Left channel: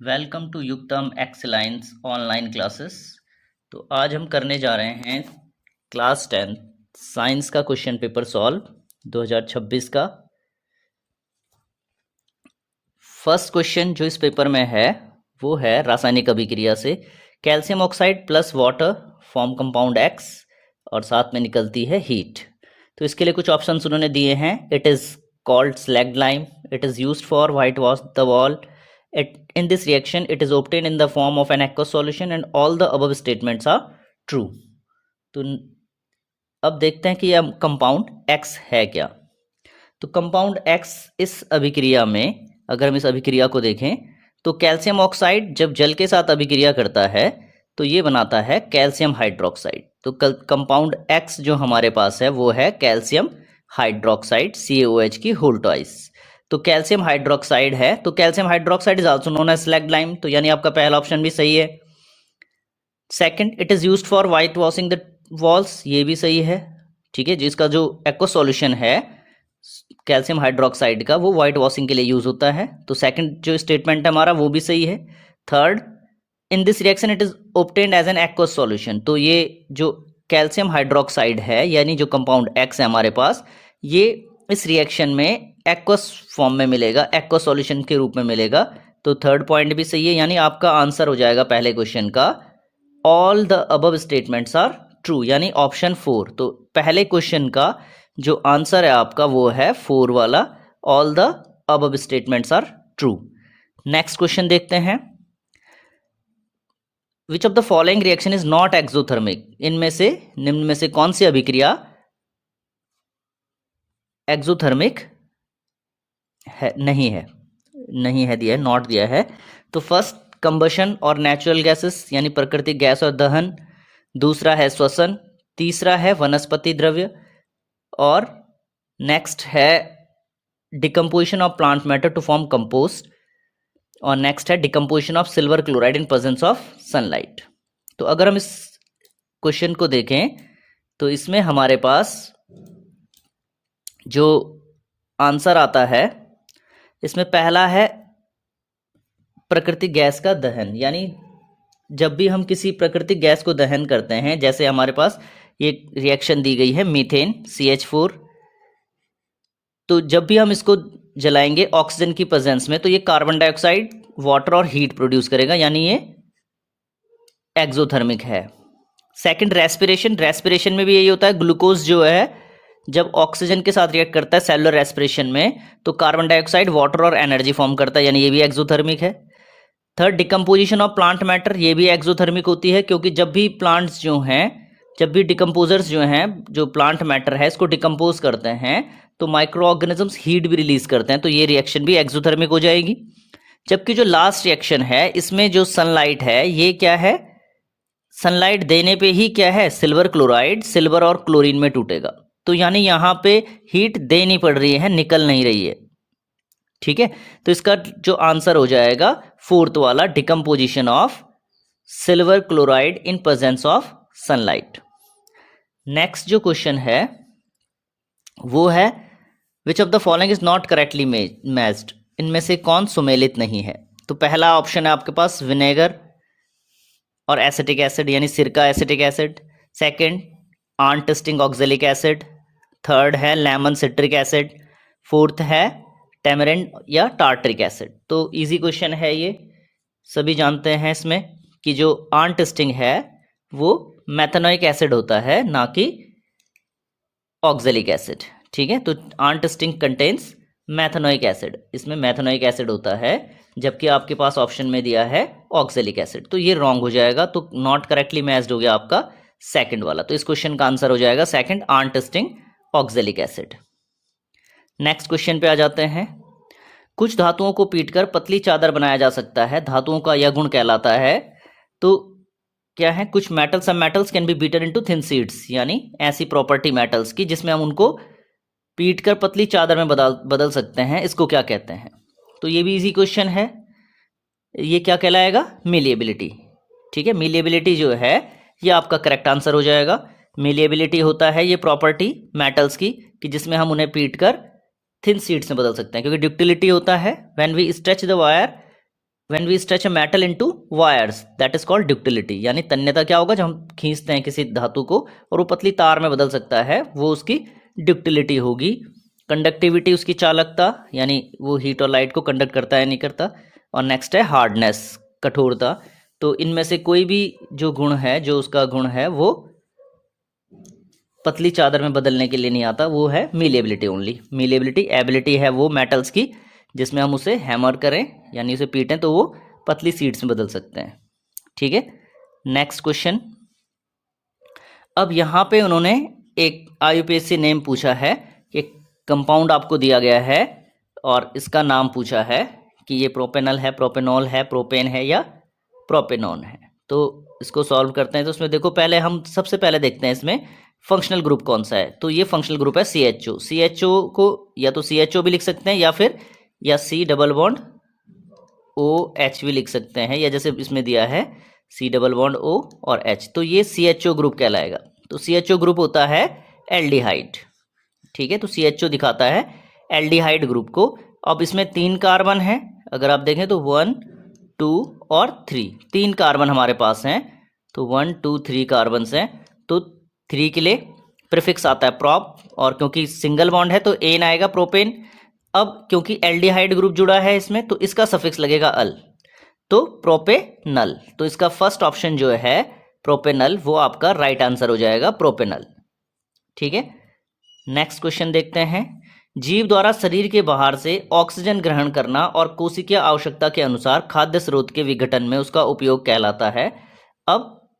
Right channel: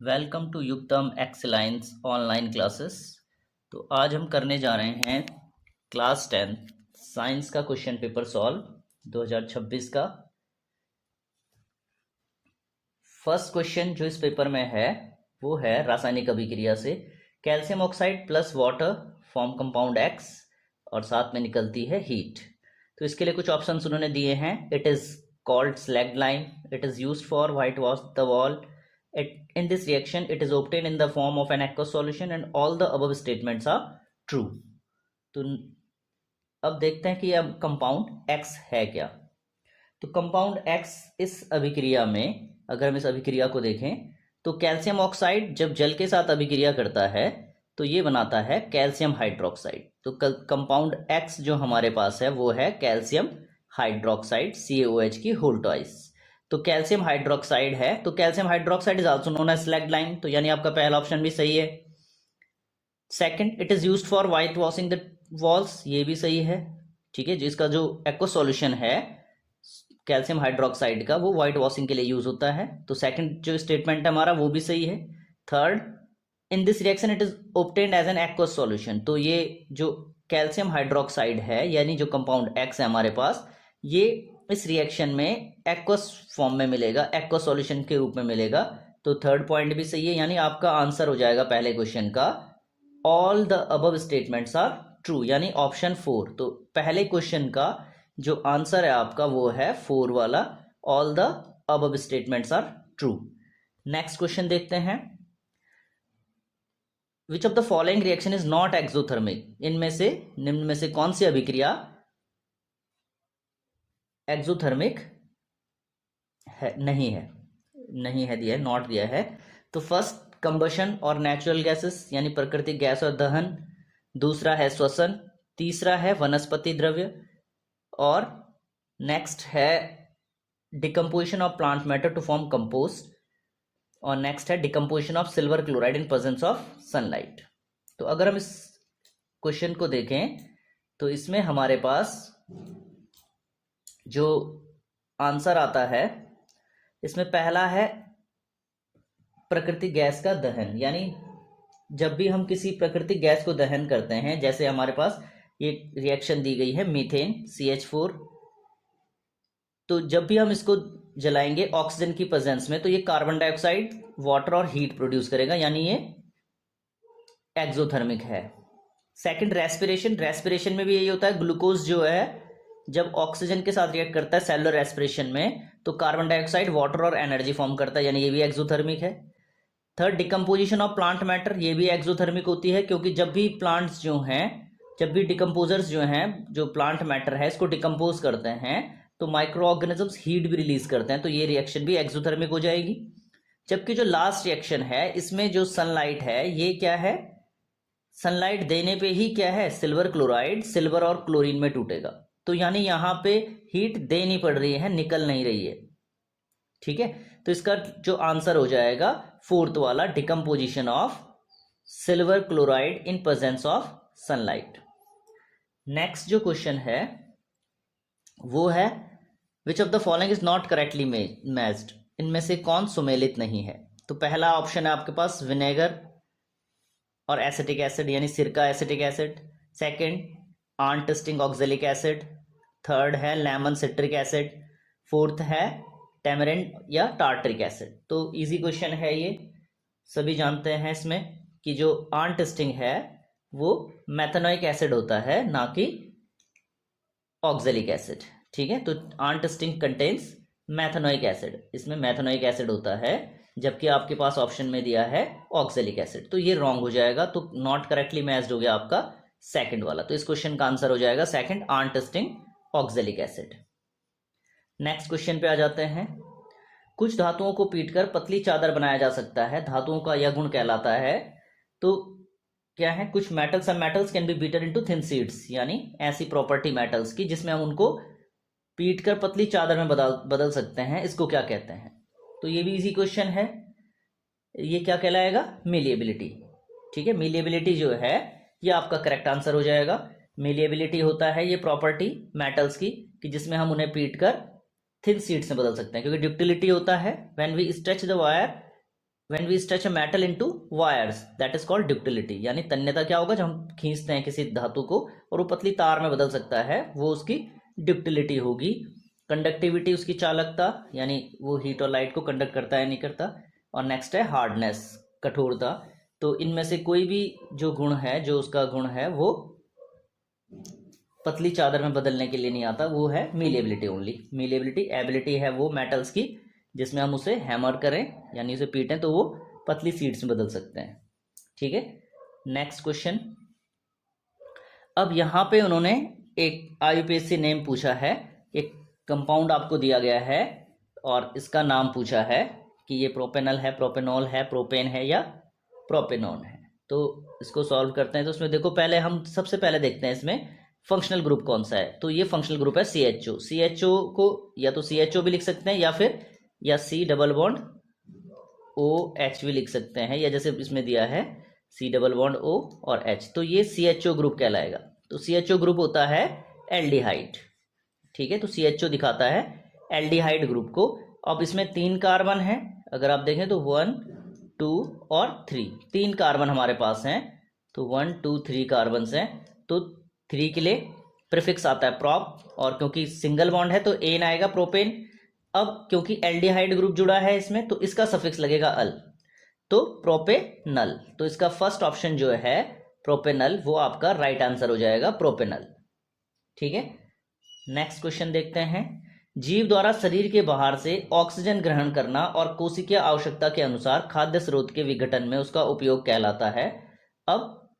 Welcome to Yuktam excellence online classes. तो आज हम करने जा रहे हैं क्लास 10 साइंस का क्वेश्चन पेपर सॉल्व 2026 का। फर्स्ट क्वेश्चन जो इस पेपर में है वो है रासायनिक अभिक्रिया से calcium oxide plus water form compound x और साथ में निकलती है हीट। तो इसके लिए कुछ ऑप्शंस उन्होंने दिए हैं। It is called slagged lime, it is used for white wash the wall, in this reaction it is obtained in the form of an aqueous solution and all the above statements are true। तो अब देखते हैं कि यह compound X है क्या। तो compound X इस अभिक्रिया में, अगर हम इस अभिक्रिया को देखें तो कैल्शियम ऑक्साइड जब जल के साथ अभिक्रिया करता है तो ये बनाता है कैल्शियम हाइड्रोक्साइड। तो कंपाउंड X जो हमारे पास है वो है कैल्शियम हाइड्रोक्साइड CaOH की होल ट्वाइस। तो कैल्शियम हाइड्रोक्साइड है, तो calcium hydroxide is also known as slaked lime, तो यानी आपका पहला ऑप्शन भी सही है। Second, it is used for whitewashing the walls, ये भी सही है। ठीक है, जिसका जो एक्वा सॉल्यूशन है कैल्शियम हाइड्रोक्साइड का वो वाइट वॉशिंग के लिए यूज होता है, तो सेकंड जो स्टेटमेंट है हमारा वो भी सही है। Third, in this reaction it is obtained as an aqueous solution, तो ये जो कैल्शियम हाइड्रोक्साइड है यानी जो कंपाउंड एक्स है हमारे पास, ये इस रिएक्शन में एक्वस फॉर्म में मिलेगा, एक्वस सॉल्यूशन के रूप में मिलेगा। तो थर्ड पॉइंट भी सही है, यानी आपका आंसर हो जाएगा पहले क्वेश्चन का all the above statements are true, यानी ऑप्शन 4। तो पहले क्वेश्चन का जो आंसर है आपका वो है 4 वाला, all the above statements are true. Next question देखते हैं। Which of the following reaction is not exothermic, इनमें से निम्न में से कौन सी अभिक्रिया एक्सोथर्मिक है, नहीं है दिया है, नॉट दिया है। तो फर्स्ट कंबशन और नेचुरल गैसेस यानी प्राकृतिक गैस और दहन, दूसरा है श्वसन, तीसरा है वनस्पति द्रव्य, और नेक्स्ट है decomposition of plant matter to form compost, और नेक्स्ट है decomposition of silver chloride in presence of sunlight. तो अगर हम इस क्वेश्चन को देखें तो इसमें हमारे पास जो आंसर आता है इसमें पहला है प्राकृतिक गैस का दहन, यानी जब भी हम किसी प्राकृतिक गैस को दहन करते हैं, जैसे हमारे पास ये रिएक्शन दी गई है मीथेन CH4, तो जब भी हम इसको जलाएंगे ऑक्सीजन की प्रेजेंस में तो ये कार्बन डाइऑक्साइड, वाटर और हीट प्रोड्यूस करेगा, यानी ये एक्सोथर्मिक है। सेकंड रेस्पिरेशन में भी यही होता है, ग्लूकोज जो है जब ऑक्सीजन के साथ रिएक्ट करता है सेलुलर रेस्पिरेशन में तो कार्बन डाइऑक्साइड, वाटर और एनर्जी फॉर्म करता है, यानी ये भी एक्सोथर्मिक है। Third, decomposition of plant matter, ये भी एक्सोथर्मिक होती है, क्योंकि जब भी प्लांट्स जो हैं, जब भी डिकम्पोजर्स जो हैं, जो प्लांट मैटर है इसको डिकम्पोज करते हैं तो माइक्रो ऑर्गेनिजम्स हीट भी रिलीज करते हैं, तो ये रिएक्शन भी एक्सोथर्मिक हो जाएगी। जबकि जो लास्ट रिएक्शन है इसमें जो सनलाइट है, ये क्या है, सनलाइट देने पे ही क्या है, सिल्वर क्लोराइड सिल्वर और क्लोरीन में टूटेगा, तो यानी यहाँ पे हीट देनी पड़ रही है, निकल नहीं रही है। ठीक है, तो इसका जो आंसर हो जाएगा फोर्थ वाला, decomposition of silver chloride in presence of sunlight. Next जो क्वेश्चन है वो है विच of the following is not correctly matched, इनमें से कौन सुमेलित नहीं है। तो पहला ऑप्शन है आपके पास विनेगर और एसिटिक एसिड यानी सिरका acetic acid, second ant sting oxalic acid, third है लेमन सिट्रिक एसिड, फोर्थ है टेमरिंड या टार्टरिक एसिड। तो इजी क्वेश्चन है ये, सभी जानते हैं इसमें कि जो आंटिस्टिंग है वो मेथनोइक एसिड होता है, ना कि ऑक्जेलिक एसिड। ठीक है, तो आंटिस्टिंग कंटेन्स मेथनोइक एसिड, इसमें मेथनोइक एसिड होता है, जबकि आपके पास ऑप्शन में दिया है ऑक्जेलिक एसिड, तो ये रॉन्ग हो जाएगा। तो नॉट करेक्टली मैच्ड हो गया आपका सेकंड वाला, तो इस क्वेश्चन का आंसर हो जाएगा second, ant sting oxalic acid. Next question पे आ जाते हैं। कुछ धातुओं को पीटकर पतली चादर बनाया जा सकता है, धातुओं का यह गुण कहलाता है। तो क्या है, कुछ मेटल्स, सब metals can be beaten into thin sheets, यानी ऐसी प्रॉपर्टी मेटल्स की जिसमें हम उनको पीटकर पतली चादर में बदल सकते हैं, इसको क्या कहते हैं। तो ये भी इजी क्वेश्चन है, ये क्या कहलाएगा, मिलिएबिलिटी। ठीक है, मिलिएबिलिटी जो है ये आपका करेक्ट आंसर हो जाएगा। मिलिएबिलिटी होता है ये प्रॉपर्टी मेटल्स की कि जिसमें हम उन्हें पीटकर थिन शीट्स में बदल सकते हैं, क्योंकि ड्यूक्टिलिटी होता है when we stretch the wire when we stretch a metal into wires that is called ductility, यानी तन्यता क्या होगा, जब हम खींचते हैं किसी धातु को और वो पतली तार में बदल सकता है, वो उसकी ड्यूक्टिलिटी होगी। कंडक्टिविटी उसकी चालकता, यानी वो हीट और लाइट को कंडक्ट करता है नहीं करता। और नेक्स्ट है हार्डनेस, कठोरता। तो इनमें से कोई भी जो गुण है, जो उसका गुण है, वो पतली चादर में बदलने के लिए नहीं आता, वो है मीलेबिलिटी ओनली। मीलेबिलिटी एबिलिटी है वो मेटल्स की जिसमें हम उसे हैमर करें यानी उसे पीटें तो वो पतली सीड्स में बदल सकते हैं। ठीक है, नेक्स्ट क्वेश्चन। अब यहाँ पे उन्होंने एक IUPAC नेम पूछा है, एक कंपाउंड आपको दिया गया है और इसका नाम पूछा है कि ये प्रोपेनल है, प्रोपेनॉल है, प्रोपेन है या प्रोपेनॉन है। तो इसको सॉल्व करते हैं। तो उसमें देखो, पहले हम सबसे पहले देखते हैं इसमें फंक्शनल ग्रुप कौन सा है। तो ये फंक्शनल ग्रुप है CHO। CHO को या तो CHO भी लिख सकते हैं या फिर या C डबल बॉन्ड OH भी लिख सकते हैं, या जैसे इसमें दिया है C डबल बॉन्ड O और H, तो ये CHO ग्रुप कहलाएगा। तो CHO ग्रुप होता है एल्डिहाइड। ठीक है, तो CHO दिखाता है एल्डिहाइड ग्रुप को। अब इसमें 3 कार्बन है, अगर आप देखें तो 1 2 और 3, 3 कार्बन हमारे पास हैं। तो 1 2 3 कार्बन हैं, तो 3 के लिए प्रीफिक्स आता है प्रॉप, और क्योंकि सिंगल बॉन्ड है तो एन आएगा, प्रोपेन। अब क्योंकि एल्डिहाइड ग्रुप जुड़ा है इसमें तो इसका सफिक्स लगेगा अल, तो प्रोपेनल। तो इसका फर्स्ट ऑप्शन जो है प्रोपेनल, वो आपका राइट आंसर हो जाएगा, प्रोपेनल। ठीक है, नेक्स्ट क्वेश्चन देखते हैं। जीव द्वारा शरीर के बाहर से ऑक्सीजन ग्रहण करना और कोशिकीय आवश्यकता के अनुसार खाद्य स्रोत के विघटन में उसका उपयोग कहलाता है। अब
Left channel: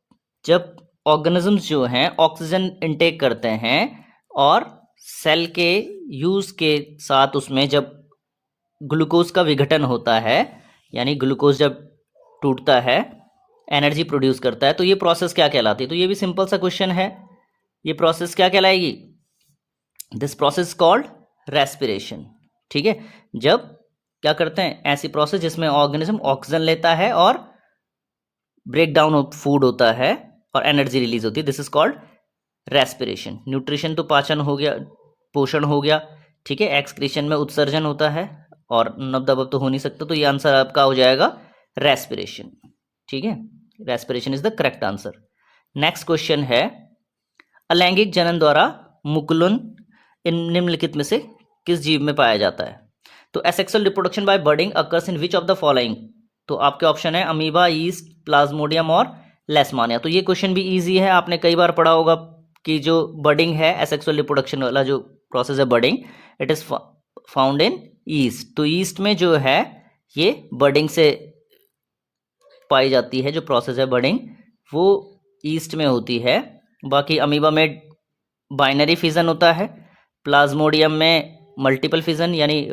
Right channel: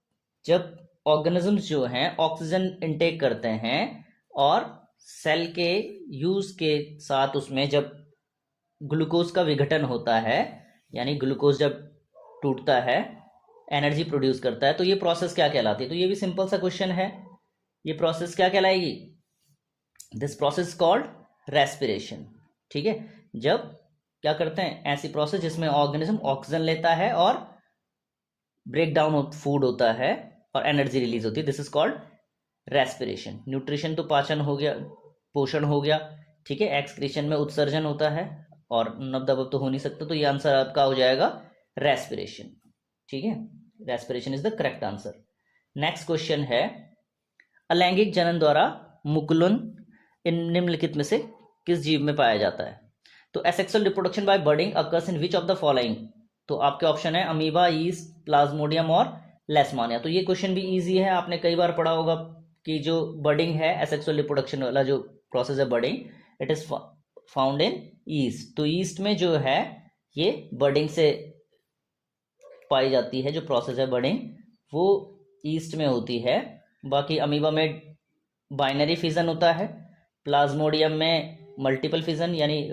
जब ऑर्गेनिजम्स जो हैं ऑक्सीजन इनटेक करते हैं और सेल के यूज के साथ उसमें जब ग्लूकोज का विघटन होता है, यानी ग्लूकोज जब टूटता है एनर्जी प्रोड्यूस करता है, तो ये प्रोसेस क्या कहलाती है। तो ये भी सिंपल सा क्वेश्चन है, ये प्रोसेस क्या कहलाएगी, दिस प्रोसेस कॉल्ड रेस्पिरेशन। ठीक है, जब क्या करते हैं, ऐसी प्रोसेस जिसमें ऑर्गेनिज्म ऑक्सीजन लेता है और ब्रेक डाउन ऑफ फूड होता है और एनर्जी रिलीज होती है, this is called respiration. Nutrition तो पाचन हो गया, पोषण हो गया। ठीक है, एक्सक्रीशन में उत्सर्जन होता है और नब दबब तो हो नहीं सकता, तो ये आंसर आपका हो जाएगा रेस्पिरेशन। ठीक है, respiration is the correct answer. Next question है, अलैंगिक जनन द्वारा मुकुलन इन निम्नलिखित में से किस जीव में पाया जाता है। तो asexual reproduction by budding occurs in which of the following. तो आपके ऑप्शन है अमीबा, ईस्ट, प्लाज्मोडियम और लेशमानिया। तो ये क्वेश्चन भी इजी है, आपने कई बार पढ़ा होगा कि जो बर्डिंग है, एसेक्सुअल रिप्रोडक्शन वाला जो प्रोसेस है budding, it is found in yeast. तो ईस्ट में जो है ये बर्डिंग से पाई जाती है, जो प्रोसेस है बर्डिंग वो ईस्ट में होती है। बाकी अमीबा में बाइनरी फिजन होता है, प्लाज्मोडियम में मल्टीपल फिजन, यानी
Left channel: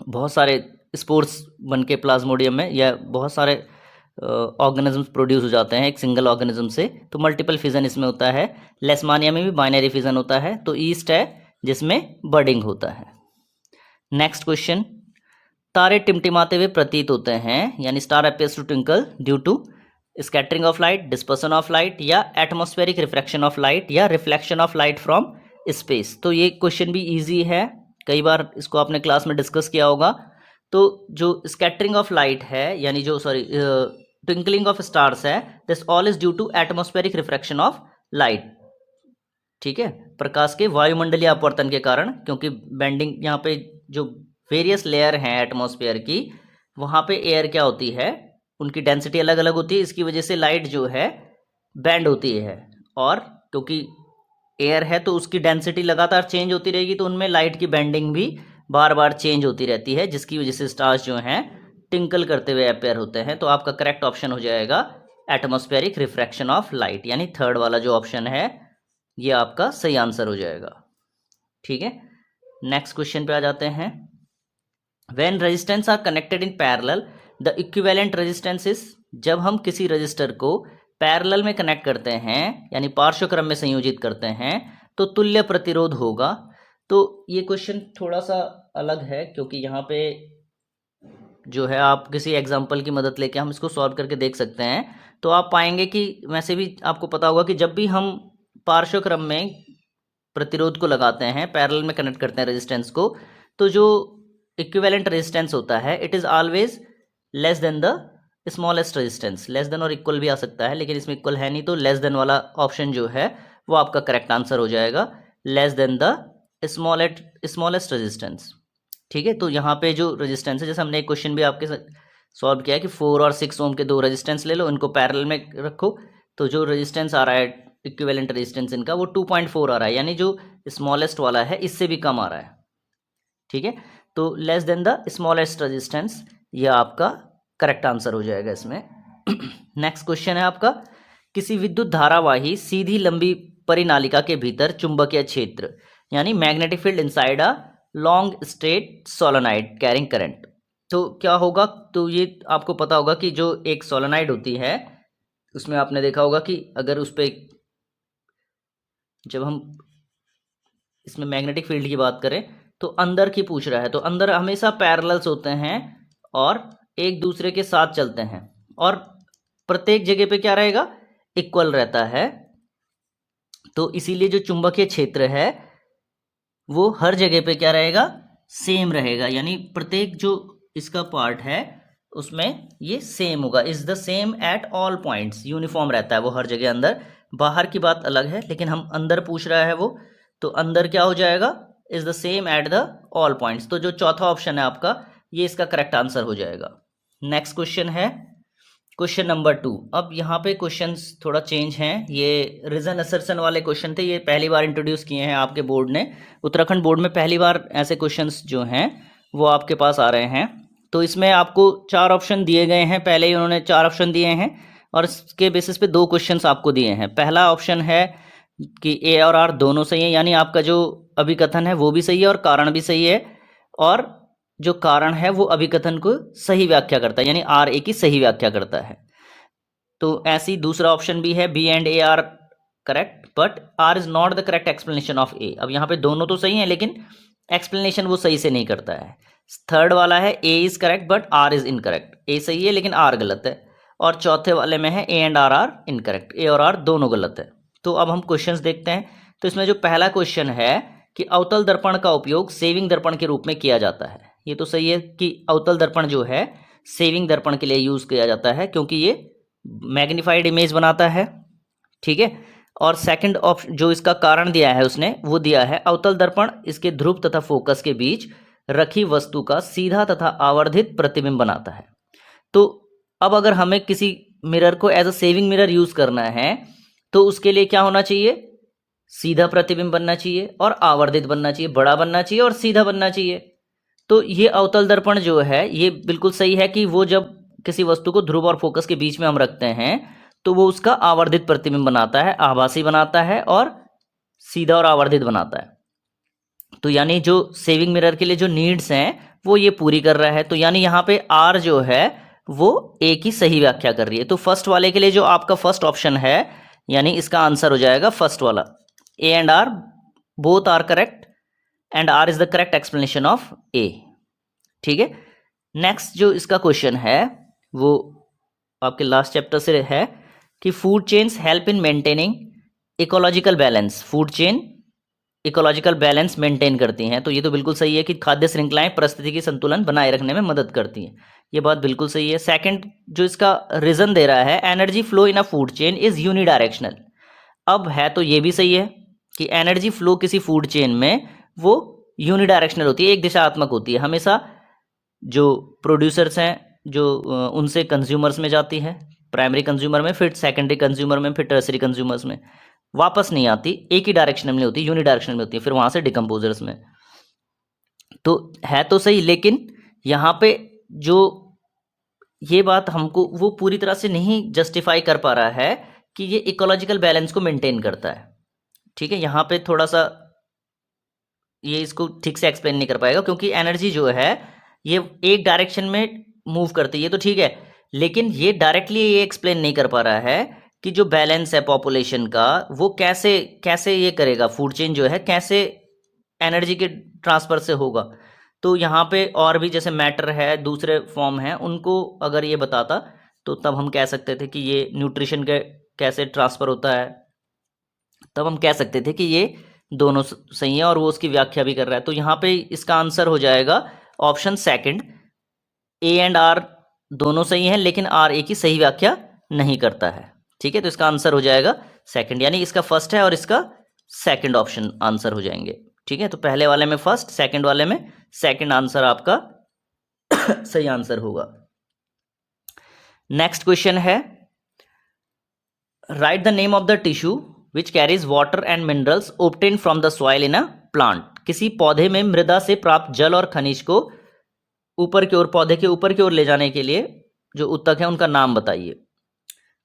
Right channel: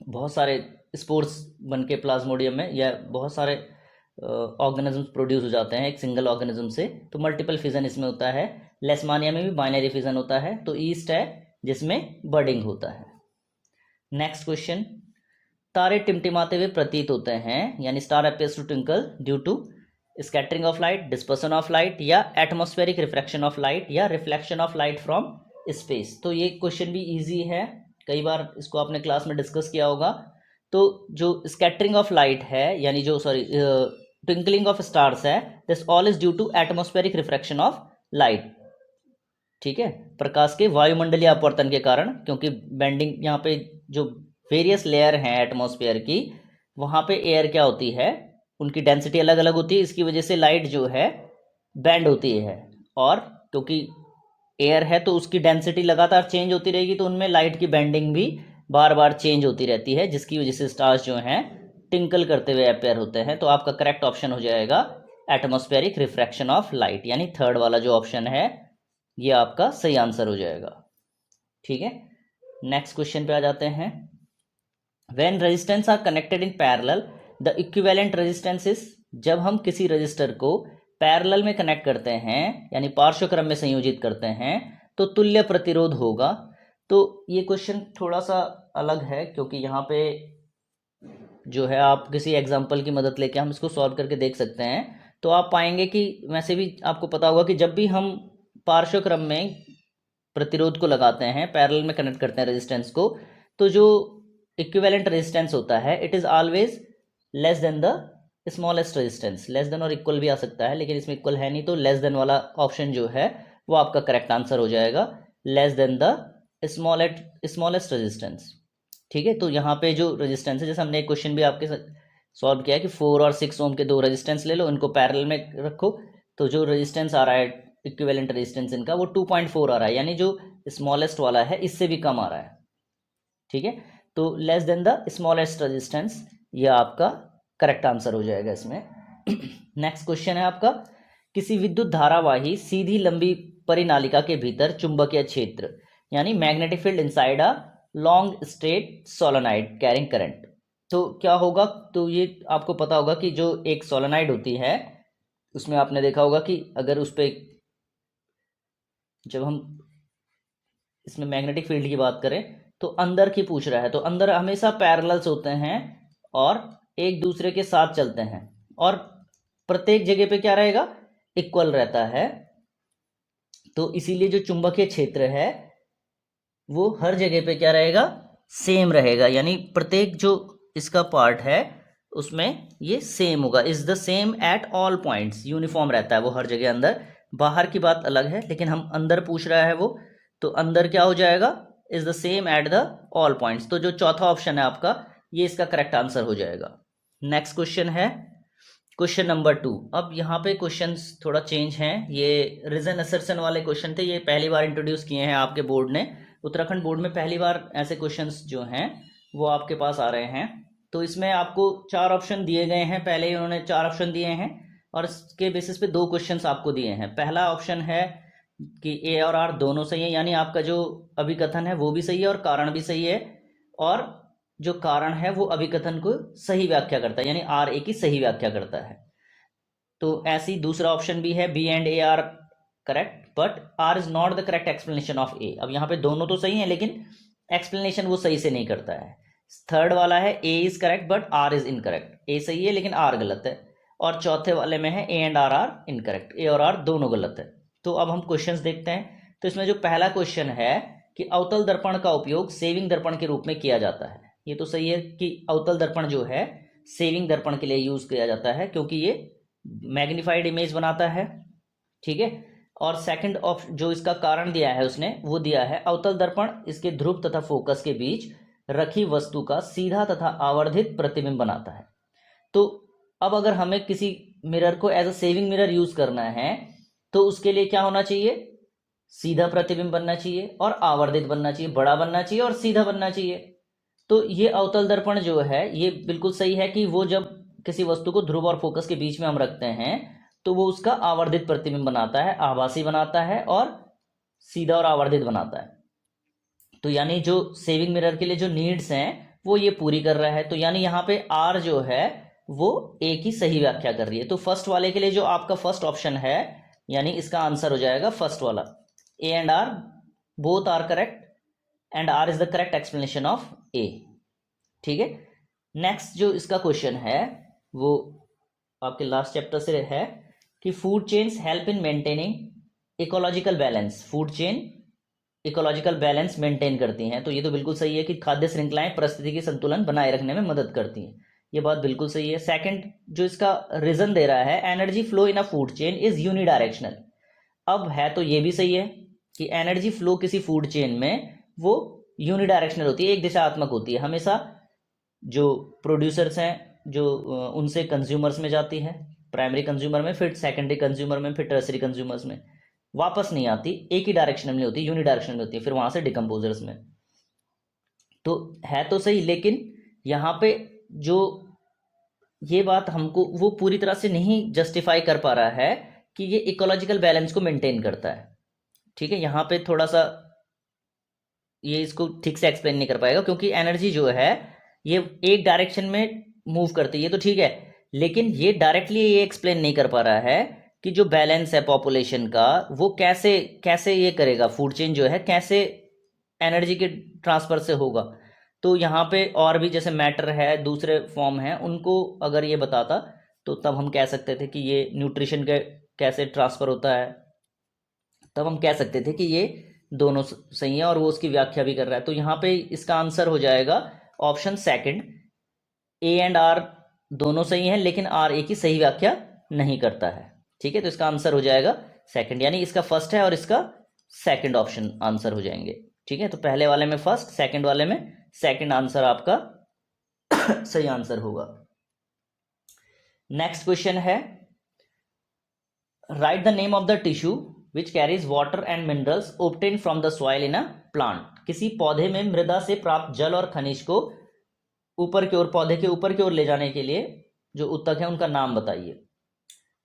बहुत सारे स्पोर्स बन के प्लाज्मोडियम में या बहुत सारे ऑर्गेनिजम्स प्रोड्यूस हो जाते हैं एक सिंगल ऑर्गेनिज्म से, तो मल्टीपल फिजन इसमें होता है। लेशमानिया में भी बाइनरी फिजन होता है, तो ईस्ट है जिसमें बर्डिंग होता है। नेक्स्ट क्वेश्चन, तारे टिमटिमाते हुए प्रतीत होते हैं, यानी star appears to twinkle due to scattering of light, dispersion of light या एटमॉस्फेरिक रिफ्रैक्शन ऑफ लाइट या reflection of light from space. तो ये क्वेश्चन भी इजी है, कई बार इसको आपने क्लास में डिस्कस किया होगा। तो जो स्कैटरिंग ऑफ लाइट है, यानी जो ट्विंकलिंग ऑफ स्टार्स है, this all is due to atmospheric refraction of light. ठीक है, प्रकाश के वायुमंडलीय अपवर्तन के कारण, क्योंकि बेंडिंग यहाँ पे जो वेरियस लेयर हैं एटमॉस्फेयर की, वहाँ पे एयर क्या होती है, उनकी डेंसिटी अलग अलग होती है, इसकी वजह से लाइट जो है बैंड होती है। और क्योंकि एयर है तो उसकी डेंसिटी लगातार चेंज होती रहेगी, तो उनमें लाइट की बेंडिंग भी बार बार चेंज होती रहती है, जिसकी वजह से स्टार्स जो हैं टिंकल करते हुए अपेयर होते हैं। तो आपका करेक्ट ऑप्शन हो जाएगा एटमॉस्फेरिक रिफ्रैक्शन ऑफ लाइट, यानी थर्ड वाला जो ऑप्शन है ये आपका सही आंसर हो जाएगा। ठीक है, नेक्स्ट क्वेश्चन पे आ जाते हैं। When resistance R connected in parallel the equivalent resistance is. जब हम किसी रजिस्टर को पैरेलल में कनेक्ट करते हैं, यानी पार्श्व क्रम में संयोजित करते हैं, तो तुल्य प्रतिरोध होगा। तो ये क्वेश्चन थोड़ा सा अलग है, क्योंकि यहाँ पे जो है आप किसी एग्जाम्पल की मदद लेके हम इसको सॉल्व करके देख सकते हैं। तो आप पाएंगे कि वैसे भी आपको पता होगा कि जब भी हम पार्श्व क्रम में प्रतिरोध को लगाते हैं, पैरेलल में कनेक्ट करते हैं रेजिस्टेंस को, तो जो इक्विवेलेंट रेजिस्टेंस होता है it is always less than the smallest resistance. Less than और इक्वल भी आ सकता है, लेकिन इसमें इक्वल है नहीं, तो लेस देन वाला ऑप्शन जो है वो आपका करेक्ट आंसर हो जाएगा, less than the smallest resistance. ठीक है, तो यहाँ पे जो रेजिस्टेंस है, जैसे हमने एक क्वेश्चन भी आपके सॉल्व किया है कि 4 और 6 ओम के दो रेजिस्टेंस ले लो, इनको पैरेलल में रखो, तो जो रेजिस्टेंस आ रहा है इक्विवेलेंट रेजिस्टेंस इनका वो 2.4 आ रहा है, यानी जो स्मॉलेस्ट वाला है इससे भी कम आ रहा है। ठीक है, तो less than the smallest resistance, ये आपका करेक्ट आंसर हो जाएगा इसमें। नेक्स्ट क्वेश्चन है आपका, किसी विद्युत धारावाही सीधी लंबी परिनालिका के भीतर चुंबकीय क्षेत्र यानी magnetic field inside a long straight solenoid carrying current. तो क्या होगा, तो ये आपको पता होगा कि जो एक सोलेनॉइड होती है उसमें आपने देखा होगा कि अगर उस पर, जब हम इसमें मैग्नेटिक फील्ड की बात करें तो अंदर की पूछ रहा है, तो अंदर हमेशा पैरेलल्स होते हैं और एक दूसरे के साथ चलते हैं, और प्रत्येक जगह पे क्या रहेगा, इक्वल रहता है। तो इसीलिए जो चुंबकीय क्षेत्र है वो हर जगह पे क्या रहेगा, सेम रहेगा, यानी प्रत्येक जो इसका पार्ट है उसमें ये सेम होगा, is the same at all points, uniform रहता है वो हर जगह अंदर। बाहर की बात अलग है, लेकिन हम अंदर पूछ रहा है वो, तो अंदर क्या हो जाएगा, is the same at the all points. तो जो चौथा ऑप्शन है आपका, ये इसका करेक्ट आंसर हो जाएगा। नेक्स्ट क्वेश्चन है क्वेश्चन नंबर 2। अब यहाँ पे क्वेश्चंस थोड़ा चेंज हैं, ये रीजन असर्शन वाले क्वेश्चन थे, ये पहली बार इंट्रोड्यूस किए हैं आपके बोर्ड ने, उत्तराखंड बोर्ड में पहली बार ऐसे क्वेश्चंस जो हैं वो आपके पास आ रहे हैं। तो इसमें आपको 4 ऑप्शन दिए गए हैं, पहले ही उन्होंने 4 ऑप्शन दिए हैं और इसके बेसिस पे 2 क्वेश्चंस आपको दिए हैं। पहला ऑप्शन है कि ए और आर दोनों सही है, यानी आपका जो अभिकथन है वो भी सही है और कारण भी सही है, और जो कारण है वो अभिकथन को सही व्याख्या करता है, यानी आर ए की सही व्याख्या करता है। तो ऐसी दूसरा ऑप्शन भी है, B and A R correct but R is not the correct explanation of A. अब यहाँ पे दोनों तो सही हैं लेकिन एक्सप्लेनेशन वो सही से नहीं करता है। थर्ड वाला है A is correct but R is incorrect, A सही है लेकिन आर गलत है। और चौथे वाले में है ए एंड आर इनकरेक्ट, ए और आर दोनों गलत है। तो अब हम क्वेश्चंस देखते हैं। तो इसमें जो पहला क्वेश्चन है कि अवतल दर्पण का उपयोग सेविंग दर्पण के रूप में किया जाता है, ये तो सही है कि अवतल दर्पण जो है सेविंग दर्पण के लिए यूज किया जाता है क्योंकि ये मैग्नीफाइड इमेज बनाता है। ठीक है, और सेकंड ऑप्शन जो इसका कारण दिया है उसने, वो दिया है अवतल दर्पण इसके ध्रुव तथा फोकस के बीच रखी वस्तु का सीधा तथा आवर्धित प्रतिबिंब बनाता है। तो अब अगर हमें किसी मिरर को as a shaving mirror use करना है तो उसके लिए क्या होना चाहिए, सीधा प्रतिबिंब बनना चाहिए और आवर्धित बनना चाहिए, बड़ा बनना चाहिए और सीधा बनना चाहिए। तो ये अवतल दर्पण जो है ये बिल्कुल सही है कि वो जब किसी वस्तु को ध्रुव और फोकस के बीच में हम रखते हैं तो वो उसका आवर्धित प्रतिबिंब बनाता है, आभासी बनाता है और सीधा और आवर्धित बनाता है। तो यानी जो सेविंग मिरर के लिए जो नीड्स हैं वो ये पूरी कर रहा है। तो यानी यहाँ पे आर जो है वो ए की सही व्याख्या कर रही है। तो फर्स्ट वाले के लिए जो आपका फर्स्ट ऑप्शन है, यानी इसका आंसर हो जाएगा फर्स्ट वाला, A and R both are correct and R is the correct explanation of A. ठीक है, नेक्स्ट जो इसका क्वेश्चन है वो आपके लास्ट चैप्टर से है कि food chains help in maintaining ecological balance. Food chain ecological balance maintain करती हैं, तो ये तो बिल्कुल सही है कि खाद्य श्रृंखलाएं परिस्थिति की संतुलन बनाए रखने में मदद करती हैं, ये बात बिल्कुल सही है। सेकंड जो इसका रीजन दे रहा है, energy flow in a food chain is unidirectional. अब है तो ये भी सही है कि एनर्जी फ्लो किसी फूड चेन में वो यूनिडायरेक्शनल होती है, एक दिशात्मक होती है, हमेशा जो प्रोड्यूसर्स हैं जो उनसे कंज्यूमर्स में जाती है, प्राइमरी कंज्यूमर में, फिर सेकेंडरी कंज्यूमर में, फिर टर्सरी कंज्यूमर्स में, वापस नहीं आती, एक ही डायरेक्शन में होती है, यूनिडायरेक्शनल में होती है, फिर वहां से डिकम्पोजर्स में। तो है तो सही, लेकिन यहाँ पे जो ये बात हमको वो पूरी तरह से नहीं जस्टिफाई कर पा रहा है कि ये इकोलॉजिकल बैलेंस को मेंटेन करता है। ठीक है, यहाँ पे थोड़ा सा ये इसको ठीक से एक्सप्लेन नहीं कर पाएगा क्योंकि एनर्जी जो है ये एक डायरेक्शन में मूव करती है, तो ठीक है, लेकिन ये डायरेक्टली ये एक्सप्लेन नहीं कर पा रहा है कि जो बैलेंस है पॉपुलेशन का वो कैसे कैसे ये करेगा, फूड चेन जो है कैसे एनर्जी के ट्रांसफर से होगा। तो यहाँ पे और भी जैसे मैटर है, दूसरे फॉर्म हैं, उनको अगर ये बताता तो तब हम कह सकते थे कि ये न्यूट्रिशन के कैसे ट्रांसफ़र होता है, तब हम कह सकते थे कि ये दोनों सही है और वो उसकी व्याख्या भी कर रहा है। तो यहाँ पे इसका आंसर हो जाएगा option second, A and R दोनों सही हैं, लेकिन आर ए की सही व्याख्या नहीं करता है। ठीक है, तो इसका आंसर हो जाएगा सेकंड, यानी इसका फर्स्ट है और इसका सेकंड ऑप्शन आंसर हो जाएंगे। ठीक है, तो पहले वाले में फर्स्ट, सेकंड वाले में सेकंड आंसर आपका सही आंसर होगा। नेक्स्ट क्वेश्चन है, right the name of the tissue which carries water and minerals obtain from the soil in a plant. किसी पौधे में मृदा से प्राप्त जल और खनिज को ऊपर की ओर, पौधे के ऊपर की ओर ले जाने के लिए जो उत्तक है उनका नाम बताइए।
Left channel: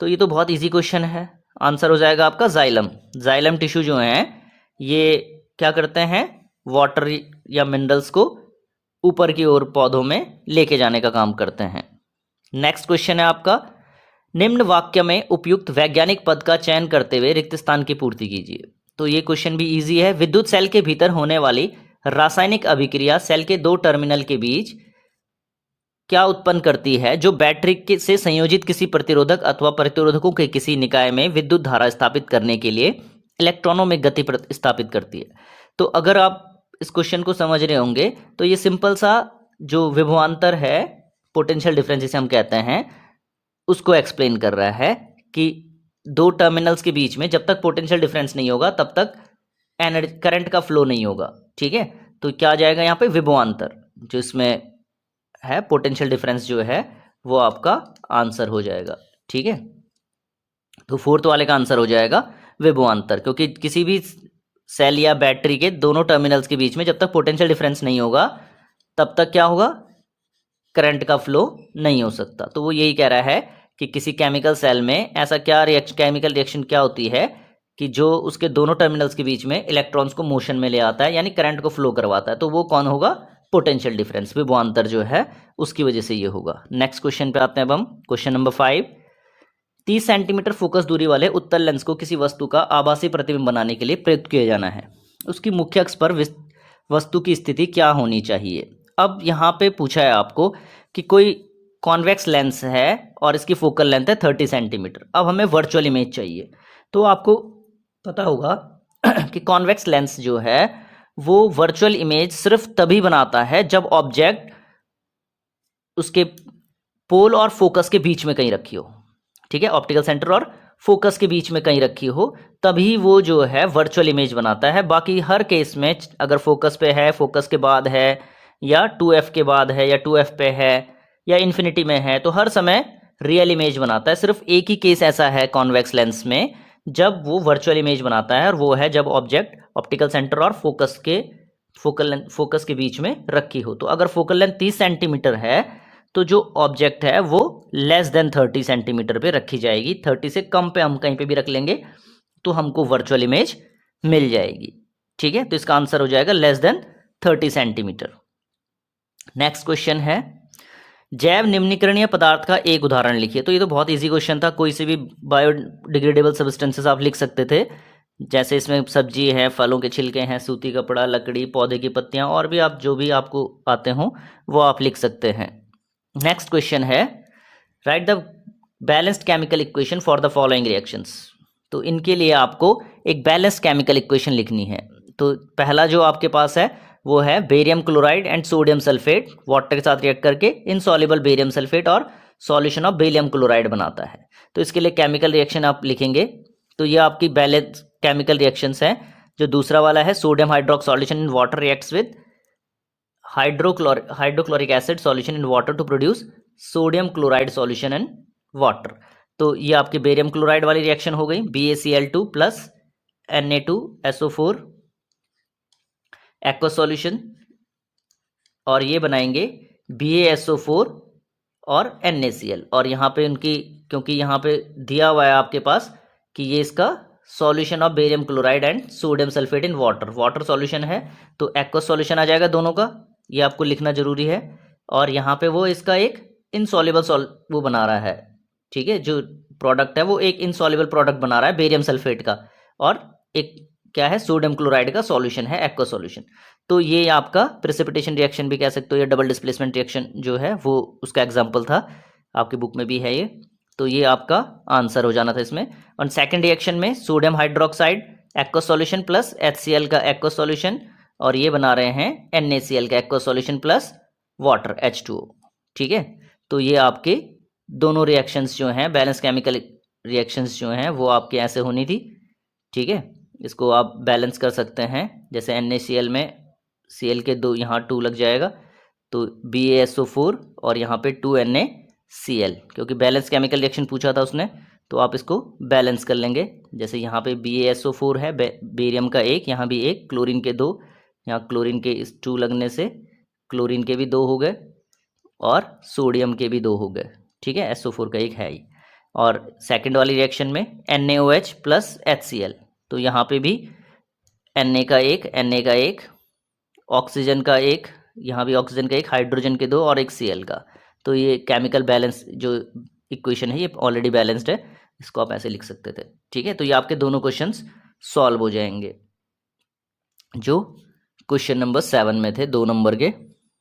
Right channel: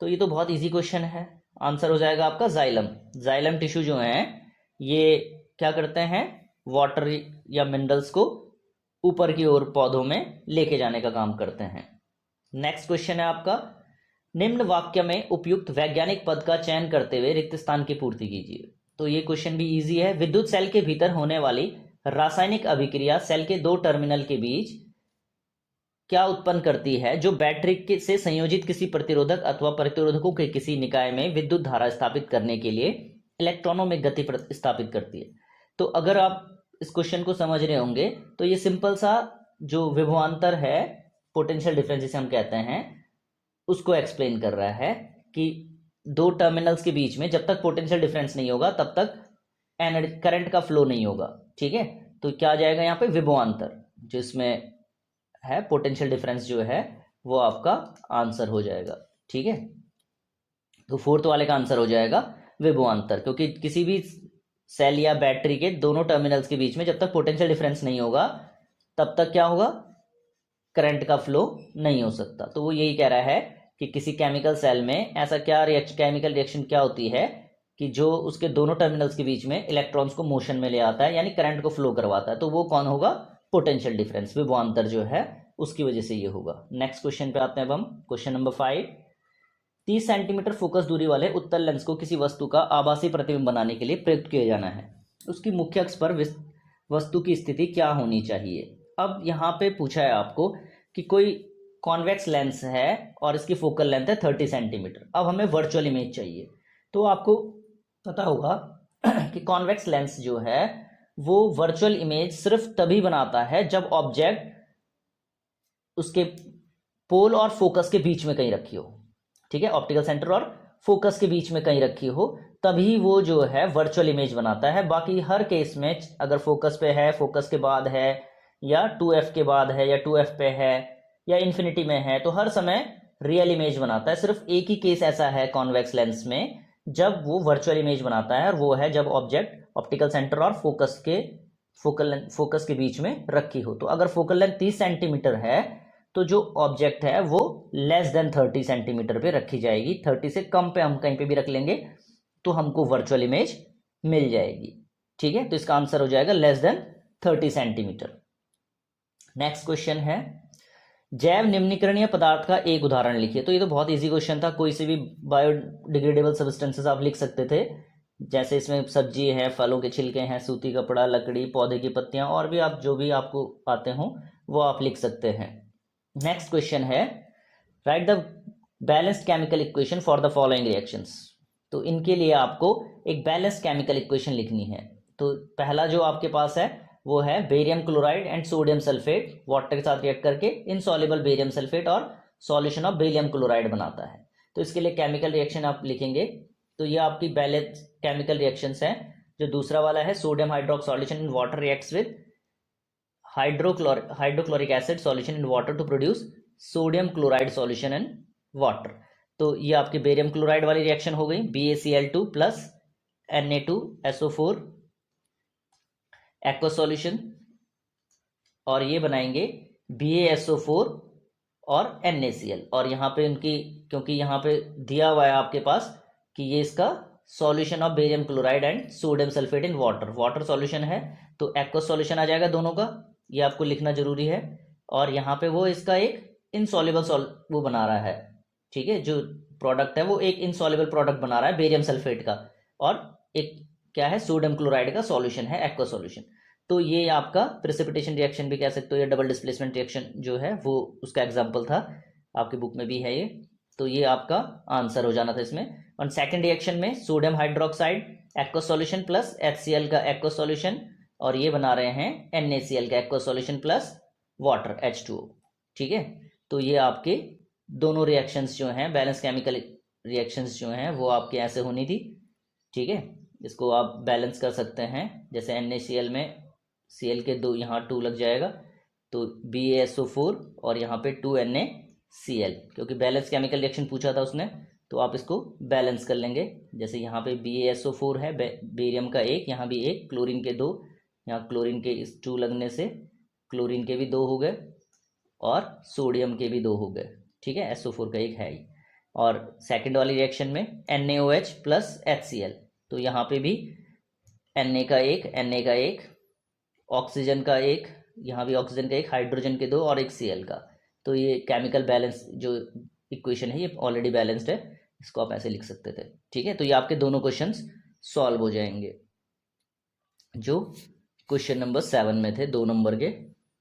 तो ये तो बहुत इजी क्वेश्चन है, आंसर हो जाएगा आपका जाइलम। जाइलम टिश्यू जो है ये क्या करते हैं, वाटर या मिनरल्स को ऊपर की ओर पौधों में लेके जाने का काम करते हैं। नेक्स्ट क्वेश्चन है आपका, निम्न वाक्य में उपयुक्त वैज्ञानिक पद का चयन करते हुए रिक्त स्थान की पूर्ति कीजिए। तो ये क्वेश्चन भी इजी है। विद्युत सेल के भीतर होने वाली रासायनिक अभिक्रिया सेल के दो टर्मिनल के बीच क्या उत्पन्न करती है, जो बैटरी से संयोजित किसी प्रतिरोधक अथवा प्रतिरोधकों के किसी निकाय में विद्युत धारा स्थापित करने के लिए इलेक्ट्रॉनों में गति स्थापित करती है। तो अगर आप इस क्वेश्चन को समझ रहे होंगे तो ये सिंपल सा जो विभवांतर है, पोटेंशियल डिफरेंस जिसे हम कहते हैं, उसको एक्सप्लेन कर रहा है कि दो टर्मिनल्स के बीच में जब तक पोटेंशियल डिफरेंस नहीं होगा तब तक एनर्जी, करंट का फ्लो नहीं होगा। ठीक है, तो क्या आ जाएगा यहाँ पे, विभवांतर, जो इसमें है पोटेंशियल डिफरेंस जो है वो आपका आंसर हो जाएगा। ठीक है, तो फोर्थ वाले का आंसर हो जाएगा विभवांतर, क्योंकि किसी भी सेल या बैटरी के दोनों टर्मिनल्स के बीच में जब तक पोटेंशियल डिफरेंस नहीं होगा तब तक क्या होगा, करंट का फ्लो नहीं हो सकता। तो वो यही कह रहा है कि किसी केमिकल सेल में ऐसा क्या केमिकल रिएक्शन क्या होती है कि जो उसके दोनों टर्मिनल्स के बीच में इलेक्ट्रॉन्स को मोशन में ले आता है, यानी करंट को फ्लो करवाता है। तो वो कौन होगा, पोटेंशियल डिफरेंस, विभवांतर जो है उसकी वजह से ये होगा। नेक्स्ट क्वेश्चन पे आते हैं अब हम, क्वेश्चन नंबर 5। 30 सेंटीमीटर फोकस दूरी वाले उत्तल लेंस को किसी वस्तु का आभासी प्रतिबिंब बनाने के लिए प्रयुक्त किया जाना है। उसकी मुख्य अक्ष पर वस्तु की स्थिति क्या होनी चाहिए। अब यहाँ पे पूछा है आपको कि कोई कॉन्वेक्स लेंस है और इसकी फोकल लेंथ है 30 सेंटीमीटर। अब हमें वर्चुअल इमेज चाहिए। तो आपको पता होगा कि कॉन्वेक्स लेंस जो है वो वर्चुअल इमेज सिर्फ तभी बनाता है जब ऑब्जेक्ट उसके पोल और फोकस के बीच में कहीं रखी हो। ठीक है, ऑप्टिकल सेंटर और फोकस के बीच में कहीं रखी हो तभी वो जो है वर्चुअल इमेज बनाता है। बाकी हर केस में अगर फोकस पे है, फोकस के बाद है, या 2f के बाद है, या 2f पे है, या इन्फिनिटी में है, तो हर समय रियल इमेज बनाता है। सिर्फ एक ही केस ऐसा है कॉन्वेक्स लेंस में जब वो वर्चुअल इमेज बनाता है, और वो है जब ऑब्जेक्ट ऑप्टिकल सेंटर और फोकस के बीच में रखी हो। तो अगर फोकल लेंथ 30 सेंटीमीटर है तो जो ऑब्जेक्ट है वो लेस देन 30 सेंटीमीटर पे रखी जाएगी। 30 से कम पे हम कहीं पे भी रख लेंगे तो हमको वर्चुअल इमेज मिल जाएगी। ठीक है, तो इसका आंसर हो जाएगा less than 30 centimetre. Next question है, जैव निम्नीकरणीय पदार्थ का एक उदाहरण लिखिए। तो ये तो बहुत इजी क्वेश्चन था, कोई से भी बायोडिग्रेडेबल सब्सटेंसेस आप लिख सकते थे। जैसे इसमें सब्जी है, फलों के छिलके हैं, सूती कपड़ा, लकड़ी, पौधे की पत्तियां, और भी आप जो भी आपको आते हो वो आप लिख सकते हैं। नेक्स्ट क्वेश्चन है, right the balanced chemical equation for the following reactions. तो इनके लिए आपको एक बैलेंस्ड केमिकल इक्वेशन लिखनी है। तो पहला जो आपके पास है वो है barium chloride and sodium sulphate water के साथ रिएक्ट करके इनसॉल्युबल बेरियम सल्फेट और सॉल्यूशन ऑफ बेरियम क्लोराइड बनाता है। तो इसके लिए केमिकल रिएक्शन आप लिखेंगे। तो ये आपकी बैलेंस केमिकल रिएक्शंस हैं। जो दूसरा वाला है, sodium hydroxide solution in water reacts with hydrochloric acid solution in water to produce sodium chloride solution in water. तो ये आपकी बेरियम क्लोराइड वाली रिएक्शन हो गई, BaCl2 plus Na2SO4 aqua solution, और ये बनाएंगे BaSO4 और NaCl। और यहाँ पे उनकी, क्योंकि यहाँ पे दिया हुआ है आपके पास कि ये इसका solution of barium chloride and sodium sulphate in water, water solution है, तो एक्वा सॉल्यूशन आ जाएगा दोनों का, ये आपको लिखना जरूरी है। और यहाँ पे वो इसका एक इनसॉल्युबल वो बना रहा है। ठीक है, जो प्रोडक्ट है वो एक इनसॉल्युबल प्रोडक्ट बना रहा है बेरियम सल्फेट का, और एक क्या है, सोडियम क्लोराइड का सॉल्यूशन है, एक्वा सॉल्यूशन। तो ये आपका प्रेसिपिटेशन रिएक्शन भी कह सकते हो, या डबल डिस्प्लेसमेंट रिएक्शन जो है वो उसका एग्जाम्पल था, आपकी बुक में भी है ये। तो ये आपका आंसर हो जाना था इसमें। और सेकेंड रिएक्शन में sodium hydroxide aqua solution plus HCl का एक्वा सॉल्यूशन, और ये बना रहे हैं NaCl का aqua solution plus water H2O। ठीक है, तो ये आपके दोनों रिएक्शंस जो हैं, बैलेंस केमिकल रिएक्शंस जो हैं, वो आपके ऐसे होनी थी। ठीक है, इसको आप बैलेंस कर सकते हैं। जैसे NaCl में Cl के दो यहाँ 2 लग जाएगा, तो BaSO4 और यहाँ पे 2NaCl, क्योंकि बैलेंस केमिकल रिएक्शन पूछा था उसने, तो आप इसको बैलेंस कर लेंगे। जैसे यहाँ पे BaSO4 है, बेरियम का 1, यहाँ भी 1, क्लोरीन के 2, यहाँ क्लोरीन के इस 2 लगने से क्लोरीन के भी 2 हो गए और सोडियम के भी 2 हो गए। ठीक है, SO4 का 1 है ही। और सेकंड वाली रिएक्शन में NaOH प्लस HCl, तो यहाँ पे भी Na का 1, ऑक्सीजन का 1, यहाँ भी ऑक्सीजन का 1, हाइड्रोजन के 2 और एक Cl का। तो ये केमिकल बैलेंस जो इक्वेशन है ये ऑलरेडी बैलेंस्ड है, इसको आप ऐसे लिख सकते थे। ठीक है, तो ये आपके दोनों क्वेश्चंस सॉल्व हो जाएंगे जो क्वेश्चन नंबर 7 में थे, 2 नंबर के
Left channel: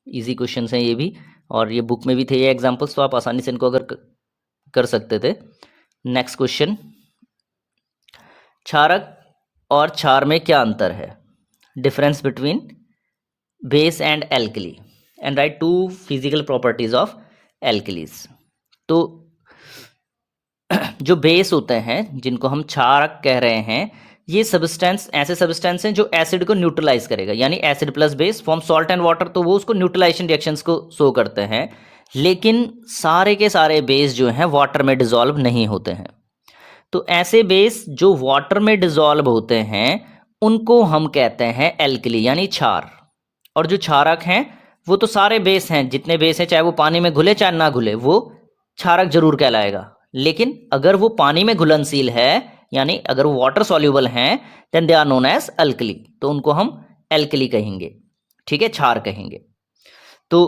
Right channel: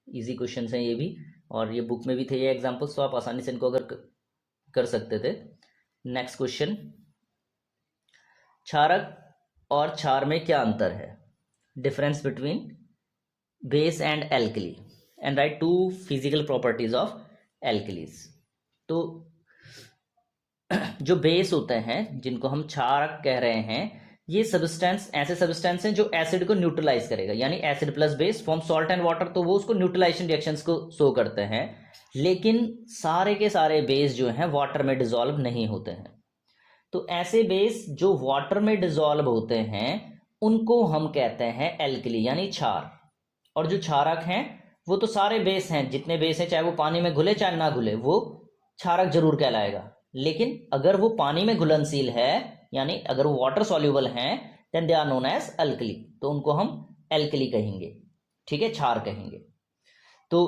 इजी क्वेश्चंस हैं ये भी, और ये बुक में भी थे ये एग्जाम्पल्स, तो आप आसानी से इनको अगर कर सकते थे। नेक्स्ट क्वेश्चन, क्षारक और क्षार में क्या अंतर है? Difference between base and alkali, and right 2 physical properties of alkalis. तो जो बेस होते हैं, जिनको हम क्षारक कह रहे हैं, ये सब्सटेंस ऐसे सब्सटेंस हैं जो एसिड को न्यूट्रलाइज करेगा, यानी acid plus base form salt and water, तो वो उसको न्यूट्रलाइजेशन रिएक्शंस को शो करते हैं। लेकिन सारे के सारे बेस जो हैं वाटर में डिसॉल्व नहीं होते हैं। तो ऐसे बेस जो वाटर में डिसॉल्व होते हैं उनको हम कहते हैं एल्कली, यानी क्षार। और जो क्षारक हैं वो तो सारे बेस हैं, जितने बेस हैं, चाहे वो पानी में घुले चाहे ना घुले, वो क्षारक जरूर कहलाएगा। लेकिन अगर वो पानी में घुलनशील है, यानी अगर वो वाटर सॉल्यूबल हैं, then they are known as alkali, तो उनको हम एल्कली कहेंगे। ठीक है, क्षार कहेंगे। तो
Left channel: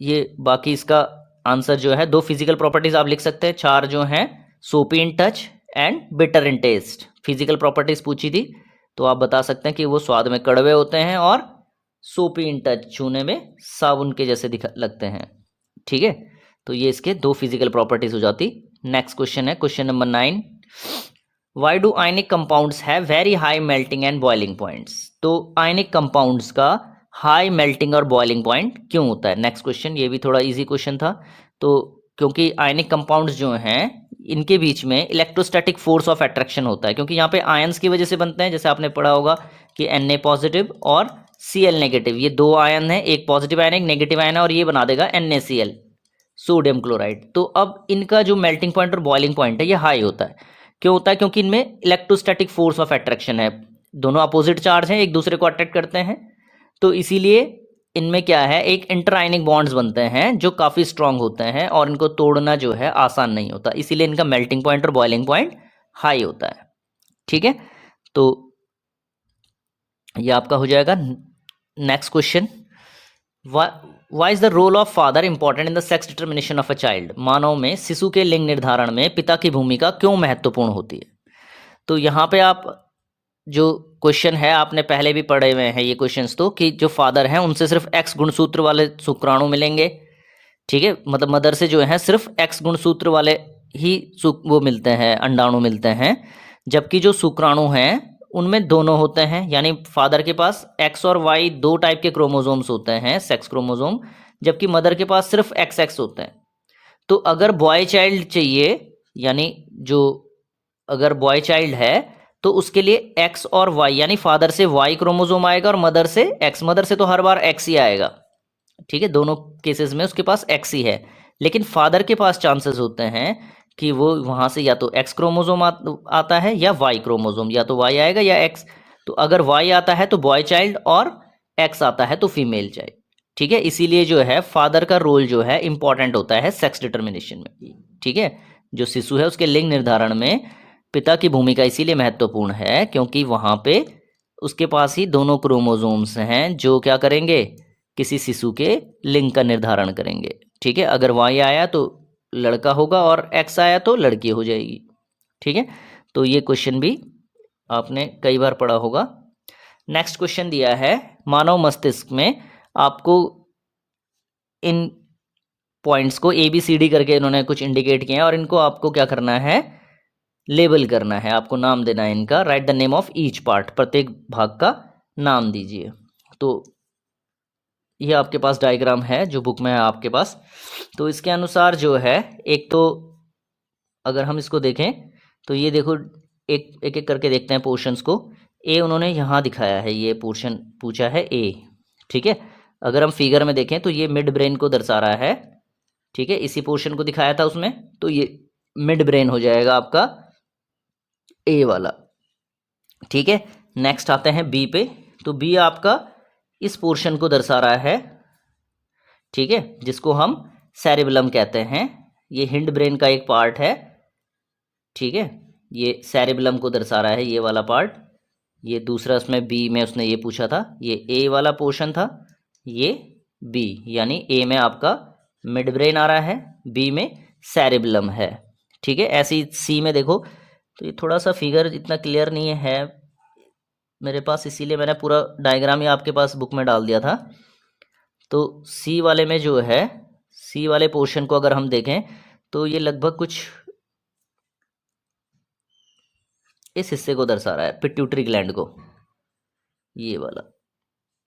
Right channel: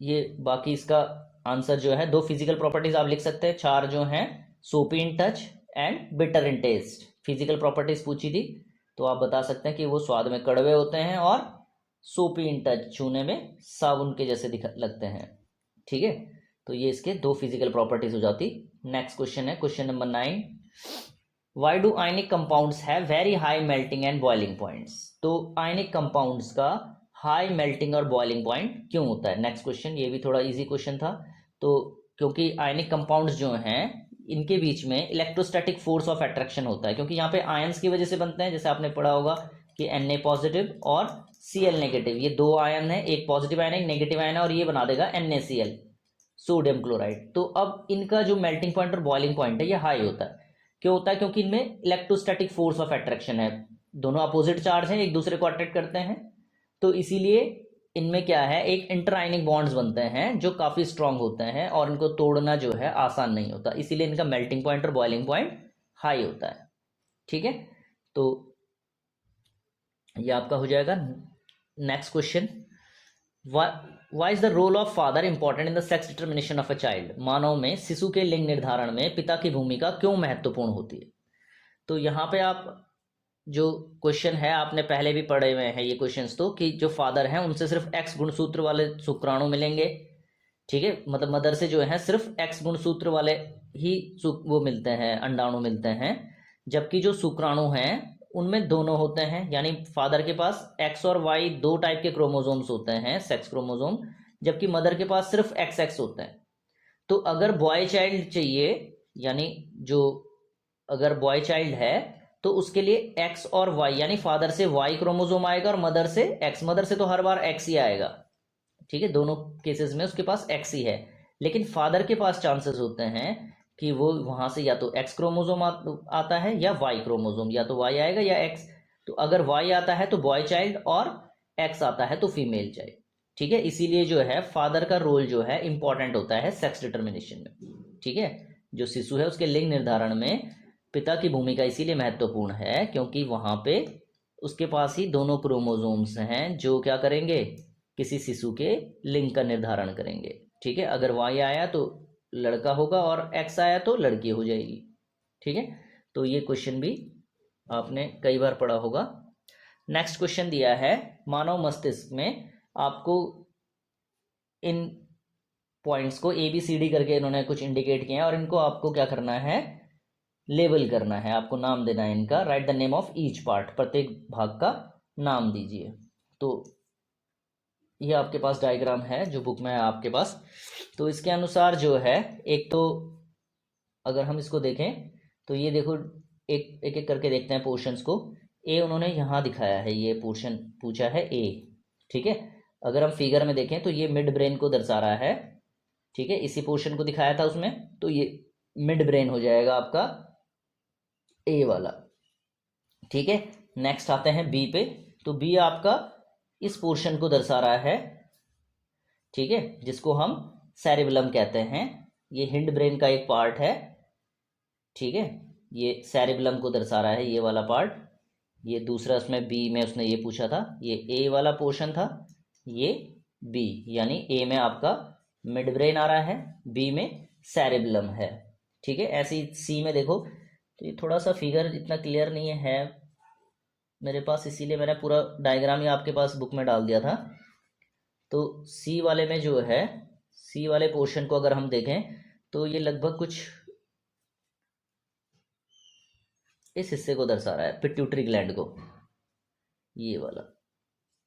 ये बाकी इसका आंसर जो है, 2 फिजिकल प्रॉपर्टीज आप लिख सकते हैं। क्षार जो हैं soapy in touch and bitter in taste, physical properties पूछी थी, तो आप बता सकते हैं कि वो स्वाद में कड़वे होते हैं और सोपी इन टच, छूने में साबुन के जैसे लगते हैं। ठीक है, तो ये इसके 2 फिजिकल प्रॉपर्टीज हो जाती। नेक्स्ट क्वेश्चन है question number 9, why do ionic compounds have very high melting and boiling points? तो आयनिक कंपाउंड्स का हाई मेल्टिंग और बॉइलिंग पॉइंट क्यों होता है? नेक्स्ट क्वेश्चन, ये भी थोड़ा इजी क्वेश्चन था। तो क्योंकि आयनिक कंपाउंड्स जो हैं इनके बीच में इलेक्ट्रोस्टैटिक फोर्स ऑफ अट्रैक्शन होता है, क्योंकि यहाँ पे आयंस की वजह से बनते हैं। जैसे आपने पढ़ा होगा कि Na पॉजिटिव और Cl नेगेटिव, ये 2 आयन है, एक पॉजिटिव आयन है एक नेगेटिव आयन है, और ये बना देगा NaCl, सोडियम क्लोराइड। तो अब इनका जो मेल्टिंग पॉइंट और बॉइलिंग पॉइंट है ये हाई होता है। क्यों होता है? क्योंकि इनमें इलेक्ट्रोस्टैटिक फोर्स ऑफ अट्रैक्शन है, दोनों अपोजिट चार्ज हैं, एक दूसरे को अट्रैक्ट करते हैं। तो इसीलिए इनमें क्या है, एक इंटरआयनिक बॉन्ड्स बनते हैं जो काफ़ी स्ट्रांग होते हैं और इनको तोड़ना जो है आसान नहीं होता, इसीलिए इनका मेल्टिंग पॉइंट और बॉइलिंग पॉइंट हाई होता है। ठीक है, तो ये आपका हो जाएगा। Next question, why is the role of father important in the sex determination of a child? मानव में शिशु के लिंग निर्धारण में पिता की भूमिका क्यों महत्वपूर्ण होती है? तो यहाँ पे आप जो क्वेश्चन है आपने पहले भी पढ़े हुए हैं ये क्वेश्चंस, तो कि जो फादर हैं उनसे सिर्फ एक्स गुणसूत्र वाले शुक्राणु मिलेंगे। ठीक है, मतलब मदर से जो है सिर्फ एक्स गुणसूत्र वाले ही वो मिलते हैं, अंडाणु मिलते हैं। जबकि जो शुक्राणु हैं उनमें दोनों होते हैं, यानी फादर के पास एक्स और वाई 2 टाइप के क्रोमोजोम्स होते हैं, सेक्स क्रोमोजोम, जबकि मदर के पास सिर्फ एक्स एक्स होते हैं। तो अगर बॉय चाइल्ड चाहिए, यानी जो अगर बॉय चाइल्ड है तो उसके लिए एक्स और वाई, यानी फादर से वाई क्रोमोजोम आएगा और मदर से एक्स। मदर से तो हर बार एक्स ही आएगा। ठीक है, दोनों केसेस में उसके पास एक्स ही है। लेकिन फादर के पास चांसेस होते हैं कि वो वहां से या तो एक्स क्रोमोजोम आता है या वाई क्रोमोजोम, या तो वाई आएगा या एक्स। तो अगर वाई आता है तो बॉय चाइल्ड और एक्स आता है तो फीमेल चाइल्ड। ठीक है, इसीलिए जो है फादर का रोल जो है इंपॉर्टेंट होता है सेक्स डिटर्मिनेशन में। ठीक है, जो शिशु है उसके लिंग निर्धारण में पिता की भूमिका इसीलिए महत्वपूर्ण है क्योंकि वहां पे उसके पास ही दोनों क्रोमोजोम्स हैं जो क्या करेंगे, किसी शिशु के लिंग का निर्धारण करेंगे। ठीक है, अगर वाई आया तो लड़का होगा और एक्स आया तो लड़की हो जाएगी। ठीक है, तो ये क्वेश्चन भी आपने कई बार पढ़ा होगा। नेक्स्ट क्वेश्चन दिया है, मानव मस्तिष्क में आपको इन पॉइंट्स को ABCD करके इन्होंने कुछ इंडिकेट किए हैं और इनको आपको क्या करना है, लेबल करना है, आपको नाम देना है इनका। Right the name of each part, प्रत्येक भाग का नाम दीजिए। तो ये आपके पास डायग्राम है जो बुक में है आपके पास। तो इसके अनुसार जो है, एक तो अगर हम इसको देखें तो ये देखो, एक एक करके देखते हैं पोर्शंस को। ए उन्होंने यहाँ दिखाया है, ये पोर्शन पूछा है ए, ठीक है। अगर हम फिगर में देखें तो ये मिड ब्रेन को दर्शा रहा है, ठीक है। इसी पोर्शन को दिखाया था उसमें, तो ये मिड ब्रेन हो जाएगा आपका ए वाला, ठीक है। नेक्स्ट आते हैं बी पे। तो बी आपका इस पोर्शन को दर्शा रहा है, ठीक है, जिसको हम सेरिबेलम कहते हैं। ये हिंड ब्रेन का एक पार्ट है, ठीक है। ये सेरिबेलम को दर्शा रहा है, ये वाला पार्ट। ये दूसरा उसमें बी में उसने ये पूछा था, ये ए वाला पोर्शन था, ये बी, यानी ए में आपका मिड ब्रेन आ रहा है, बी में सेरिबेलम है, ठीक है। ऐसे ही सी में देखो, तो ये थोड़ा सा फिगर इतना क्लियर नहीं है मेरे पास, इसीलिए मैंने पूरा डायग्राम ही आपके पास बुक में डाल दिया था। तो सी वाले में जो है, सी वाले पोर्शन को अगर हम देखें तो ये लगभग कुछ इस हिस्से को दर्शा रहा है, पिट्यूटरी ग्लैंड को, ये वाला,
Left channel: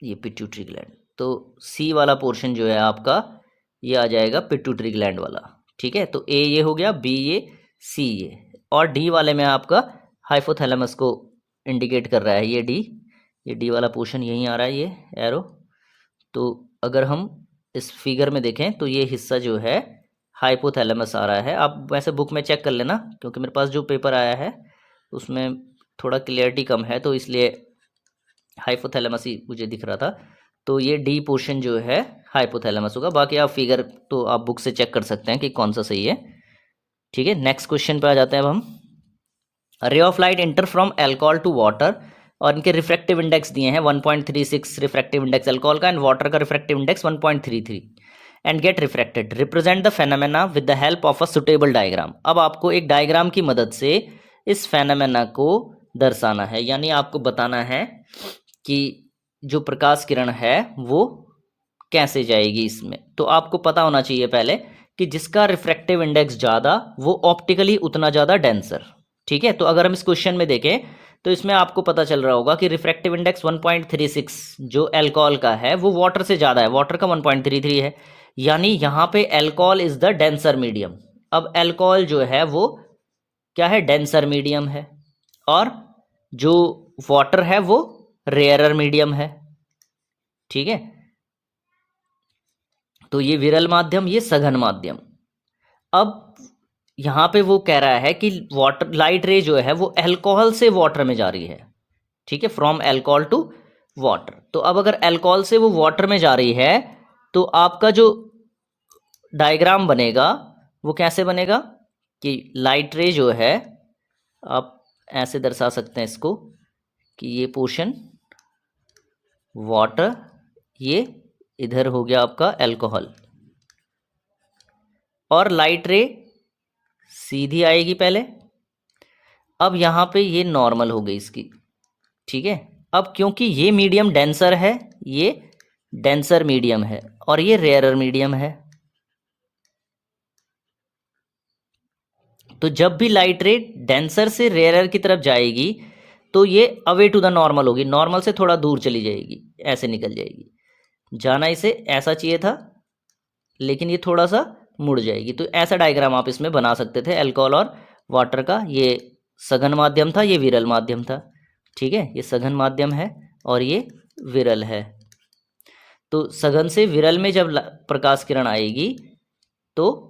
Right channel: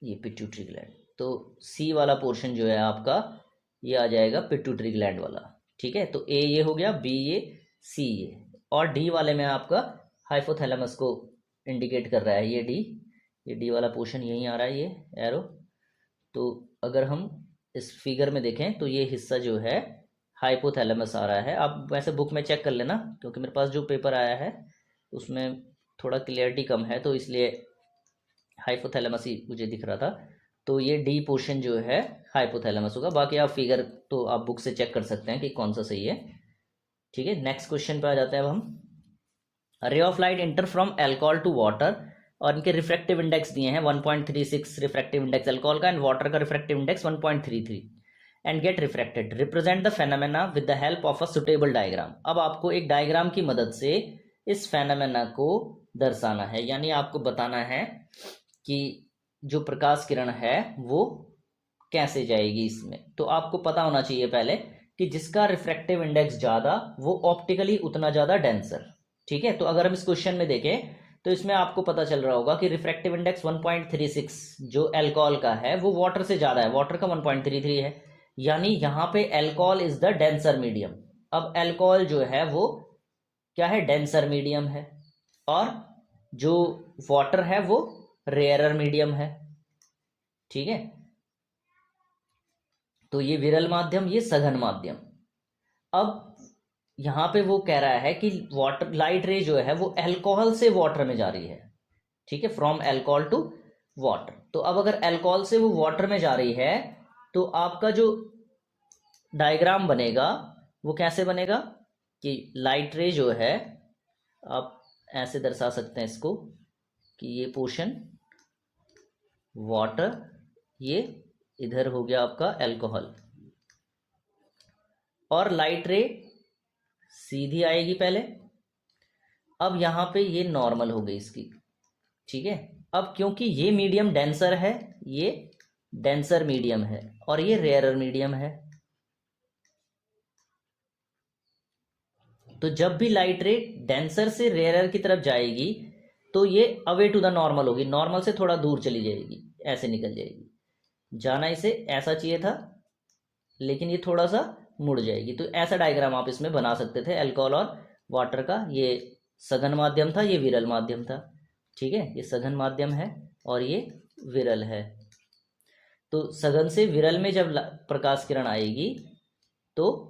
ये पिट्यूटरी ग्लैंड। तो सी वाला पोर्शन जो है आपका, ये आ जाएगा पिट्यूटरी ग्लैंड वाला, ठीक है। तो ए ये हो गया, बी ये, सी ये, और डी वाले में आपका हाइपोथैलेमस को इंडिकेट कर रहा है, ये डी वाला पोर्शन यहीं आ रहा है, ये एरो। तो अगर हम इस फिगर में देखें तो ये हिस्सा जो है हाइपोथैलेमस आ रहा है। आप वैसे बुक में चेक कर लेना, क्योंकि मेरे पास जो पेपर आया है उसमें थोड़ा क्लियरिटी कम है, तो इसलिए हाइपोथैलेमस ही मुझे दिख रहा था। तो ये डी पोर्शन जो है हाइपोथैलेमस होगा। बाकी आप फिगर तो आप बुक से चेक कर सकते हैं कि कौन सा सही है, ठीक है। नेक्स्ट क्वेश्चन पे आ जाते हैं अब हम। Ray of light enter from alcohol to water, और इनके रिफ्रैक्टिव इंडेक्स दिए हैं 1.36 रिफ्रैक्टिव इंडेक्स अल्कोहल का, एंड वाटर का refractive index 1.33, and get refracted. Represent the phenomena with the help of a suitable diagram. अब आपको एक डायग्राम की मदद से इस फेनोमेना को दर्शाना है, यानी आपको बताना है कि जो प्रकाश किरण है वो कैसे जाएगी इसमें। तो आपको पता होना चाहिए पहले कि जिसका रिफ्रैक्टिव इंडेक्स ज़्यादा वो ऑप्टिकली उतना ज़्यादा डेंसर, ठीक है। तो अगर हम इस क्वेश्चन में देखें तो इसमें आपको पता चल रहा होगा कि रिफ्रैक्टिव इंडेक्स 1.36 जो एल्कोहल का है वो वाटर से ज़्यादा है, वाटर का 1.33 है, यानी यहाँ पे alcohol is the denser medium. अब एल्कोहल जो है वो क्या है, डेंसर मीडियम है, और जो वाटर है वो रेयरर मीडियम है, ठीक है। तो ये विरल माध्यम, ये सघन माध्यम। अब यहाँ पे वो कह रहा है कि वाटर लाइट रे जो है वो एल्कोहल से वाटर में जा रही है, ठीक है, फ्रॉम एल्कोहल टू वाटर। तो अब अगर एल्कोहल से वो वाटर में जा रही है तो आपका जो डायग्राम बनेगा वो कैसे बनेगा कि लाइट रे जो है, आप ऐसे दर्शा सकते हैं इसको कि ये पोर्शन वाटर, ये इधर हो गया आपका एल्कोहल, और लाइट रे सीधी आएगी पहले। अब यहाँ पे ये नॉर्मल हो गई इसकी, ठीक है। अब क्योंकि ये मीडियम डेंसर है, ये डेंसर मीडियम है, और ये रेयरर मीडियम है, तो जब भी लाइट रे डेंसर से रेयरर की तरफ जाएगी तो ये अवे टू द नॉर्मल होगी, नॉर्मल से थोड़ा दूर चली जाएगी, ऐसे निकल जाएगी। जाना इसे ऐसा चाहिए था, लेकिन ये थोड़ा सा मुड़ जाएगी। तो ऐसा डायग्राम आप इसमें बना सकते थे एल्कोहल और वाटर का। ये सघन माध्यम था, ये विरल माध्यम था, ठीक है। ये सघन माध्यम है और ये विरल है। तो सघन से विरल में जब प्रकाश किरण आएगी तो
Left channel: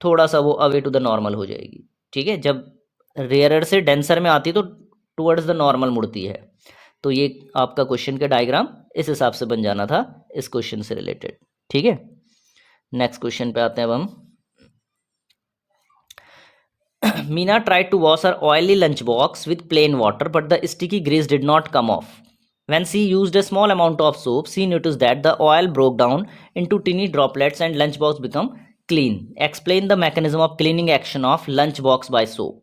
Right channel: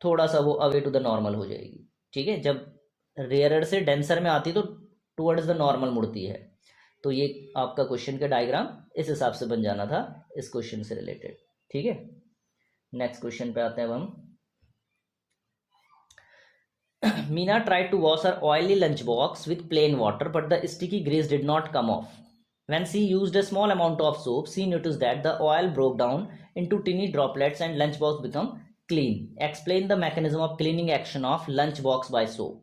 थोड़ा सा वो अवे टू द नॉर्मल हो जाएगी, ठीक है। जब रेयरर से डेंसर में आती तो टुवर्ड्स द नॉर्मल मुड़ती है। तो ये आपका क्वेश्चन का डायग्राम इस हिसाब से बन जाना था इस क्वेश्चन से रिलेटेड, ठीक है। नेक्स्ट क्वेश्चन पे आते हैं अब हम। Meena tried to wash her oily lunchbox with plain water, but the sticky grease did not come off. When she used a small amount of soap, she noticed that the oil broke down into tiny droplets and lunchbox become clean. Explain the mechanism of cleaning action of lunchbox by soap.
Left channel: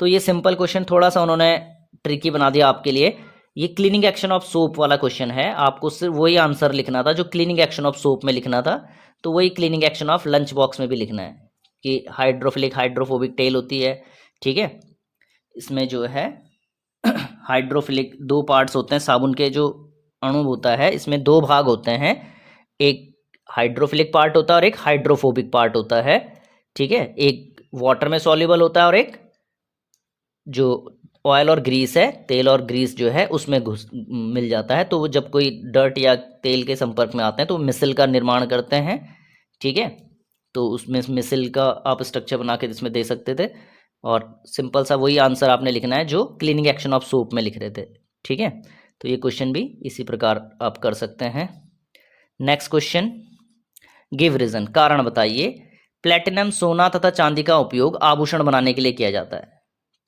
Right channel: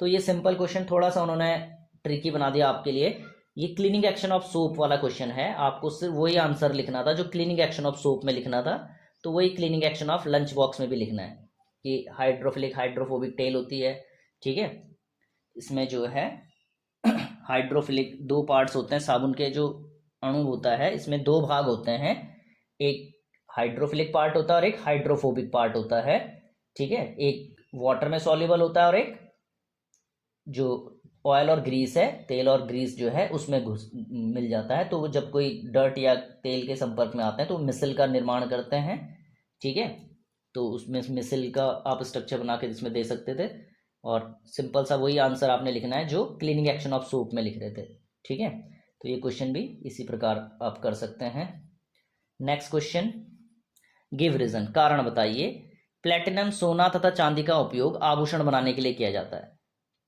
तो ये simple question थोड़ा सा उन्होंने tricky बना दिया आपके लिए। ये क्लीनिंग एक्शन ऑफ सोप वाला क्वेश्चन है, आपको सिर्फ वही आंसर लिखना था जो क्लीनिंग एक्शन ऑफ सोप में लिखना था, तो वही cleaning action of lunch box में भी लिखना है कि हाइड्रोफिलिक हाइड्रोफोबिक टेल होती है, ठीक है। इसमें जो है हाइड्रोफिलिक दो पार्ट्स होते हैं, साबुन के जो अणु होता है इसमें दो भाग होते हैं, एक हाइड्रोफिलिक पार्ट होता है और एक हाइड्रोफोबिक पार्ट होता है, ठीक है। एक वाटर में सॉल्युबल होता है और एक जो ऑयल और ग्रीस है, तेल और ग्रीस जो है उसमें घुस मिल जाता है। तो वो जब कोई डर्ट या तेल के संपर्क में आते हैं तो मिसल का निर्माण करते हैं, ठीक है। तो उसमें मिसल का आप स्ट्रक्चर बना के इसमें दे सकते थे, और सिंपल सा वही आंसर आपने लिखना है जो क्लीनिंग एक्शन ऑफ सोप में लिख रहे थे, ठीक है। तो ये क्वेश्चन भी इसी प्रकार आप कर सकते हैं। नेक्स्ट क्वेश्चन, गिव रीजन, कारण बताइए। प्लेटिनम, सोना तथा चांदी का उपयोग आभूषण बनाने के लिए किया जाता है,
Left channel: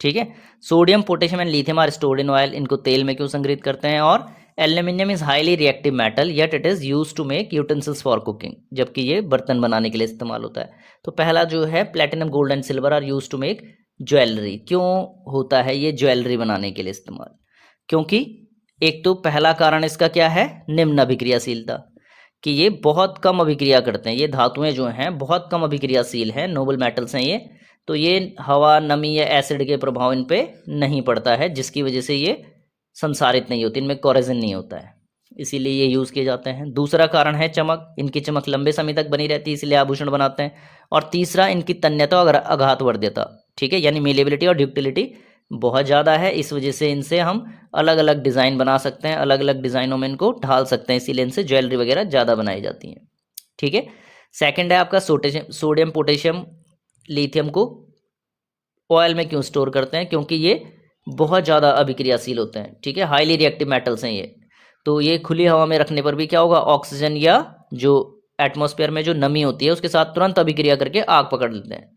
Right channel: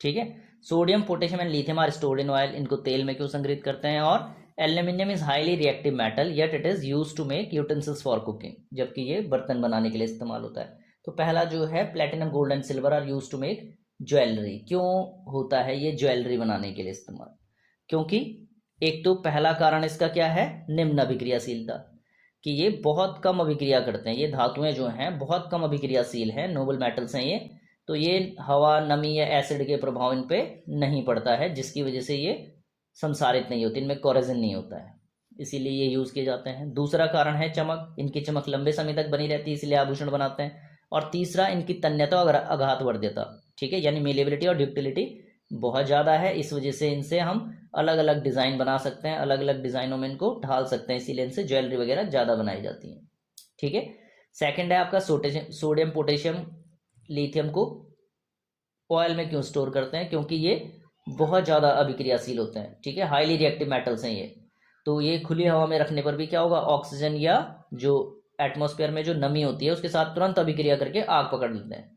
ठीक है। Sodium, potassium and lithium are stored in oil, इनको तेल में क्यों संग्रहित करते हैं। और aluminium is highly reactive metal yet it is use to make utensils for cooking, जबकि ये बर्तन बनाने के लिए इस्तेमाल होता है। तो पहला जो है platinum, gold and silver are use to make jewellery, क्यों होता है ये ज्वेलरी बनाने के लिए इस्तेमाल, क्योंकि एक तो पहला कारण इसका क्या है, निम्न अभिक्रियाशीलता, कि ये बहुत कम अभिक्रिया करते हैं, ये धातुएं जो हैं बहुत कम अभिक्रियाशील हैं, नोबल मेटल्स हैं ये। तो ये हवा, नमी या एसिड के प्रभाव इन पे नहीं पड़ता है, जिसकी वजह से ये संसारित नहीं होती, इनमें कोरेजन नहीं होता है, इसीलिए ये यूज़ किए जाते हैं। दूसरा कारण है चमक, इनकी चमक लंबे समय तक बनी रहती है इसलिए आभूषण बनाते हैं। और तीसरा इनकी तन्यता और आघातवर्ध्यता, ठीक है, यानी मेलेबिलिटी और ड्यूक्टिलिटी बहुत ज़्यादा है, इस वजह से इनसे हम अलग अलग डिज़ाइन बना सकते हैं, अलग अलग डिज़ाइनों में इनको ढाल सकते हैं, इसीलिए इनसे ज्वेलरी वगैरह ज़्यादा बनाई जाती हैं, ठीक है। सेकंड है आपका सोडियम, पोटेशियम, लिथियम को ऑयल में क्यों स्टोर करते हैं, क्योंकि ये बहुत ज़्यादा अभिक्रियाशील होते हैं, ठीक है, हाईली रिएक्टिव मेटल्स हैं ये। तो ये खुली हवा में रखने पर भी क्या होगा, ऑक्सीजन या जो एटमॉस्फेयर में जो नमी होती है उसके साथ तुरंत अभिक्रिया करके आग पकड़ लेते हैं,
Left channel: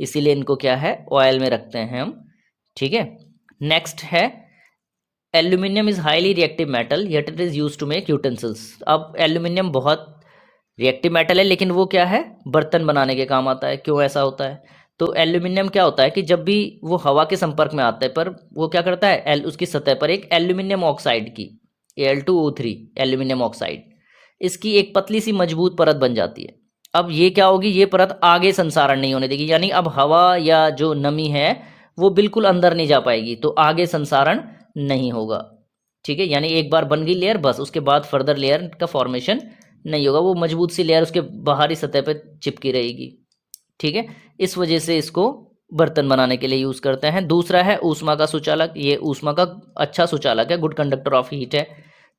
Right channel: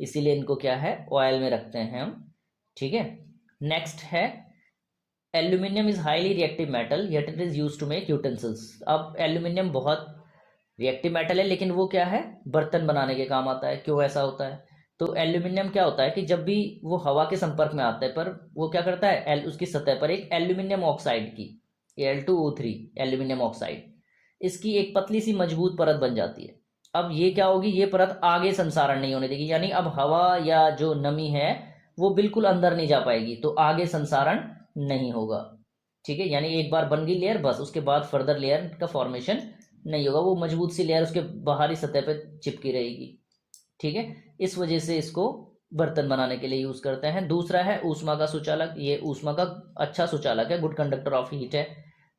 इसीलिए इनको क्या है, ऑयल में रखते हैं हम, ठीक है। नेक्स्ट है aluminium is highly reactive metal yet it is use to make utensils. अब एल्यूमिनियम बहुत रिएक्टिव मेटल है, लेकिन वो क्या है, बर्तन बनाने के काम आता है। क्यों ऐसा होता है, तो एल्यूमिनियम क्या होता है कि जब भी वो हवा के संपर्क में आता है पर वो क्या करता है, उसकी सतह पर एक एल्यूमिनियम ऑक्साइड की Al2O3 एल्यूमिनियम ऑक्साइड, इसकी एक पतली सी मजबूत परत बन जाती है। अब ये क्या होगी, ये परत आगे संसारण नहीं होने देगी, यानी अब हवा या जो नमी है वो बिल्कुल अंदर नहीं जा पाएगी, तो आगे संसारण नहीं होगा, ठीक है। यानी एक बार बन गई लेयर, बस उसके बाद फर्दर लेयर का फॉर्मेशन नहीं होगा, वो मजबूत सी लेयर उसके बाहरी सतह पर चिपकी रहेगी, ठीक है। इस वजह से इसको बर्तन बनाने के लिए यूज़ करते हैं। दूसरा है ऊष्मा का सुचालक, ये ऊष्मा का अच्छा सुचालक है, गुड कंडक्टर ऑफ हीट है।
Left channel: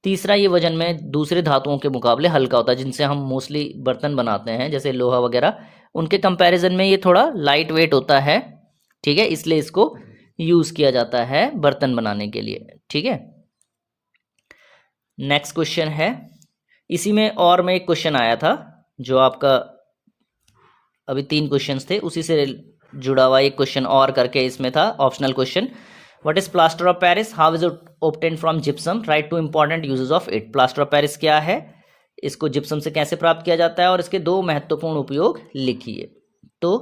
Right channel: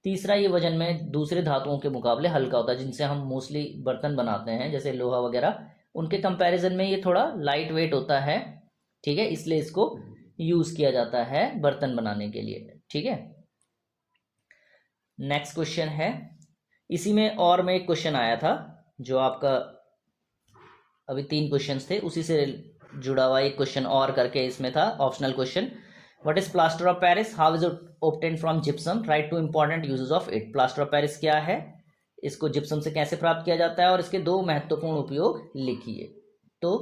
तीसरा, ये वजन में दूसरे धातुओं के मुकाबले हल्का होता है, जिनसे हम मोस्टली बर्तन बनाते हैं जैसे लोहा वगैरह, उनके कंपैरिजन में ये थोड़ा लाइट वेट होता है, ठीक है, इसलिए इसको यूज़ किया जाता है बर्तन बनाने के लिए, ठीक है। नेक्स्ट क्वेश्चन है, इसी में और में एक क्वेश्चन आया था जो आपका अभी 3 क्वेश्चंस थे उसी से जुड़ा हुआ एक क्वेश्चन और करके इसमें था optional question, what is plaster of Paris, how is it obtained from gypsum, right two important uses of it. Plaster of Paris क्या है, इसको जिप्सम से कैसे प्राप्त किया जाता है और इसके 2 महत्वपूर्ण उपयोग लिखिए। तो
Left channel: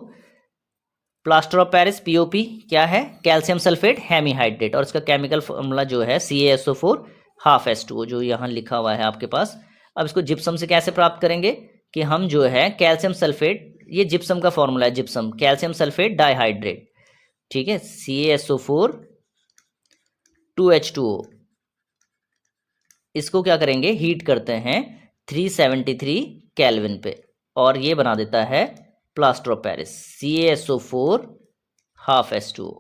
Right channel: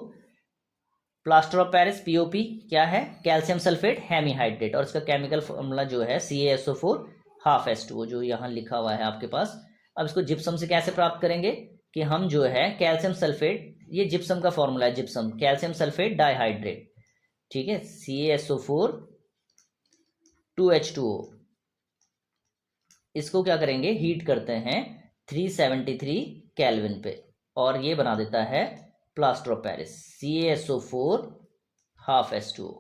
प्लास्टर ऑफ पेरिस पीओपी क्या है, कैल्शियम सल्फेट हेमीहाइड्रेट, और इसका केमिकल फॉर्मूला जो है CaSO4 ½ H2O, जो यहाँ लिखा हुआ है आपके पास। अब इसको जिप्सम से कैसे प्राप्त करेंगे कि हम जो है कैल्शियम सल्फेट, ये जिप्सम का फॉर्मूला है, जिप्सम कैल्शियम सल्फेट डाइहाइड्रेट, ठीक है, CaSO4 2H2O, इसको क्या करेंगे, हीट करते हैं 373 केल्विन पे, और ये बना देता है plaster of Paris, CaSO4 ½ H2O।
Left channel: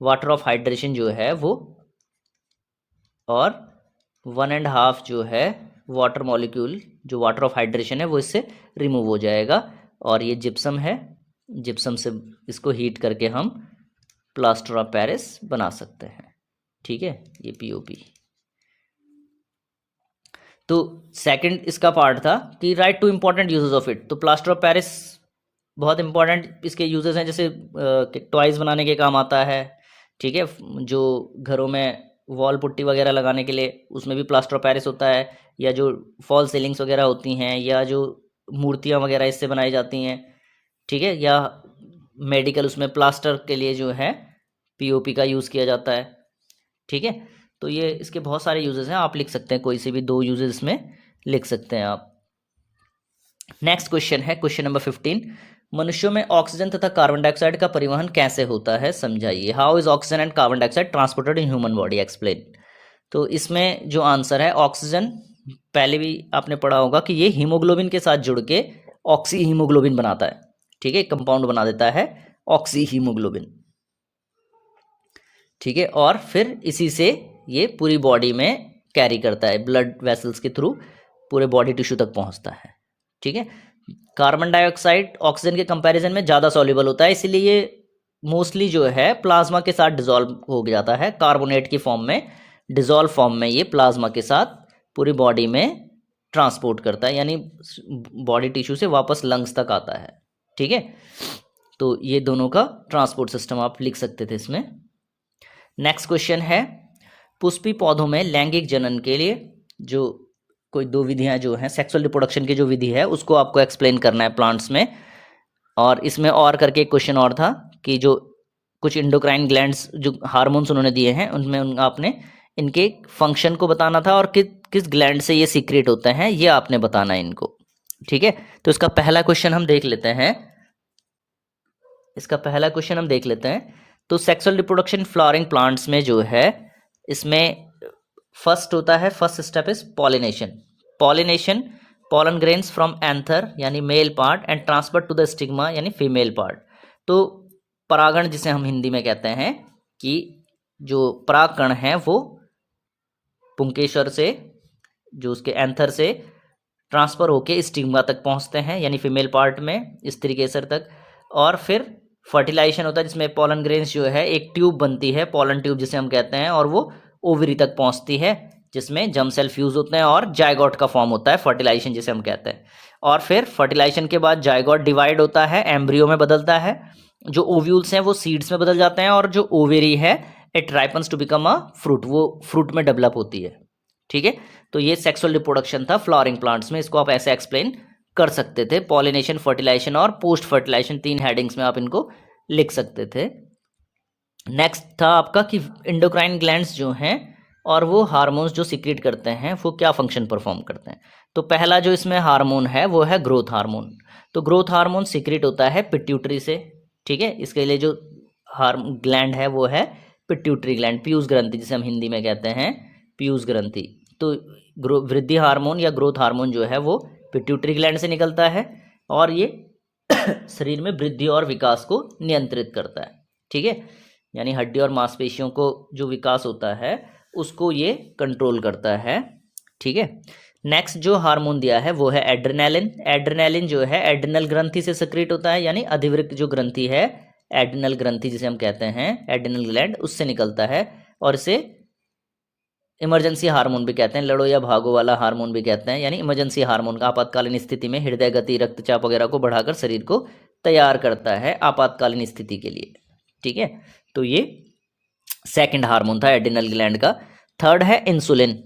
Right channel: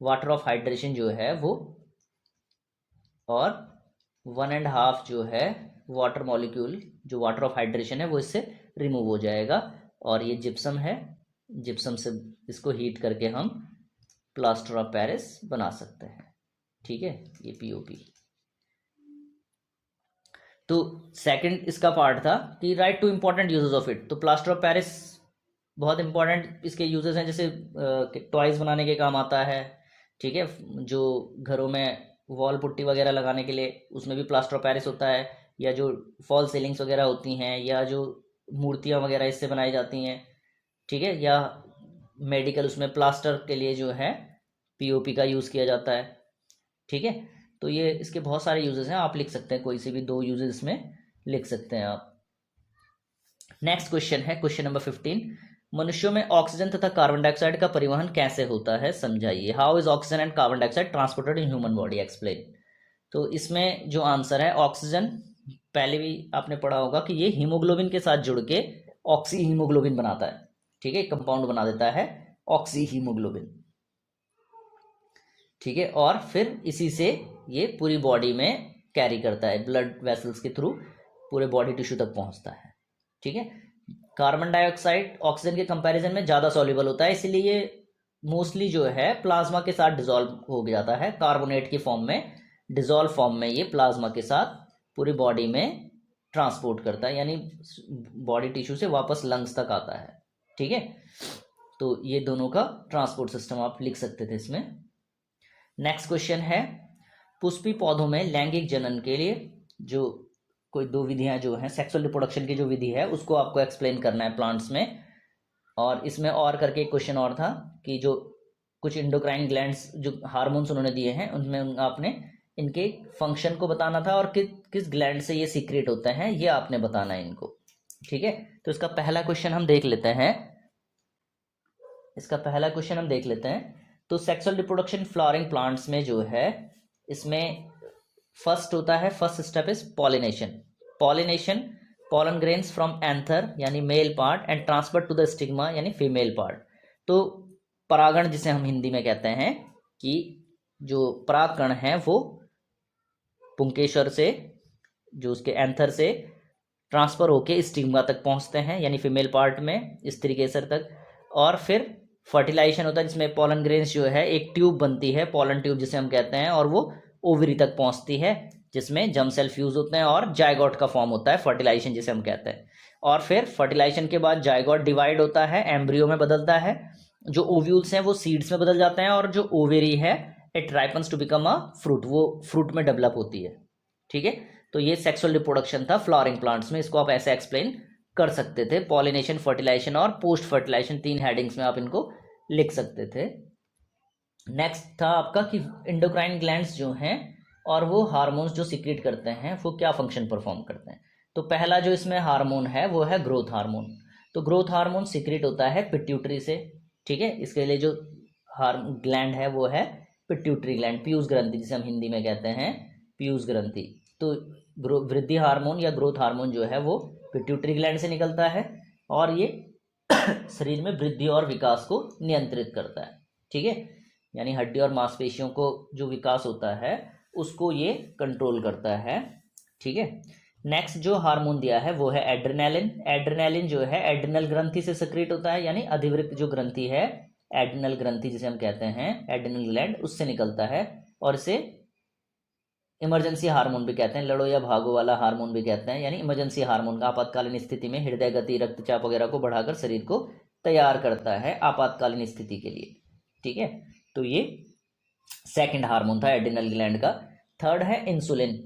Water of hydration जो है वो, और 1.5 जो है वाटर मॉलिक्यूल, जो वाटर ऑफ हाइड्रेशन है वो इससे रिमूव हो जाएगा, और ये जिप्सम है, जिप्सम से इसको हीट करके हम प्लास्टर ऑफ पेरिस बना सकते हैं, ठीक है, ये पीओपी। तो सेकंड इसका पार्ट था कि right two important uses of it. तो प्लास्टर ऑफ पेरिस बहुत इंपॉर्टेंट इसके यूजेस हैं, जैसे टॉयज़ बनाने के काम आता है, ठीक है, जो घरों में वॉल पुट्टी वगैरह लगाने के लिए उसमें भी प्लास्टर ऑफ पेरिस होता है, या जो फॉल सीलिंग्स वगैरह होती हैं, या जो मूर्तियाँ वगैरह इससे बनाई जाती हैं, ठीक है, या मेडिकल उसमें प्लास्टर के लिए जो है पीओपी का यूज़ किया जाता है, ठीक है। तो ये इसके बहुत सारे यूजेस हैं, आप लिख सकते हैं कोई से भी 2 यूजेस इसमें लिख सकते हैं आप। नेक्स्ट क्वेश्चन है क्वेश्चन नंबर 15, मनुष्यों में ऑक्सीजन तथा कार्बन डाइऑक्साइड का परिवहन कैसे होता है, समझाइए। How is oxygen and carbon dioxide transported in human body, explain. तो इसमें जो आंसर है, ऑक्सीजन पहले भी आपने पढ़ा होगा कि ये हीमोग्लोबिन के साथ जुड़ के ऑक्सी हीमोग्लोबिन बनाता है, ठीक है, कंपाउंड बना देता है ऑक्सी हीमोग्लोबिन, ठीक है। और फिर इसी से ये पूरी बॉडी में कैरी करता है, ब्लड वेसल्स के थ्रू पूरे बॉडी टिश्यू तक पहुंचता है, ठीक है। कार्बन डाइऑक्साइड ऑक्सीजन के कंपैरिजन में ज़्यादा सॉल्युबल होता है, इसीलिए ये मोस्टली जो है प्लाज्मा के साथ डिजॉल्व हो जाता है, कार्बोनेट की फॉर्म में, डिजॉल्व फॉर्म में ये प्लाज्मा के साथ पूरी बॉडी में ट्रांसपोर्ट करता है, यानी बॉडी टिश्यू से वापस लंग्स तक आता है, ठीक है। तो ये दोनों का ट्रांसपोर्ट सिस्टम आप लिख सकते थे इसमें। नेक्स्ट क्वेश्चन है, पुष्पी पौधों में लैंगिक जनन के लिए जो कोई दो विधियां जो हैं, सेक्सुअल रिप्रोडक्शन की जो विधि है उसको आपको एक्सप्लेन करना है प्लांट्स में। और इसमें और करके एक क्वेश्चन और था कि जो कुछ इंडोक्राइन ग्लैंड्स जो हार्मोन्स उन्होंने दिए हैं उनमें आपने इनके फंक्शन को बताना था और किस ग्लैंड से ये सीक्रेट होते हैं ये आपने बताना है इनको, ठीक है। तो इसका पहला क्वेश्चन हम देख लेते हैं, तो सेक्सुअल रिप्रोडक्शन फ्लावरिंग प्लांट्स में जो है, इसमें फर्स्ट होता है, first step is pollination, pollen grains from anther यानी male part and transfer to the stigma यानी फीमेल पार्ट। तो परागण जिसे हम हिंदी में कहते हैं कि जो परागकण हैं वो पुंकेसर से, जो उसके एंथर से ट्रांसफ़र होके स्टिग्मा तक पहुंचते हैं यानी फीमेल पार्ट में, स्त्री केसर तक। और फिर फर्टिलाइजेशन होता है जिसमें पॉलन ग्रेन्स जो है एक ट्यूब बनती है, पॉलन ट्यूब जिसे हम कहते हैं, और वो ओवरी तक पहुंचती है जिसमें जर्म सेल फ्यूज होते हैं और जायगोट का फॉर्म होता है, फर्टिलाइजेशन जिसे हम कहते हैं। और फिर फर्टिलाइजेशन के बाद जायगोट डिवाइड होता है, एम्ब्रियो में बदलता है, जो ओव्यूल्स हैं वो सीड्स में बदल जाते हैं, और जो ओवेरी है it ripens to become a fruit, वो फ्रूट में डेवलप होती है, ठीक है। तो ये सेक्सुअल रिप्रोडक्शन था फ्लावरिंग प्लांट्स में, इसको आप ऐसे एक्सप्लेन कर सकते थे, पॉलिनेशन, फर्टिलाइजेशन और पोस्ट फर्टिलाइजेशन, 3 हेडिंग्स में आप इनको लिख सकते थे। नेक्स्ट था आपका कि इंडोक्राइन ग्लैंड्स जो हैं और वो हार्मोन्स जो सीक्रेट करते हैं वो क्या फंक्शन परफॉर्म करते हैं। तो पहला जो इसमें हार्मोन है वो है ग्रोथ हार्मोन। तो ग्रोथ हार्मोन सीक्रेट होता है पिट्यूटरी से, ठीक है। इसके लिए जो ग्लैंड है वो है पिट्यूटरी ग्लैंड, पीयूष ग्रंथि जिसे हम हिंदी में कहते हैं पीयूष ग्रंथि। तो वृद्धि हार्मोन या ग्रोथ हार्मोन जो है वो पिट्यूटरी ग्लैंड से निकलता है और ये शरीर में वृद्धि और विकास को नियंत्रित करता है, ठीक है। यानी हड्डी और मांसपेशियों को जो विकास होता है उसको ये कंट्रोल करता है, ठीक है। नेक्स्ट जो हार्मोन दिया है वो है एड्रेनालिन। एड्रेनालिन जो है एड्रिनल ग्रंथि से सक्रिएट होता है, यानी अधिवृक्क जो ग्रंथि है, एड्रिनल ग्रंथि जिसे हम कहते हैं, एड्रिनल ग्लैंड, उससे निकलता है। और इसे इमरजेंसी हार्मोन भी कहते हैं, लड़ो या भागो वाला हार्मोन भी कहते हैं, यानी इमरजेंसी हार्मोन का आपातकालीन स्थिति में हृदय गति, रक्तचाप वगैरह को बढ़ाकर शरीर को तैयार करता है आपातकालीन स्थिति के लिए, ठीक है। तो ये सेकंड हार्मोन था एड्रिनल ग्लैंड का। थर्ड है इंसुलिन।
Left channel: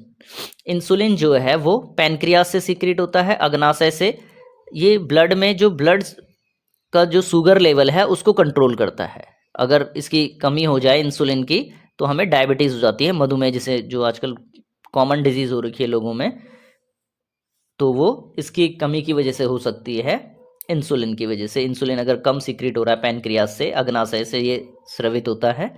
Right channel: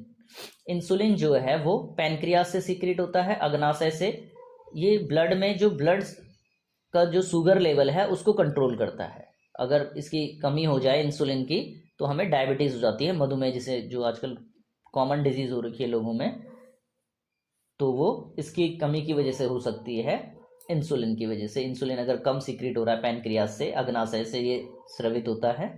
इंसुलिन जो है वो पैनक्रियास से सीक्रेट होता है, अग्नाशय से। ये ब्लड में जो ब्लड का जो शुगर लेवल है उसको कंट्रोल करता है। अगर इसकी कमी हो जाए इंसुलिन की तो हमें डायबिटीज़ हो जाती है, मधुमेह जिसे, जो आजकल कॉमन डिजीज़ हो रखी है लोगों में, तो वो इसकी कमी की वजह से हो सकती है, इंसुलिन की वजह से। इंसुलिन अगर कम सीक्रेट हो रहा है पैनक्रियास से, अग्नाशय से ये स्रावित होता है।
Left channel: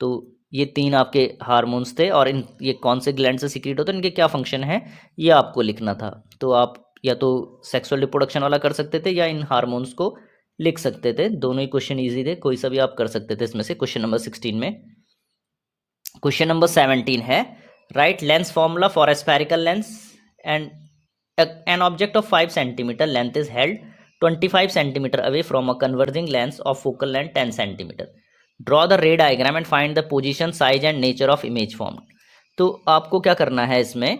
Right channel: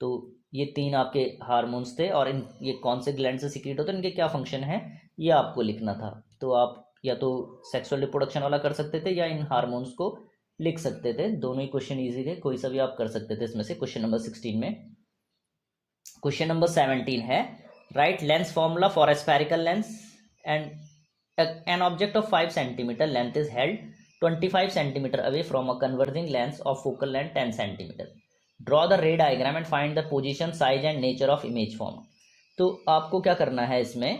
तो ये 3 आपके हार्मोन्स थे और ये कौन से ग्लैंड से सीक्रेट होते हैं, इनके क्या फंक्शन है ये आपको लिखना था। तो आप या तो सेक्सुअल रिप्रोडक्शन वाला कर सकते थे या इन हार्मोन्स को लिख सकते थे, दोनों ही क्वेश्चन ईजी थे, कोई सा भी आप कर सकते थे इसमें से। क्वेश्चन नंबर 16 में क्वेश्चन नंबर 17 है, right lens formula for a spherical lens and an object of 5 centimetre length is held 25 centimetre away from a converging lens of focal length 10 centimetre. Draw the रे diagram and find the position, size and nature of image form. तो आपको क्या करना है, इसमें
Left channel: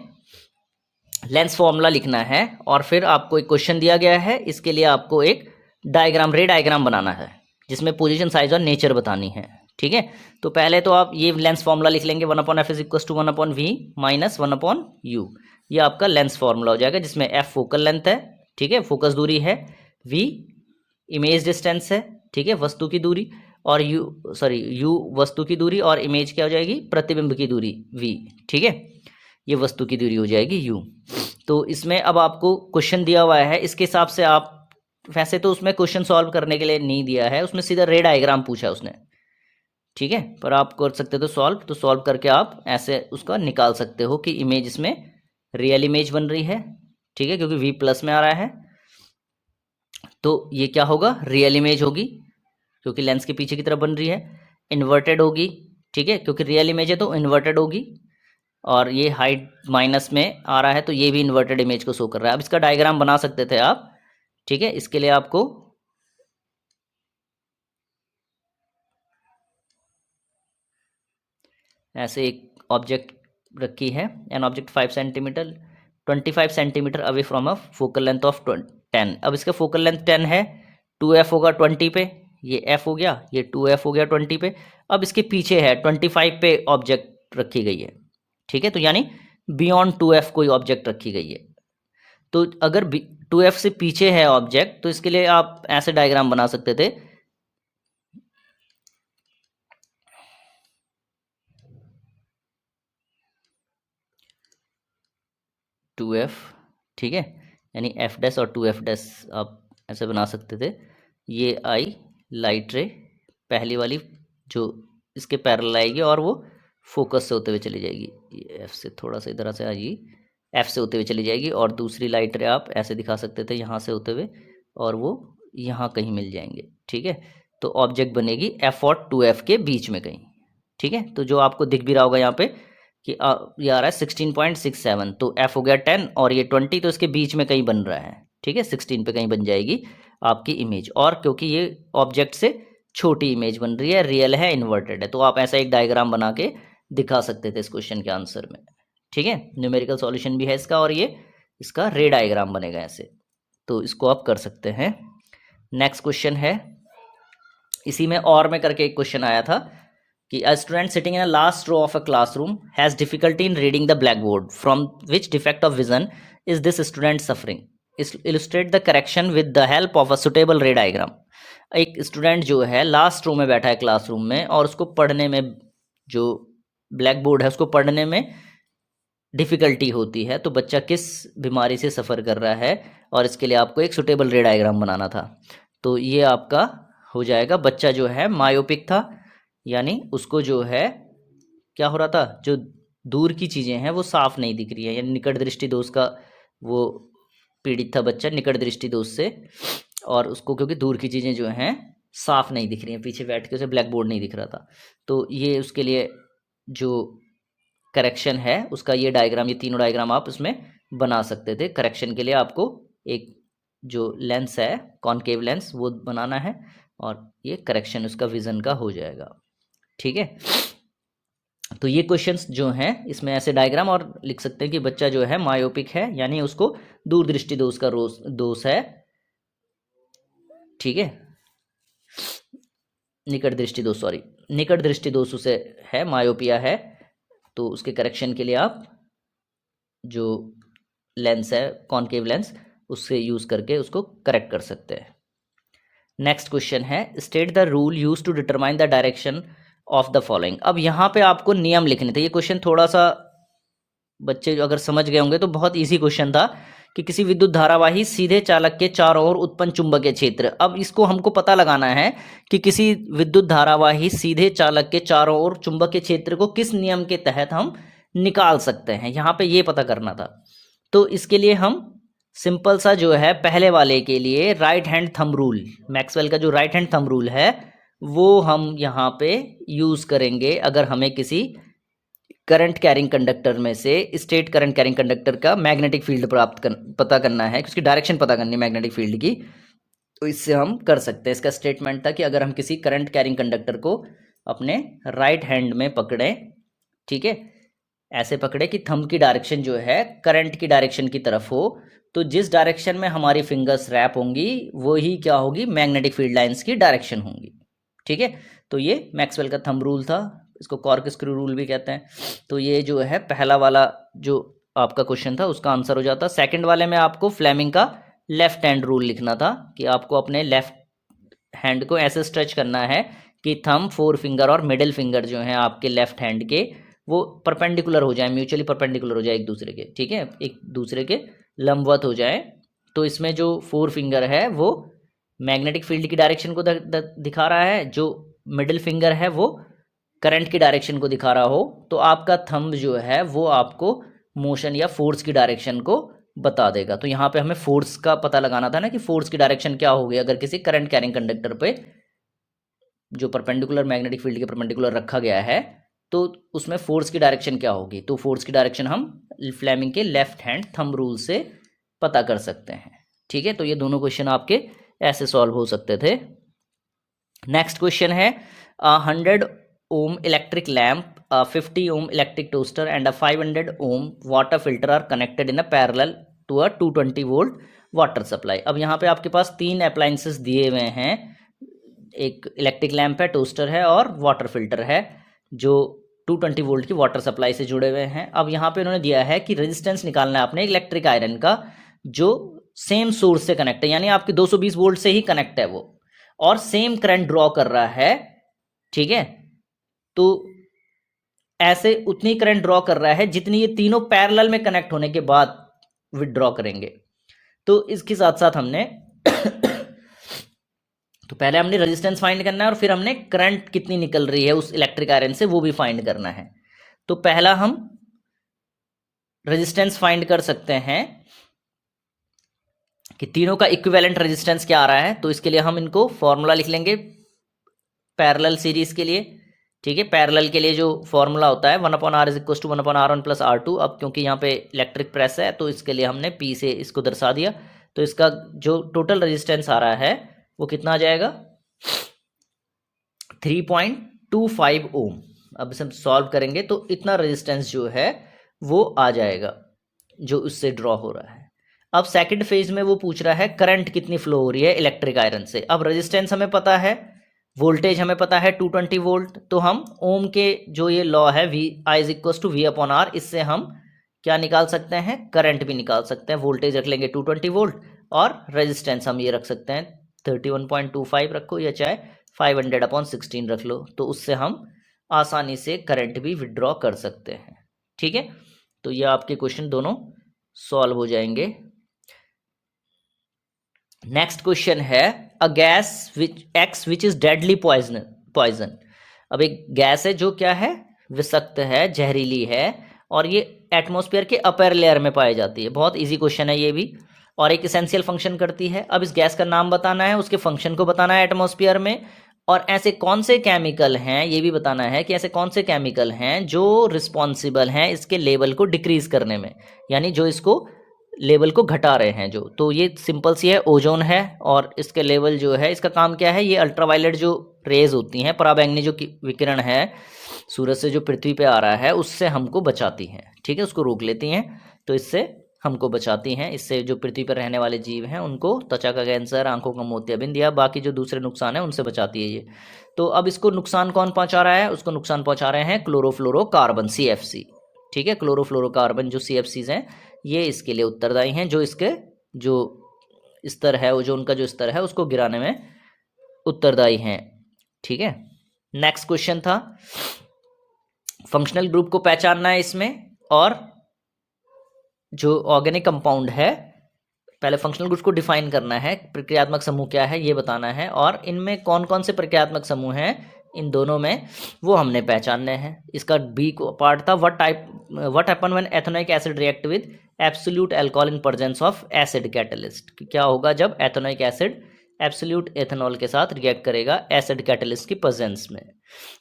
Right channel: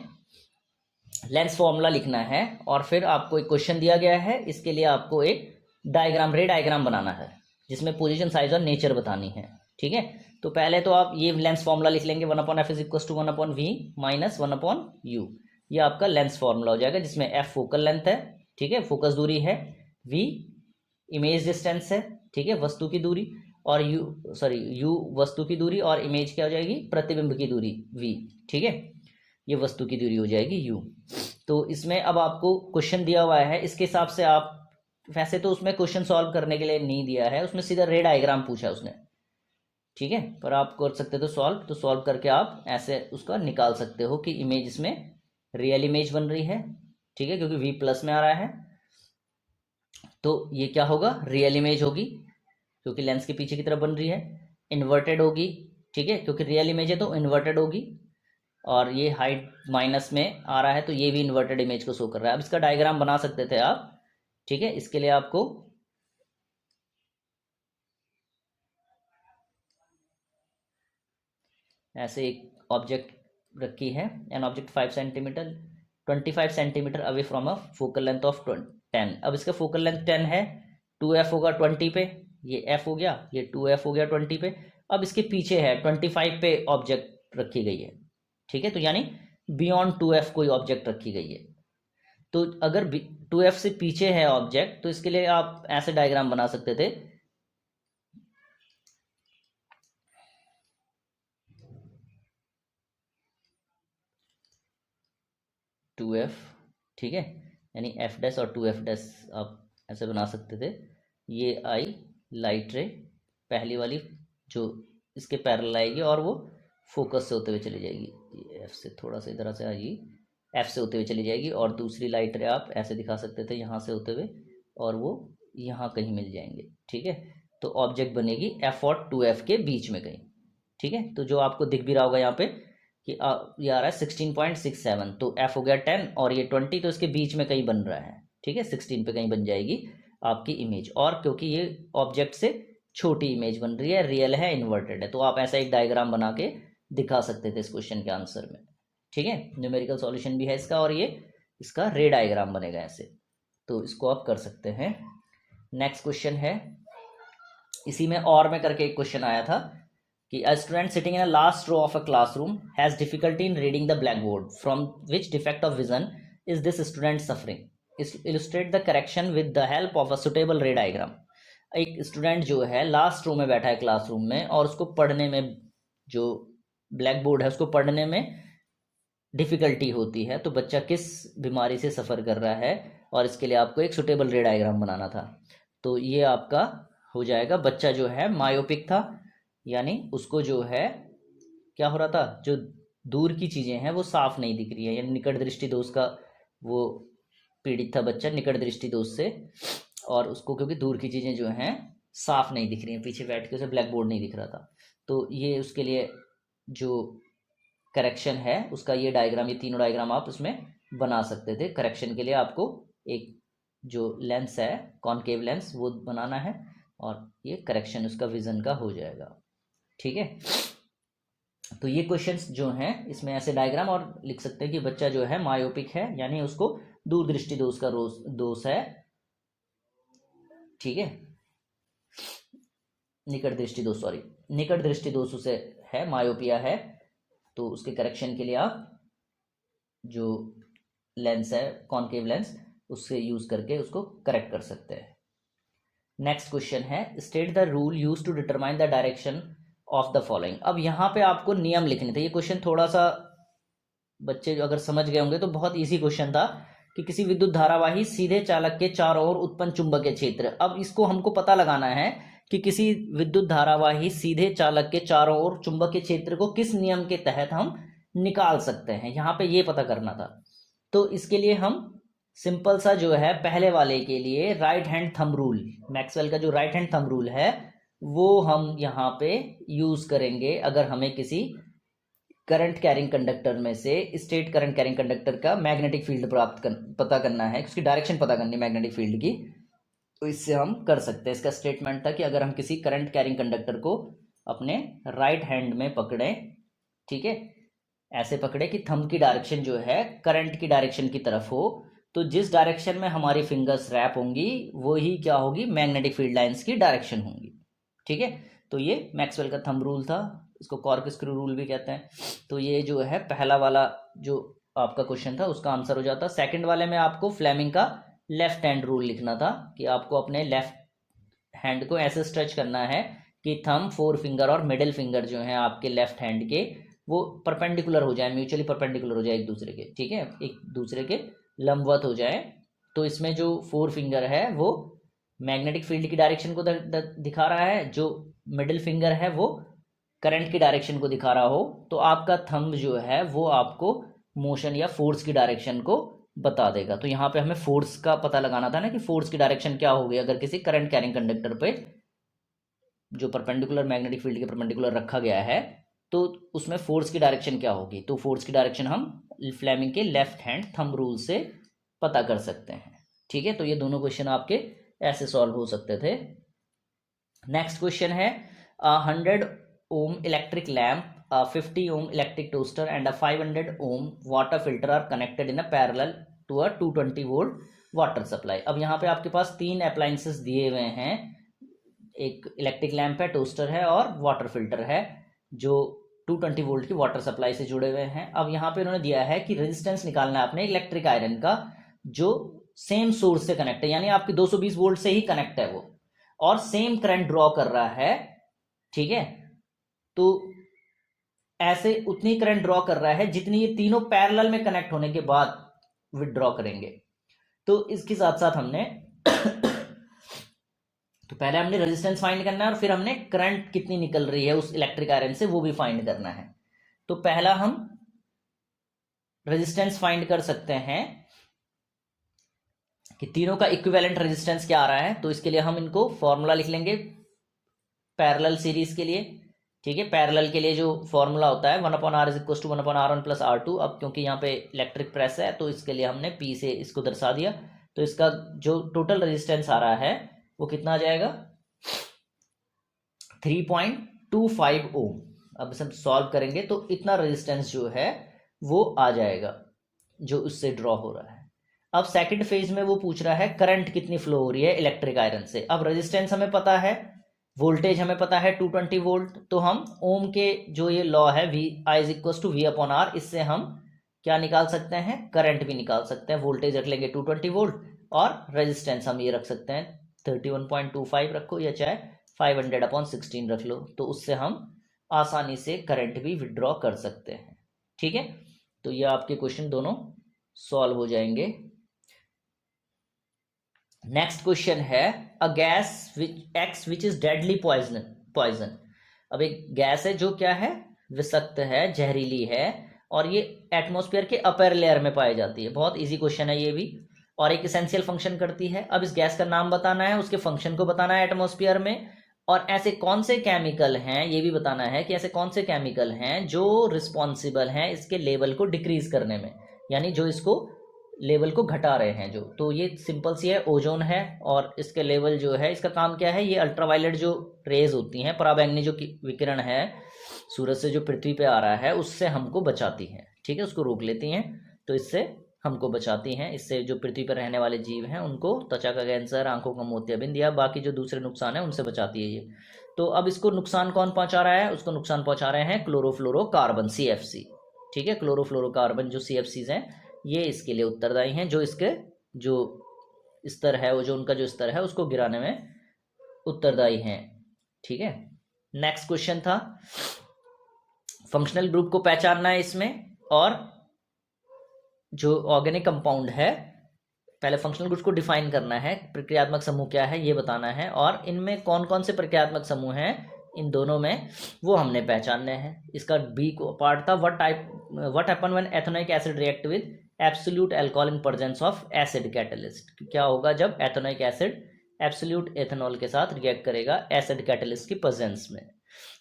lens formula लिखना है और फिर आपको एक क्वेश्चन दिया गया है, इसके लिए आपको एक डायग्राम, रे डायग्राम बनाना है जिसमें पोजीशन, साइज और नेचर बतानी है, ठीक है। तो पहले तो आप ये लेंस फॉर्मूला लिख लेंगे, 1/f is equal to 1/v minus 1/u। ये आपका लेंस फॉर्मूला हो जाएगा जिसमें f फोकल लेंथ है, ठीक है, फोकस दूरी है, v इमेज डिस्टेंस है, ठीक है, वस्तु की दूरी, और u वस्तु की दूरी, और इमेज क्या हो जाएगी, प्रतिबिंब की दूरी v, ठीक है। ये वस्तु की दूरी हो जाएगी u। तो इसमें अब आपको क्वेश्चन दिया हुआ है, इसके हिसाब से आप, वैसे तो उसमें क्वेश्चन सॉल्व करने के लिए नहीं दिया है, उसमें सीधा रे डायग्राम पूछा है उसने, ठीक है, पर आप कर सकते हो सॉल्व, तो सॉल्व करके आप ऐसे उसका निकाल सकते हो कि इमेज इसमें रियल इमेज बन रही है, ठीक है, क्योंकि V प्लस में आ रहा है, तो ये क्या होगा, रियल इमेज होगी क्योंकि लेंस के पीछे की तरफ बन रही है। इन्वर्टेड होगी, ठीक है, क्योंकि रियल इमेज है तो इन्वर्टेड होगी। और ये हाइट माइनस में आ रहा है तो ये भी इन्वर्टेड इमेज को शो कर रहा है। अब इसका डायग्राम बना सकते थे आप, ठीक है। इसके लिए आपको ऐसे एक ऑब्जेक्ट रखी है, an object 5 centimetre 25 centimetre away from a focal length of 10। अब इसका फोकल लेंथ 10 है, 2f होगा 20 पे, ये f हो गया, ये 2f हो गया 20 पे। अब इसके पीछे है 25 पे ऑब्जेक्ट रखी गई है, ठीक है, तो यानी बियॉन्ड 2f कोई ऑब्जेक्ट रखी गई है। तो अगर 2f से पीछे है ऑब्जेक्ट तो इसके लिए आप ऐसे डायग्राम बना सकते थे, टू एफ, ठीक है, यानी एफ डैश और 2f डैश आप ऐसे बना सकते थे। ये आई लाइट रे पहली वाली जो इसके पैरेलल आएगी और वो फोकस से होते हुए चली जाएगी, ये एफ से थोड़ा सा इधर से आएगी, एफ से होते हुए चली जाएगी। और दूसरी लाइट रे आप ऐसे दिखा सकते थे यहाँ से होते हुए और वो यहाँ कहीं मिल जाएंगे, ठीक है। तो ऑब्जेक्ट बनेगी एफ और 2f के बीच में कहीं, ठीक है। तो जो आपको दिख भी रहा होगा यहाँ पे कि ये आ रहा है 16.67, तो f हो गया 10 और ये 20, तो इसके बीच में कहीं बन रहा है, ठीक है, 16 पे कहीं बन जाएगी आपकी इमेज। और क्योंकि ये ऑब्जेक्ट से छोटी इमेज बन रही है, रियल है, इन्वर्टेड है, तो आप ऐसा एक डायग्राम बना के दिखा सकते थे इस क्वेश्चन के आंसर में, ठीक है। न्यूमेरिकल सॉल्यूशन भी है इसका और ये इसका रे डायग्राम बनेगा ऐसे, तो इसको आप कर सकते हैं। नेक्स्ट क्वेश्चन है, इसी में और में करके एक क्वेश्चन आया था कि a student sitting in a last row of a classroom has difficulty in reading the blackboard. From which defect of vision is this student suffering? Illustrate the correction with the help of a suitable ray diagram. एक student जो है last row में बैठा है classroom में और उसको पढ़ने में, जो ब्लैक बोर्ड है उसको पढ़ने में डिफ़िकल्टी होती है, तो बच्चा किस बीमारी से सफ़र कर रहा है, और इसके लिए आपको एक सुटेबल रे डायग्राम बनाना था। तो ये आपका हो जाएगा, बच्चा जो है मायोपिक था, यानी उसको जो है क्या हो रहा था, जो दूर की चीज़ें हैं वो साफ नहीं दिख रही है, यानी निकट दृष्टि दोष का वो पीड़ित था बच्चा, निकट दृष्टि दोष से। और उसको क्योंकि दूर की चीज़ें जो हैं साफ नहीं दिख रही हैं, पीछे बैठ के उसे ब्लैक बोर्ड नहीं दिख रहा था, तो ये उसके लिए जो करेक्शन है उसका ये डायग्राम, ये तीनों डायग्राम आप उसमें बना सकते थे। करेक्शन के लिए आपको एक जो लेंस है कॉनकेव लेंस वो बनाना है और ये करेक्शन उसका विजन का हो जाएगा, ठीक है। तो ये क्वेश्चंस जो हैं इसमें ऐसे डायग्राम और लिख सकते हैं कि बच्चा जो है मायोपिक है, यानी उसको दूरदृष्टि दोष का दोष है, ठीक है, निकट दृष्टि दोष, सॉरी, निकट दृष्टि दोष उसे है, मायोपिया है। तो उसके करेक्शन के लिए आप जो लेंस है कॉनकेव लेंस उससे यूज करके उसको करेक्ट कर सकते हैं। नेक्स्ट क्वेश्चन है, state the rule use to determine the direction of the following. अब यहाँ पे आपको नियम लिखने थे। ये क्वेश्चन थोड़ा सा बच्चे अगर समझ गए होंगे तो बहुत इजी क्वेश्चन था कि किसी विद्युत धारावाही सीधे चालक के चारों ओर उत्पन्न चुंबकीय क्षेत्र। अब इसको हमको पता लगाना है कि किसी विद्युत धारावाही सीधे चालक के चारों ओर चुंबकीय क्षेत्र को किस नियम के तहत हम निकाल सकते हैं, यहाँ पे ये पता करना था। तो इसके लिए हम सिंपल सा जो है पहले वाले के लिए right hand thumb rule, Maxwell का जो राइट हैंड थंब रूल है वो हम यहाँ पे यूज करेंगे अगर हमें किसी करंट कैरिंग कंडक्टर में से स्टेट करंट कैरिंग कंडक्टर का मैग्नेटिक फील्ड पता करना है, उसकी डायरेक्शन पता करनी है मैग्नेटिक फील्ड की, तो इससे हम कर सकते हैं। इसका स्टेटमेंट था कि अगर हम किसी करंट कैरिंग कंडक्टर को अपने राइट हैंड में पकड़ें, ठीक है, ऐसे पकड़े कि थंब की डायरेक्शन जो है करंट की डायरेक्शन की तरफ हो, तो जिस डायरेक्शन में हमारी फिंगर्स रैप होंगी वही क्या होगी, मैग्नेटिक फील्ड लाइंस की डायरेक्शन होंगी, ठीक है। तो ये मैक्सवेल का थंब रूल था, इसको कॉर्कस्क्रू रूल भी कहते हैं। तो ये जो है पहला वाला जो आपका क्वेश्चन था उसका आंसर हो जाता। सेकंड वाले में आपको फ्लेमिंग का लेफ्ट हैंड रूल लिखना था कि आपको अपने लेफ्ट हैंड को ऐसे स्ट्रेच करना है कि थंब, फोर फिंगर और मिडिल फिंगर जो है आपके लेफ्ट हैंड के वो परपेंडिकुलर हो जाए, म्यूचुअली परपेंडिकुलर हो जाए एक दूसरे के, ठीक है, एक दूसरे के लंबवत हो जाए। तो इसमें जो फोर फिंगर है वो मैग्नेटिक फील्ड की डायरेक्शन को दिखा रहा है, जो मिडिल फिंगर है वो करंट की डायरेक्शन को दिखा रहा हो, तो आपका थंब जो है वो आपको मोशन या फोर्स की डायरेक्शन को बता देगा। तो यहाँ पे हमें फोर्स का पता लगाना था ना कि फोर्स की डायरेक्शन क्या होगी अगर किसी करंट कैरिंग कंडक्टर पे जो परपेंडिकुलर मैग्नेटिक फील्ड के परपेंडिकुलर रखा गया है तो उसमें फोर्स की डायरेक्शन क्या होगी। तो फोर्स की डायरेक्शन हम फ्लेमिंग के लेफ्ट हैंड थंब रूल से पता कर सकते हैं। ठीक है, तो ये दोनों क्वेश्चन आपके ऐसे सॉल्व हो सकते थे। नेक्स्ट क्वेश्चन है 100 ohm electric lamp, 50 ohm electric toaster and 500 ohm water filter are connected in a parallel to a 220 volt water supply. अब यहाँ पे आपके पास तीन अप्लायंसेस दिए हुए हैं, एक इलेक्ट्रिक लैम्प है, टोस्टर है और वाटर फिल्टर है जो 220 वोल्ट की वाटर सप्लाई से जुड़े हुए हैं। अब यहाँ पे उन्होंने दिया है कि रेजिस्टेंस निकालना है आपने इलेक्ट्रिक आयरन का जो सेम सोर्स से कनेक्ट है, यानी आपके 220 वोल्ट से ही कनेक्ट है वो और सेम करंट ड्रॉ कर रहा है। ठीक है, तो ऐसे उतनी करंट ड्रॉ कर रहा है जितनी ये तीनों पैरेलल में कनेक्ट होने के बाद विड्रॉ करेंगे। तो इसके साथ साथ हमने तो पहले हमने रेजिस्टेंस फाइंड करना है और फिर हमने करंट कितनी निकल रही है उस इलेक्ट्रिक आयरन से वो भी फाइंड करना है। तो पहला हम रेजिस्टेंस फाइंड कर सकते हैं कि तीनों का इक्विवेलेंट रेजिस्टेंस क्या आ रहा है। तो इसके लिए हम इनको फॉर्मूला लिख लेंगे पैरेलल सीरीज के लिए। ठीक है, पैरेलल के लिए जो फॉर्मूला होता है 1/r is equal to 1/r1 + r2। अब क्योंकि यहाँ पे इलेक्ट्रिक प्रेस है तो इसके लिए हमने P से इसको दर्शा दिया। तो इसका जो टोटल रेजिस्टेंस आ रहा है वो कितना आ जाएगा 3.25 ओम। अब इसे हम सॉल्व करेंगे तो इतना रेजिस्टेंस जो है वो आ जाएगा जो उससे ड्रॉ हो रहा है। अब सेकंड फेज में वो पूछ रहा है करंट कितनी फ्लो हो रही है इलेक्ट्रिक आयरन से। अब रेजिस्टेंस हमें पता है, वोल्टेज हमें पता है 220 वोल्ट, तो हम ओम के जो ये लॉ है I = V/R, इससे हम क्या निकाल सकते हैं करंट भी निकाल सकते हैं। वोल्टेज रख लेंगे 220 वोल्ट और रेजिस्टेंस हम ये रख सकते हैं 31.25 रखो या चाहे 500/16 रख लो, तो उससे हम आसानी से करंट भी विड्रॉ कर सकते हैं। ठीक है, तो ये आपके क्वेश्चन दोनों सॉल्व हो जाएंगे। नेक्स्ट क्वेश्चन है a gas which is deadly poison. अब एक गैस है जो क्या है विषाक्त है, जहरीली है और ये एटमॉस्फेयर के अपर लेयर में पाई जाती है। बहुत इजी क्वेश्चन है ये भी, और एक इसेंशियल फंक्शन करती है। अब इस गैस का नाम बताना है, उसके फंक्शन को बताना है एटमॉस्फेयर में, और ऐसे कौन से केमिकल हैं ये भी बताना है कि ऐसे कौन से केमिकल हैं जो रिस्पॉन्सिबल हैं इसके लेवल को डिक्रीज करने में, यानी जो इसको लेवल को घटा रहे हैं जो। तो ये सिंपल सी है, ओजोन है और इसके लेवल जो है इसका काम क्या है, ये अल्ट्रावायलेट जो रेज होती हैं, पराबैंगनी जो विकिरण है सूरज से जो पृथ्वी पे आ रहा है उससे हमको बचाती हैं। ठीक है, उसको रोक लेती हैं, तो इससे हमको बचाती हैं। इससे जो पृथ्वी पर रहने वाले जीव हैं उनको त्वचा का कैंसर, आंखों का मोतियाबिंद या बाकी जो दूसरे नुकसान है उनसे बचाती है ये। तो अब इसको नुकसान कौन पहुंचा रहा है, उसको नुकसान पहुंचा रहे हैं क्लोरोफ्लोरोकार्बन CFC। ठीक है, क्लोरोफ्लोरोकार्बन जो CFCs हैं ये इसके लिए उत्तरदायी हैं, जो इसके जो स्तर है ओजोन का जो स्तर है उसको गिराने में उत्तरदायी हैं। ठीक है, नेक्स्ट क्वेश्चन था फंक्शनल ग्रुप को पहचानना है इसमें, और जो ऑर्गेनिक कंपाउंड है पहले फंक्शनल ग्रुप को डिफाइन करना है, प्रक्रियात्मक समूह क्या है ये बताना है, और इनमें कौन कौन से प्रक्रियात्मक समूह हैं इन दोनों में वो हमने पहचानने हैं। इसका बी को पार्ट था what happen when ethanoic acid react with absolute alcohol in presence of acid catalyst. क्या होगा जब एथेनोइक एसिड एब्सोल्यूट एथेनॉल के साथ रिएक्ट करेगा एसिड कैटलिस्ट की प्रेजेंस में।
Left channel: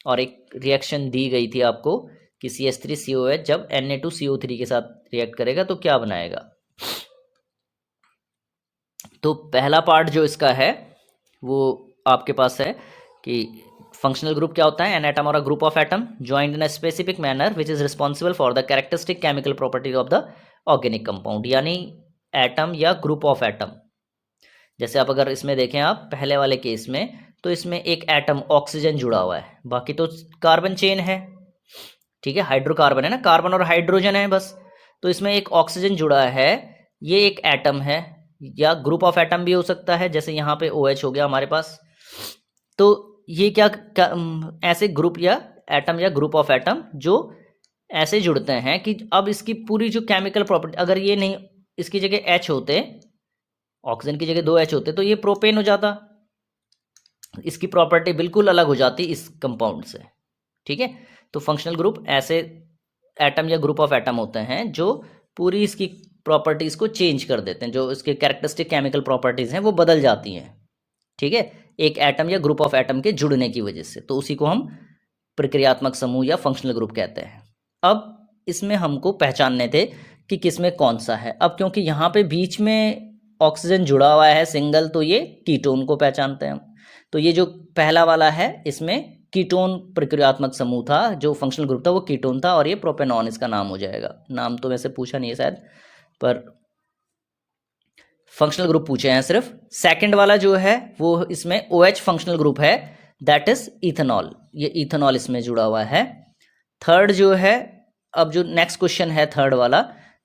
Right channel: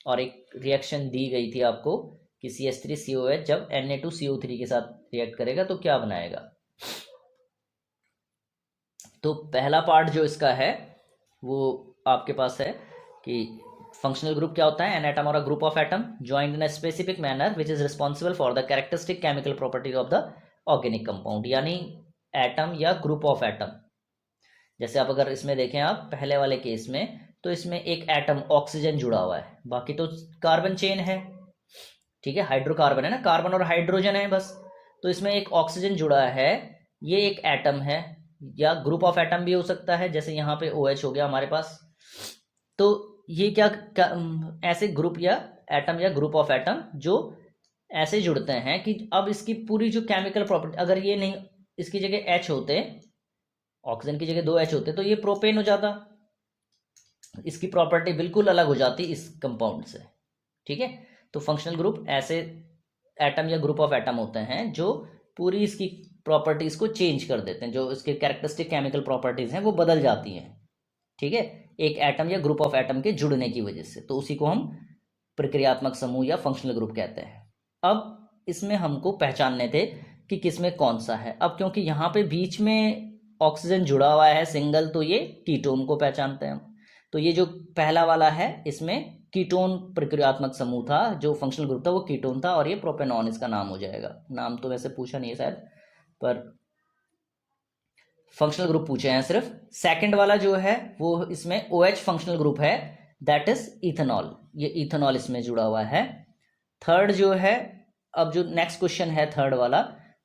और एक रिएक्शन दी गई थी आपको कि CH3COH जब Na2CO3 के साथ रिएक्ट करेगा तो क्या बनाएगा। तो पहला पार्ट जो इसका है वो आपके पास है कि फंक्शनल ग्रुप क्या होता है, एन एटम और a group of atom joined in a specific manner which is responsible for the characteristic chemical property of the organic compound. यानी एटम या ग्रुप ऑफ एटम, जैसे आप अगर इसमें देखें आप पहले वाले केस में तो इसमें एक एटम ऑक्सीजन जुड़ा हुआ है, बाकी तो कार्बन चेन है। ठीक है, हाइड्रोकार्बन है ना, कार्बन और हाइड्रोजन है बस, तो इसमें एक ऑक्सीजन जुड़ा है, ये एक एटम है या ग्रुप ऑफ एटम भी हो सकता है, जैसे यहाँ पे OH हो गया हमारे पास। तो ये क्या ऐसे ग्रुप या एटम या ग्रुप ऑफ एटम जो ऐसे जुड़ते हैं कि अब इसकी पूरी जो केमिकल प्रॉपर्टी, अगर ये नहीं इसकी जगह H होते, ऑक्सीजन की जगह 2 H होते तो ये प्रोपेन हो जाता, इसकी प्रॉपर्टी बिल्कुल अलग हो जाती इस कंपाउंड से। ठीक है, तो फंक्शनल ग्रुप ऐसे एटम या ग्रुप ऑफ एटम होते हैं जो पूरी इसकी प्रॉपर्टीज़ को चेंज कर देते हैं, जो इसके कैरेक्टरिस्टिक केमिकल प्रॉपर्टीज़ हैं वो बदल जाती हैं, ठीक है, एक एटम या ग्रुप ऑफ एटम के जुड़ने की वजह से। तो उसी को हम प्रक्रियात्मक समूह या फंक्शनल ग्रुप कहते हैं। अब इसमें हमको पहचानने थे कि किसमें कौन सा है। अब क्योंकि यहाँ पे बीच में ऑक्सीजन जुड़ा हुआ है सिंगल, तो ये कीटोन को पहचानते हैं हम। तो ये जो पहला वाला है इसमें कीटोन प्रक्रियात्मक समूह था, जो फंक्शनल ग्रुप था वो कीटोन था, और ये प्रोपेनॉन इसका नाम हो जाएगा। नाम तो वैसे पूछा नहीं है शायद, पर फंक्शनल ग्रुप पूछे हैं सिर्फ। सेकंड वाला जो है वो इसमें OH फंक्शनल ग्रुप है, दैट इज इथेनॉल, ये इथेनॉल इसमें जुड़ा हुआ है। थर्ड जो है, अब जो नेक्स्ट क्वेश्चन है थर्ड वाला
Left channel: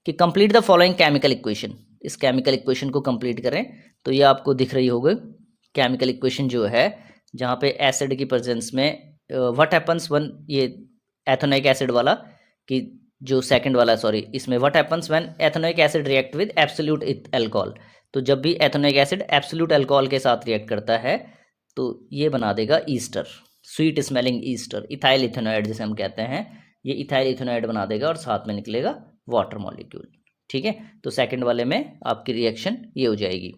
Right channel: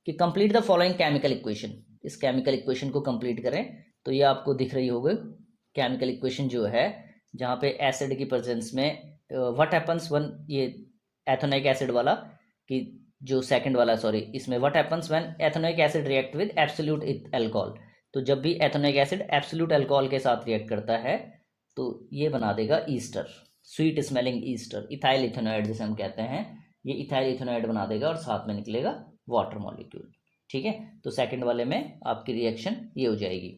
कि complete the following chemical equation, इस केमिकल इक्वेशन को कंप्लीट करें। तो ये आपको दिख रही होगी केमिकल इक्वेशन जो है, जहाँ पे एसिड की प्रेजेंस में व्हाट हैपन्स वन, ये एथेनोइक एसिड वाला कि जो सेकंड वाला सॉरी, इसमें what happens when ethanoic acid react with absolute alcohol. तो जब भी एथेनोइक एसिड एब्सोल्यूट अल्कोहल के साथ रिएक्ट करता है तो ये बना देगा Easter, sweet smelling Easter, ethyl ethanoid जिसे हम कहते हैं, ये इथाइल इथेनॉइड बना देगा और साथ में निकलेगा वाटर मॉलिक्यूल, ठीक है। तो सेकंड वाले में आपकी रिएक्शन ये हो जाएगी।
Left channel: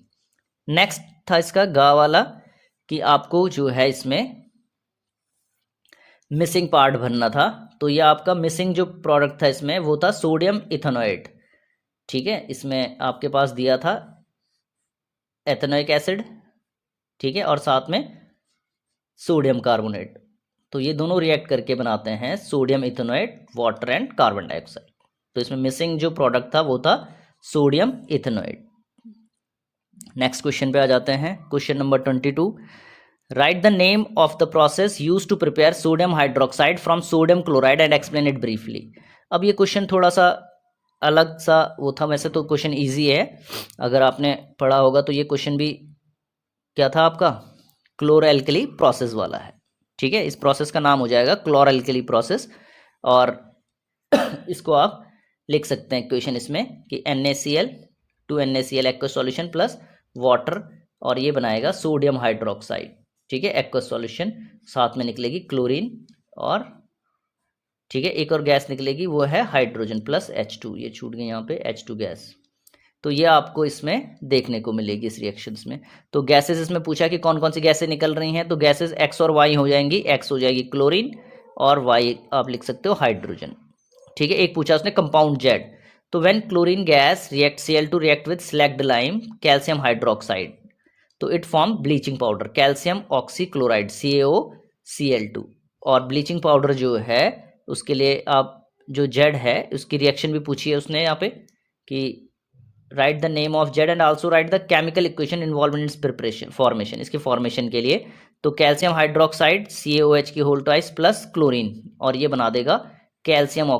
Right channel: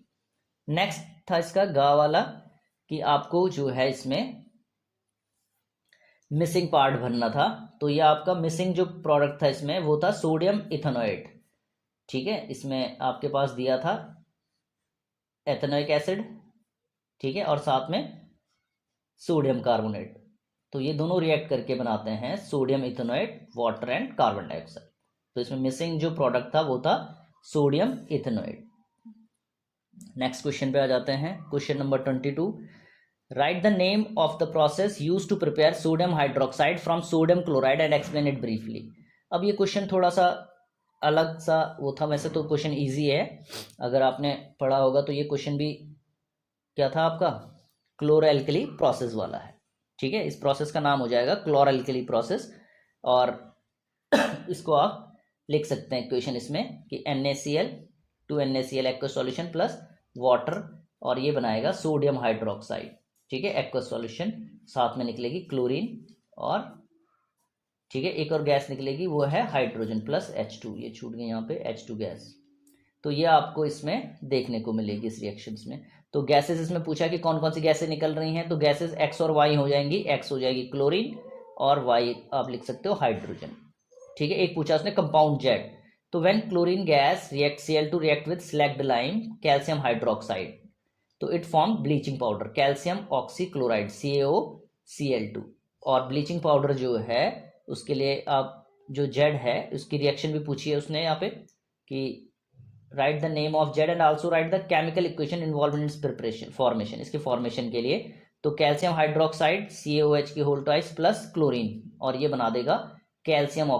नेक्स्ट था इसका गा वाला कि आपको जो है इसमें मिसिंग पार्ट भरना था। तो ये आपका मिसिंग जो प्रोडक्ट था इसमें वो था सोडियम इथेनॉइड, ठीक है। इसमें आपके पास दिया था एथेनोइक एसिड, ठीक है, और साथ में सोडियम कार्बोनेट। तो ये दोनों रिएक्ट करके बनाते हैं sodium ethanoid, water and carbon dioxide. तो इसमें मिसिंग जो प्रोडक्ट था वो था सोडियम इथेनॉइड। नेक्स्ट क्वेश्चन पे आ जाते हैं, question number 22। Write the name of the process use to prepare sodium hydroxide from sodium chloride and explain it briefly. अब ये क्वेश्चन थोड़ा सा अलग सा वो था, वैसे तो क्वेश्चन इजी है, अगर आपने पढ़ा होगा तो ये क्वेश्चन भी क्या था आपका, क्लोरोएल्कली प्रोसेस वाला है, ठीक है। इस प्रोसेस का नाम हो जाएगा क्लोरोएल्कली प्रोसेस, और इसको आप लिख सकते हैं इक्वेशन इसमें कि NaCl 2NaCl aqueous solution plus water, और ये बनाएगा सोडियम हाइड्रोक्साइड, ठीक है, एक्वस सॉल्यूशन, साथ में निकलेगी क्लोरीन, और ठीक है एक और गैस निकलेगी वो है हाइड्रोजन प्लस H2, ये छूट गई यहाँ पे H2 गैस। तो ये आपको इसमें देखने को मिलेगी इस रिएक्शंस में। तो गैसेस इसमें पूछा कि कौन कौन सी गैसें निकल रही हैं, तो गैसेस X और Y हो जाएंगी, X हो जाएगी क्लोरीन और Y आप लिख सकते हो हाइड्रोजन, ठीक है। एक पूछा उसने कंपाउंड Z, तो when chlorine gas react Cl2 react with slaked lime calcium hydroxide, तो it form bleaching powder calcium oxychloride CaOCl2। और ब्लीचिंग पाउडर जो है उसके लिए आप जो Z है उसकी रिएक्शन भी पूछी है उसने यहाँ पे कि right the name of Z and also right the chemical equation involve in its preparation formation, इसके फॉर्मेशन के लिए। तो कैल्शियम हाइड्रोक्साइड CaOH की होल ट्वाइस प्लस क्लोरीन, और ये बना देगा कैल्शियम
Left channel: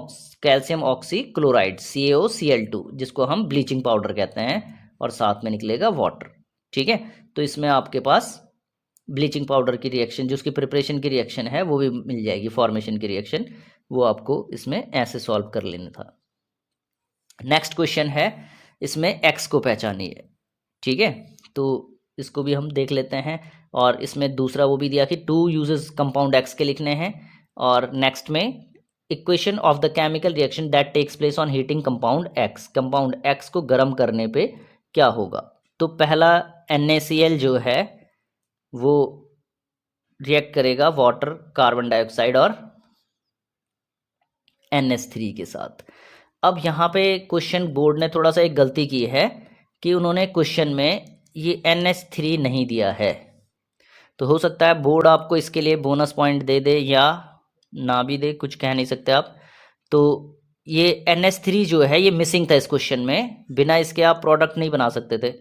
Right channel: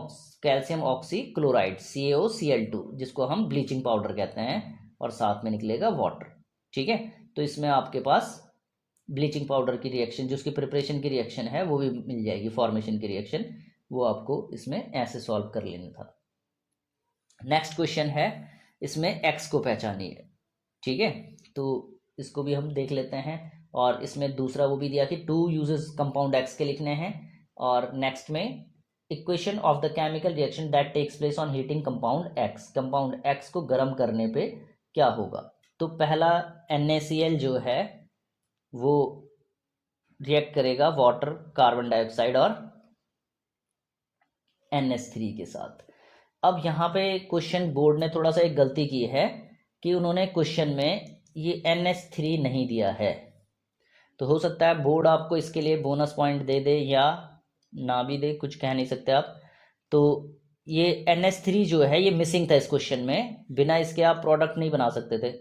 ऑक्सीक्लोराइड CaOCl2, जिसको हम ब्लीचिंग पाउडर कहते हैं, और साथ में निकलेगा वाटर, ठीक है। तो इसमें आपके पास ब्लीचिंग पाउडर की रिएक्शन जो उसकी प्रिपरेशन की रिएक्शन है वो भी मिल जाएगी, फॉर्मेशन की रिएक्शन, वो आपको इसमें ऐसे सॉल्व कर लेना था। नेक्स्ट क्वेश्चन है, इसमें X को पहचानिए, ठीक है। तो इसको भी हम देख लेते हैं, और इसमें दूसरा वो भी दिया कि 2 यूजेस कंपाउंड X के लिखने हैं, और नेक्स्ट में equation of the chemical reaction that takes place on heating compound X, compound X को गर्म करने पे क्या होगा। तो पहला NaCl जो है वो रिएक्ट करेगा वाटर, कार्बन डाइऑक्साइड और NH3 के साथ। अब यहाँ पे क्वेश्चन बोर्ड ने थोड़ा सा एक गलती की है कि उन्होंने क्वेश्चन में ये NH3 नहीं दिया है। तो हो सकता है बोर्ड आपको इसके लिए बोनस पॉइंट दे दे या ना भी दे, कुछ कह नहीं सकते आप। तो ये NH3 जो है ये मिसिंग था इस क्वेश्चन में, बिना इसके आप प्रोडक्ट नहीं बना सकते थे,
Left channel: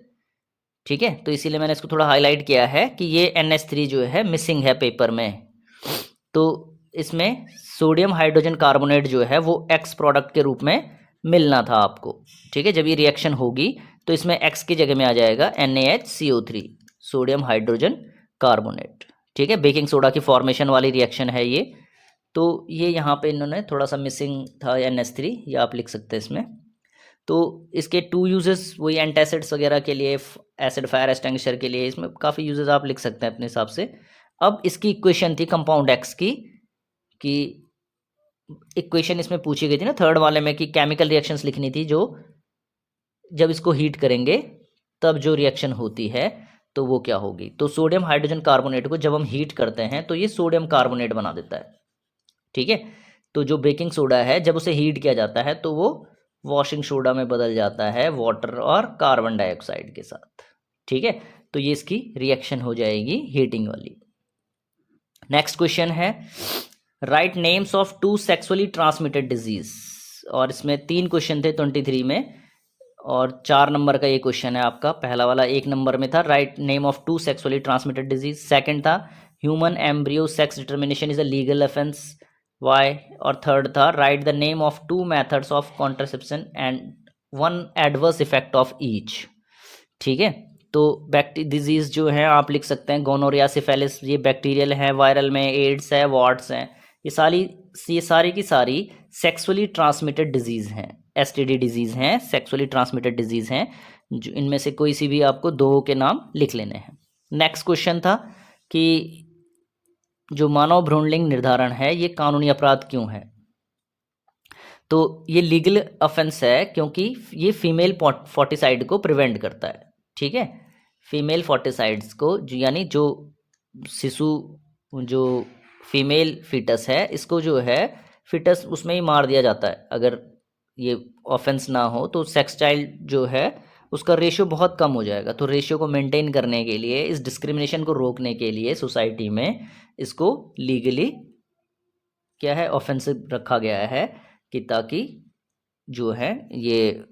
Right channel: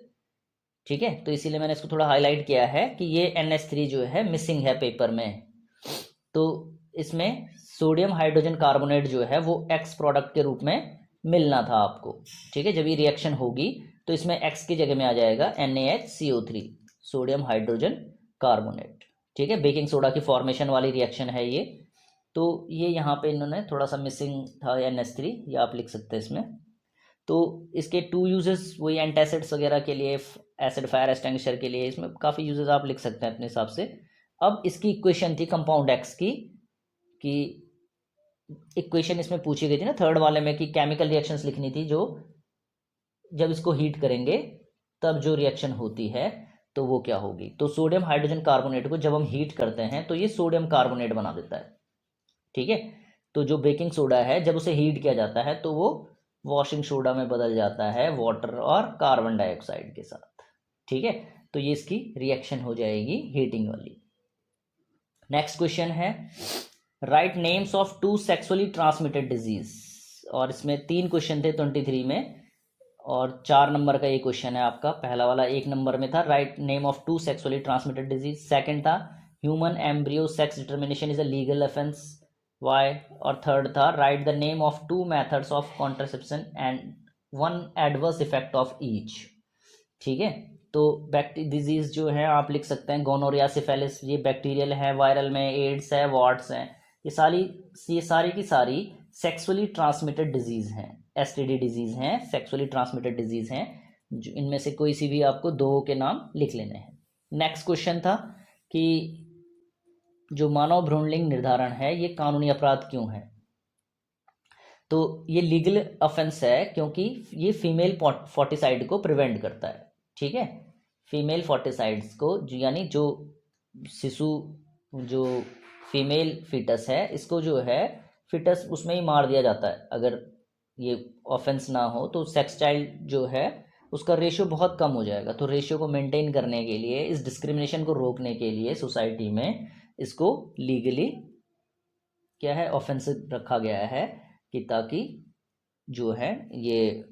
ठीक है। तो इसीलिए मैंने इसको थोड़ा हाईलाइट किया है कि ये NH3 जो है मिसिंग है पेपर में। तो इसमें सोडियम हाइड्रोजन कार्बोनेट जो है वो X प्रोडक्ट के रूप में मिलना था आपको, ठीक है। जब ये रिएक्शन होगी तो इसमें X की जगह में आ जाएगा NaHCO3, सोडियम हाइड्रोजन कार्बोनेट, ठीक है। बेकिंग सोडा की फॉर्मेशन वाली रिएक्शन है ये। तो ये यहाँ पे इन्होंने थोड़ा सा मिसिंग था NH3, ये आप लिख सकते हैं इसमें। तो इसके 2 यूजेस वही एंटासिड्स वगैरह के लिए, एसिड फायर एक्सटिंग्विशर के लिए, इसमें काफ़ी यूजेस आप लिख सकते हैं अपने हिसाब से। अब इसकी इक्वेशन थी कंपाउंड X की कि इक्वेशन इसमें पूछी गई थी ना थर्ड वाले में, कि केमिकल रिएक्शंस लिखनी थी जो जब इसको हीट करेंगे तब जो रिएक्शन होती है तो वो क्या होगी। तो सोडियम हाइड्रोजन कार्बोनेट को जब हम हीट करते हैं तो ये सोडियम कार्बोनेट बना देता है, ठीक है। तो जो बेकिंग सोडा है जब उसे हीट किया जाता है तो वो वॉशिंग सोडा में बदल जाता है वाटर और कार्बन डाइऑक्साइड के साथ, ठीक है। तो ये इसकी रिएक्शन हो जाएगी हीटिंग वाली। नेक्स्ट क्वेश्चन है right names of 2 sexually transmitted disease, और इसमें 3 क्वेश्चन थे 23 में, और 4 नंबर का ये क्वेश्चन है आपका। पहला वाला 1 नंबर में था write name of 2 sexually transmitted disease, second था human embryo sex determination is a legal offence, why, और थर्ड था write the name of 2 methods of contraception and 1 adverse effect of each, ठीक है। तो डिजीज जो है आप लिख सकते हैं गोनोरिया, सिफिलिस, ये बैक्टीरियल है, वायरल में एड्स है, वार्ड्स हैं, ये सारी की सारी सेक्सुअली ट्रांसमिटेड डिजीज़ हैं, एसटीडी डिजीज़ हैं, सेक्सुअली ट्रांसमिटेड डिजीज़ हैं, जो इनमें से कोई सी भी आपको 2 के नाम लिख लेने हैं। नेक्स्ट क्वेश्चन था कि जो मानव भ्रूणलिंग निर्धारण है ये कानूनी अपराध क्यों है। तो ये लीगल ऑफेंस है क्योंकि ये फीमेल फोर्टिसाइड को प्रिवेंट करता है, ठीक है। फीमेल फोर्टिसाइड्स को यानी जो शिशु, जो फीमेल फीटस है, इसको जो है फीटस उसमें ही मार दिया जाता है अगर ये ऑफेंस ना हो, तो सेक्स चाइल्ड जो है उसका रेशियो बहुत कम हो जाएगा। तो रेशियो को मेंटेन करने के लिए, इस डिस्क्रिमिनेशन को रोकने के लिए सोसाइटी में इसको लीगली क्या है ऑफेंसिव रखा गया है, कि ताकि जो है ये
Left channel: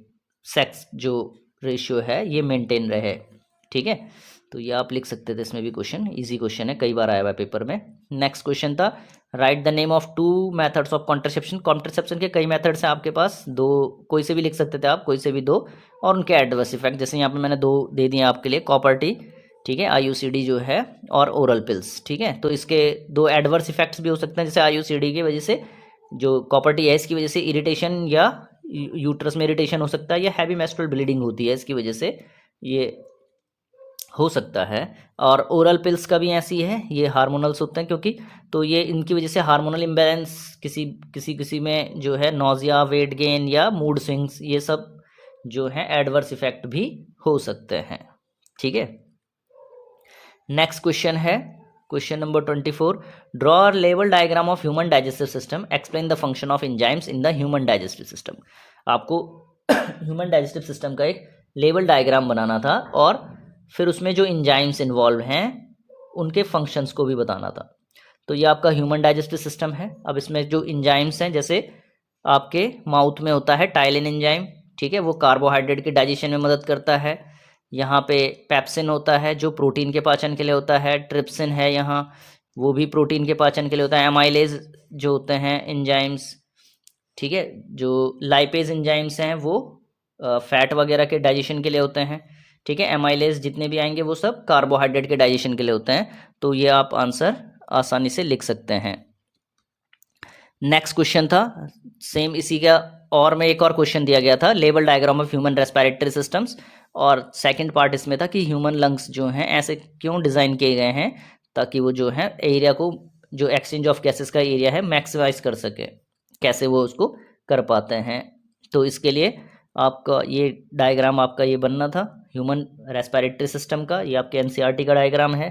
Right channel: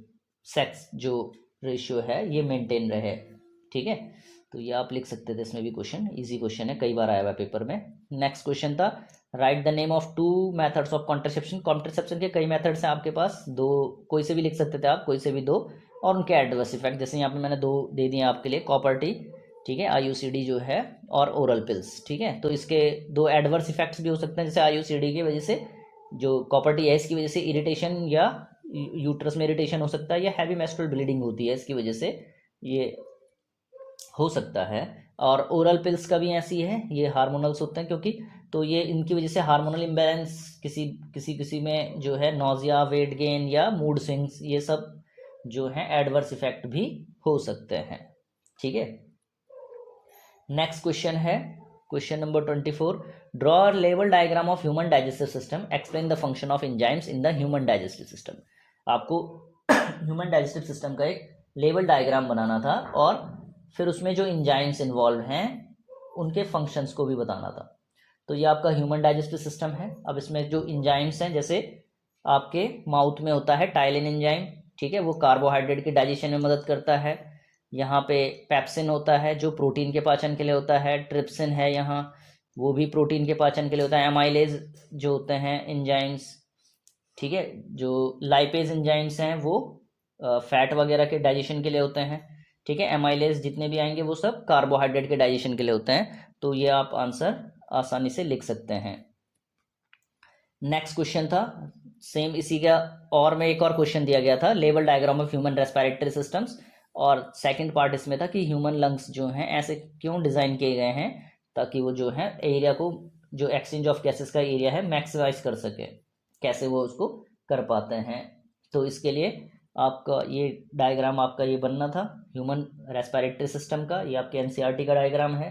सेक्स जो रेशियो है ये मेंटेन रहे, ठीक है। तो ये आप लिख सकते थे, इसमें भी क्वेश्चन इजी क्वेश्चन है, कई बार आया हुआ है पेपर में। नेक्स्ट क्वेश्चन था write the name of 2 methods of contraception. Contraception के कई मेथड्स हैं आपके पास, 2 कोई से भी लिख सकते थे आप, कोई से भी 2, और उनके एडवर्स इफेक्ट, जैसे यहाँ पे मैंने 2 दे दिए आपके लिए, कॉपर टी, ठीक है, IUCD जो है, और ओरल पिल्स, ठीक है। तो इसके 2 एडवर्स इफेक्ट्स भी हो सकते हैं, जैसे IUCD की वजह से, जो कॉपर टी है इसकी वजह से इरिटेशन या यूट्रस में इरिटेशन हो सकता है, या हैवी मेंस्ट्रुअल ब्लीडिंग होती है इसकी वजह से ये हो सकता है। और ओरल पिल्स का भी ऐसी है, ये हार्मोनल्स होते हैं क्योंकि, तो ये इनकी वजह से हार्मोनल इम्बैलेंस किसी में जो है नोजिया, वेट गेन या मूड स्विंग्स, ये सब जो है एडवर्स इफेक्ट भी हो सकते हैं, ठीक है। नेक्स्ट क्वेश्चन है question number 24 draw level diagram of human digestive system, explain the function of enzymes in the human digestive system. आपको ह्यूमन डाइजेस्टिव सिस्टम का एक लेवल डायग्राम बनाना था और फिर उसमें जो एंजाइम्स इन्वॉल्व हैं उनके फंक्शंस को भी बताना था। तो ये आपका ह्यूमन डाइजेस्टिव सिस्टम है। अब इसमें जो एंजाइम्स हैं, जैसे आपके माउथ में होता है टाइलिन एंजाइम, ठीक है, वो कार्बोहाइड्रेट के डाइजेशन में मदद करता है। यहाँ पे पेप्सिन होता है जो प्रोटीन के पाचन के लिए होता है, ट्रिप्सिन है यहाँ, वो भी प्रोटीन के पाचन के लिए होता है, एमाइलेज जो होते हैं एंजाइम्स, ठीक है, जो लाइपेज एंजाइम्स हैं वो फैट वगैरह के डाइजेशन के लिए होते हैं, ठीक है। एमाइलेज जितने भी आएंगे वो सब कार्बोहाइड्रेट के डाइजेशन के लिए होते हैं। तो ये आप आंसर आसानी से लिख सकते हैं। नेक्स्ट क्वेश्चन था सेम इसी का, और में एक और क्वेश्चन दिया गया था level diagram of human respiratory systems, और सेकंड पार्ट इसमें था कि ह्यूमन लंग्स जो हैं ऐसे क्यों डिज़ाइन किए गए हैं ताकि वो जो है एरिया को, जो एक्सचेंज ऑफ गैसेस का एरिया है, मैक्सिमाइज कर सके, कैसे वो उसको कर पाते हैं। तो इसके लिए आपका ये डायग्राम आपका ये बनना था ह्यूमन रेस्पिरेटरी सिस्टम का, ये आपके NCERT का डायग्राम है,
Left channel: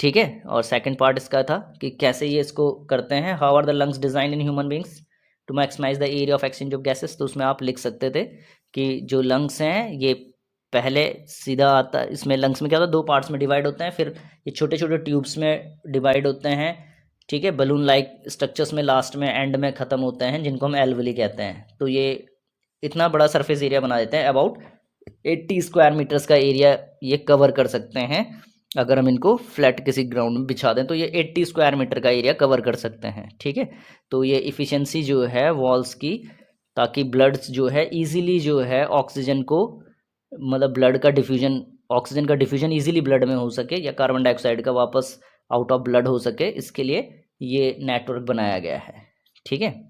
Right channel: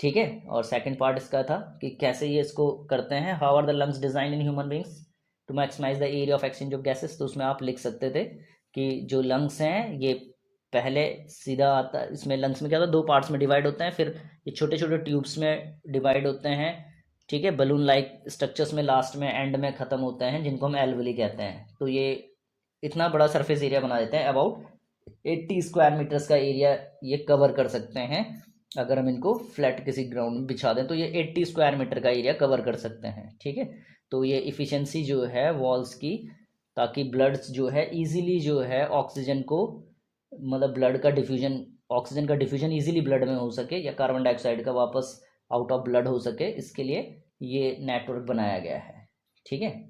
ठीक है। और सेकंड पार्ट इसका था कि कैसे ये इसको करते हैं, how are the lungs design in human beings to maximise the area of exchange of gases. तो उसमें आप लिख सकते थे कि जो लंग्स हैं ये पहले सीधा आता, इसमें लंग्स में क्या होता है 2 पार्ट्स में डिवाइड होते हैं, फिर ये छोटे छोटे ट्यूब्स में डिवाइड होते हैं, ठीक है, बलून लाइक स्ट्रक्चर्स में लास्ट में एंड में ख़त्म होते हैं, जिनको हम एल्वली कहते हैं। तो ये इतना बड़ा सरफेस एरिया बना देते हैं, अबाउट 80 स्क्वायर मीटर्स का एरिया ये कवर कर सकते हैं। अगर हम इनको फ्लैट किसी ग्राउंड में बिछा दें तो ये 80 स्क्वायर मीटर का एरिया कवर कर सकते हैं, ठीक है। तो ये इफ़िशेंसी जो है वॉल्स की, ताकि ब्लड्स जो है ईजिली जो है ऑक्सीजन को, मतलब ब्लड का डिफ्यूजन, ऑक्सीजन का डिफ्यूजन ईजिली ब्लड में हो सके, या कार्बन डाइऑक्साइड का वापस आउट ऑफ ब्लड हो सके, इसके लिए ये नेटवर्क बनाया गया है, ठीक है।